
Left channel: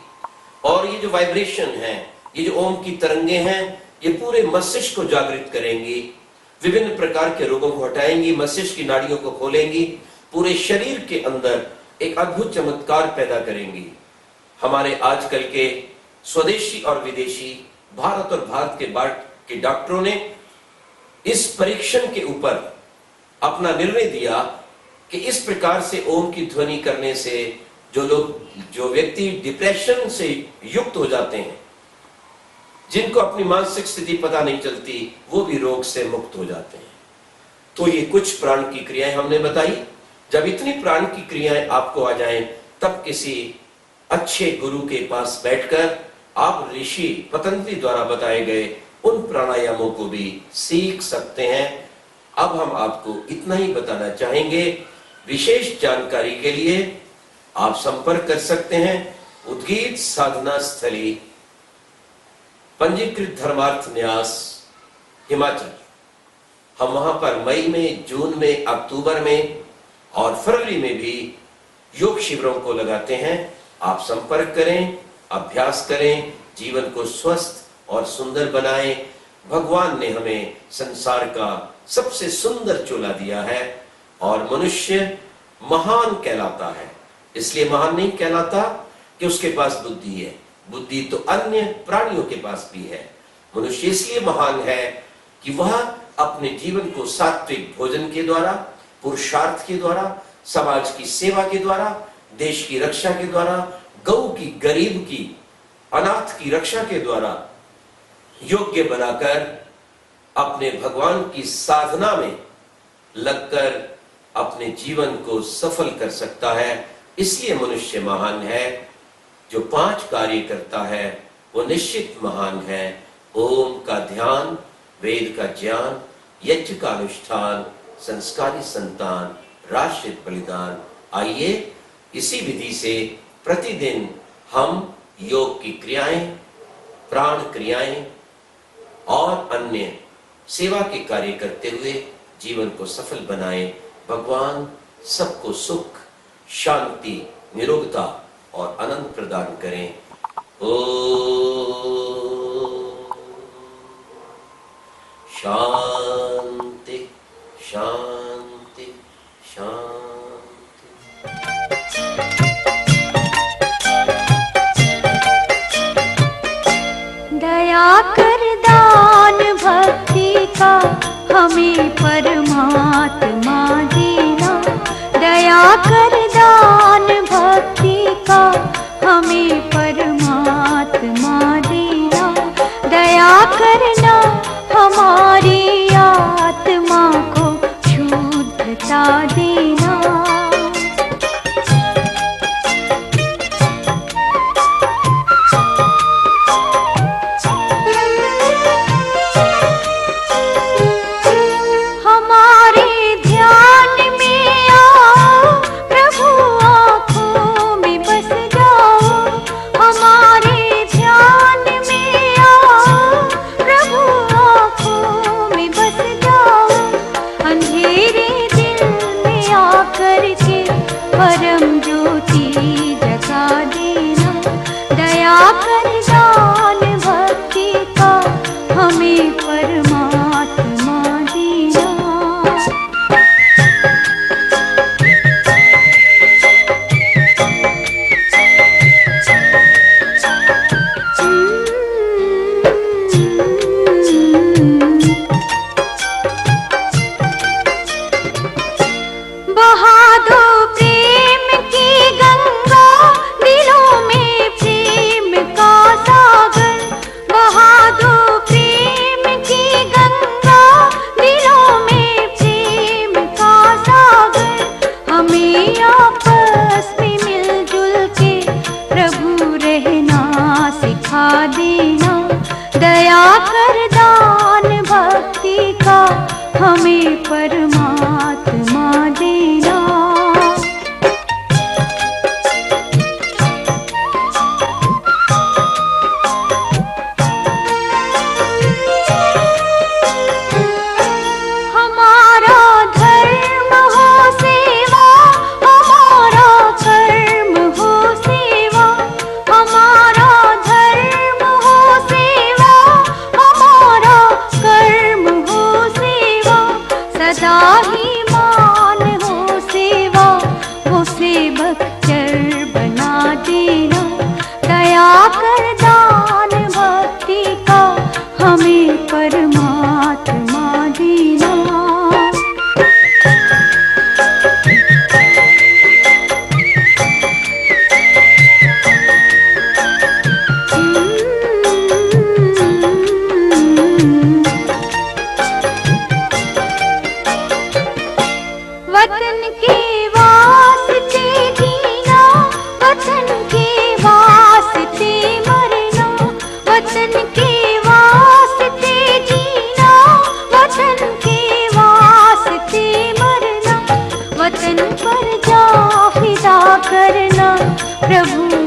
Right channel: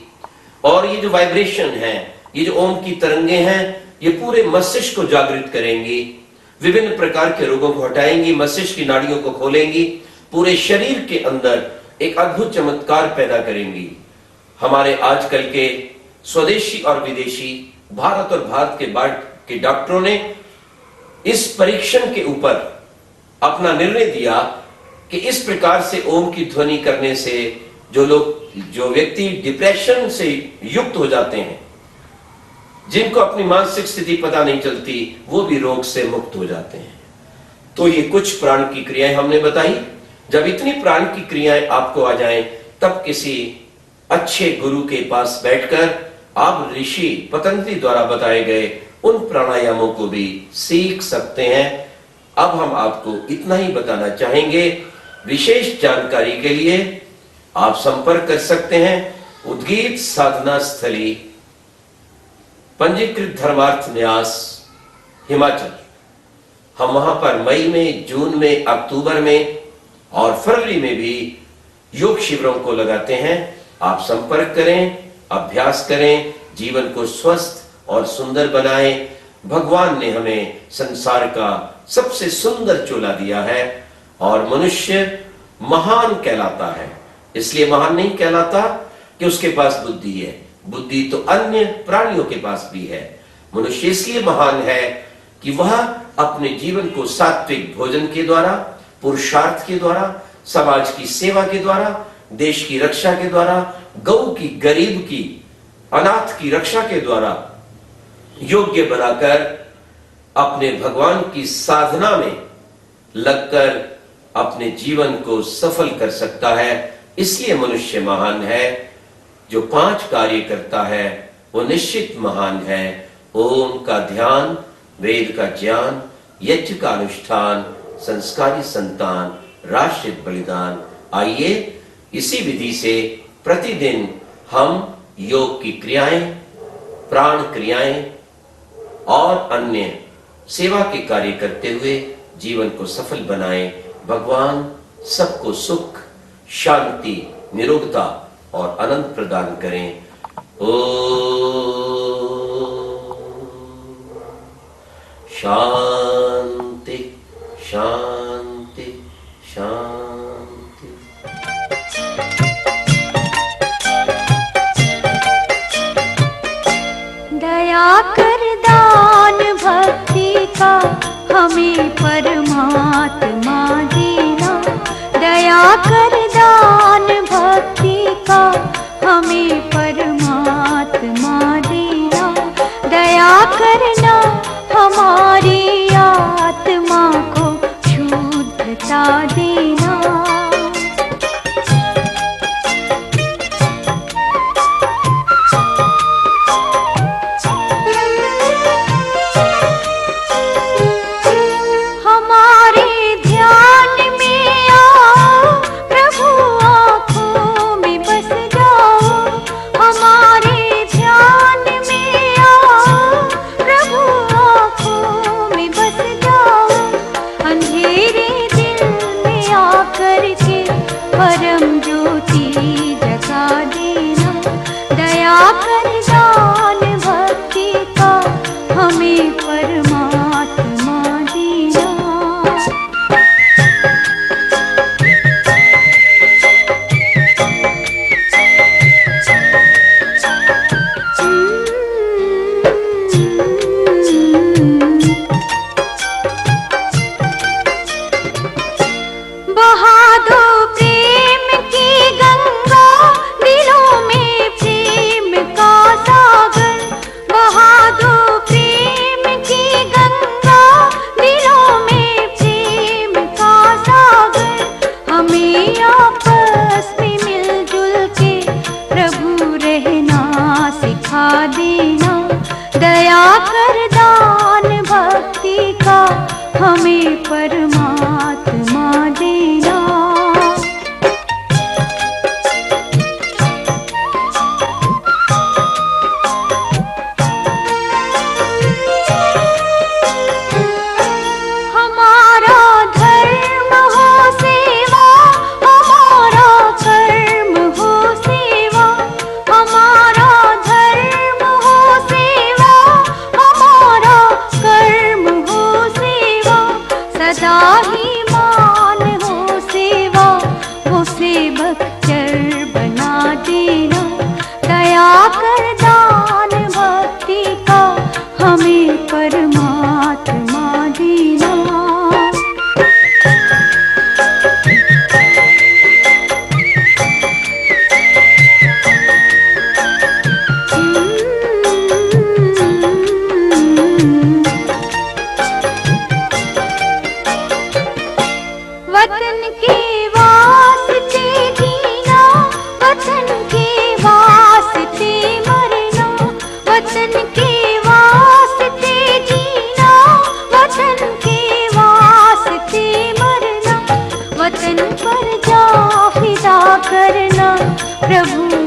और ये जो वाइब्रेशन है, ये जो ओम की तरंगे हैं, ये पूरे मस्तिष्क को जागृत करेंगी, विभिन्न प्रकार के रोगों को हटाएंगी, मस्तिष्क की नाड़ियों को खोलेंगी, पूरे शरीर के अंदर एक अद्भुत चमत्कार पैदा करेंगी। हमारे आजकल के स्वदेशी और विदेशी, भारत और भारत के बाहर के डॉक्टरों ने इस परीक्षण के ऊपर अपना निर्णय दिया कि इस प्रकार से ओम की ध्वनि करने से जो व्यक्ति डिप्रेशन से युक्त हो जाते हैं, जिनको अपनी मानसिक स्थिति पता नहीं चलती, वो भी रोग से मुक्त हो जाते हैं। तो ये कुछ प्राण की क्रियाएं हमने बताई। जब इतनी प्राण की क्रियाएं आपको आ जाएं, तब किसी अच्छे गुरु के पास बैठकर आप ऋषि पतंजलि द्वारा बताए गए उन प्राणायामों को भी सीख सकते हैं। अब हम आपको इतना ही बताना चाहेंगे। विशेष जानकारी के लिए आप संपर्क कर सकते हैं उद्गीत साधना स्थली, पंजीकृत धर्मार्थ न्यास, हिमाचल। हम वहां पर मई में, जून में, अक्टूबर में और फरवरी में भी योग शिविरों को लगाते हैं। आप संपर्क करें, अभ्यास करें, जीवन को स्वस्थ और सुंदर बनाएं। भगवान ने हमें संसार का सबसे सुंदर चोला दिया है और मनुष्य महान कहलाता है। इसलिए महान नहीं कहलाता कि उसके पास बुद्धि है, बुद्धि तो अन्य प्राणियों के पास भी है। मनुष्य इसलिए महान है कि वह अपने जीवन को सात्विक भोजन के द्वारा, पुरुषार्थ के द्वारा, समाज की सेवा के द्वारा, देश की रक्षा के द्वारा, गौ की, गरीब की, अनाथ की रक्षा के द्वारा योग्य बनाकर अपने भगवान की साधना में लगकर अपने जीवन को सफल कर सकता है। इसलिए मनुष्य महान है। जो 5 कार्य करता है वो निश्चित महान है। ओम का ध्यान, वेद का ज्ञान, यज्ञ का अनुष्ठान, संस्कारी संतान, राष्ट्रित बलिदान। आइए इसी विधि से प्रतिदिन हम योग की क्रियाएं, प्राण क्रियाएं और अन्य सेवा के कार्य करते हुए जीवन को सफल बनाएं। भगवान सबको सुख, शांति, निरोगता और आनंद प्रदान करें। ओम शांति शांति शांति। दया कर दान भक्ति का हमें परमात्मा देना। दया कर दान भक्ति का हमें परमात्मा देना। दया करना हमारी आत्मा को शुद्धता देना। परम ज्योति जगा देना। दया कर दान भक्ति का हमें परमात्मा देना। दया कर दान भक्ति का हमें परमात्मा देना। हमारा धर्म हो सेवा ही मान हो सेवा, वो सेवक चर बना देना। दया कर दान भक्ति का हमें परमात्मा देना। वतन के वास्ते जीना, वतन के वास्ते मरना, वतन के वास्ते जीना, वतन के वास्ते मरना, वतन पर जा फिदा करना। प्रभु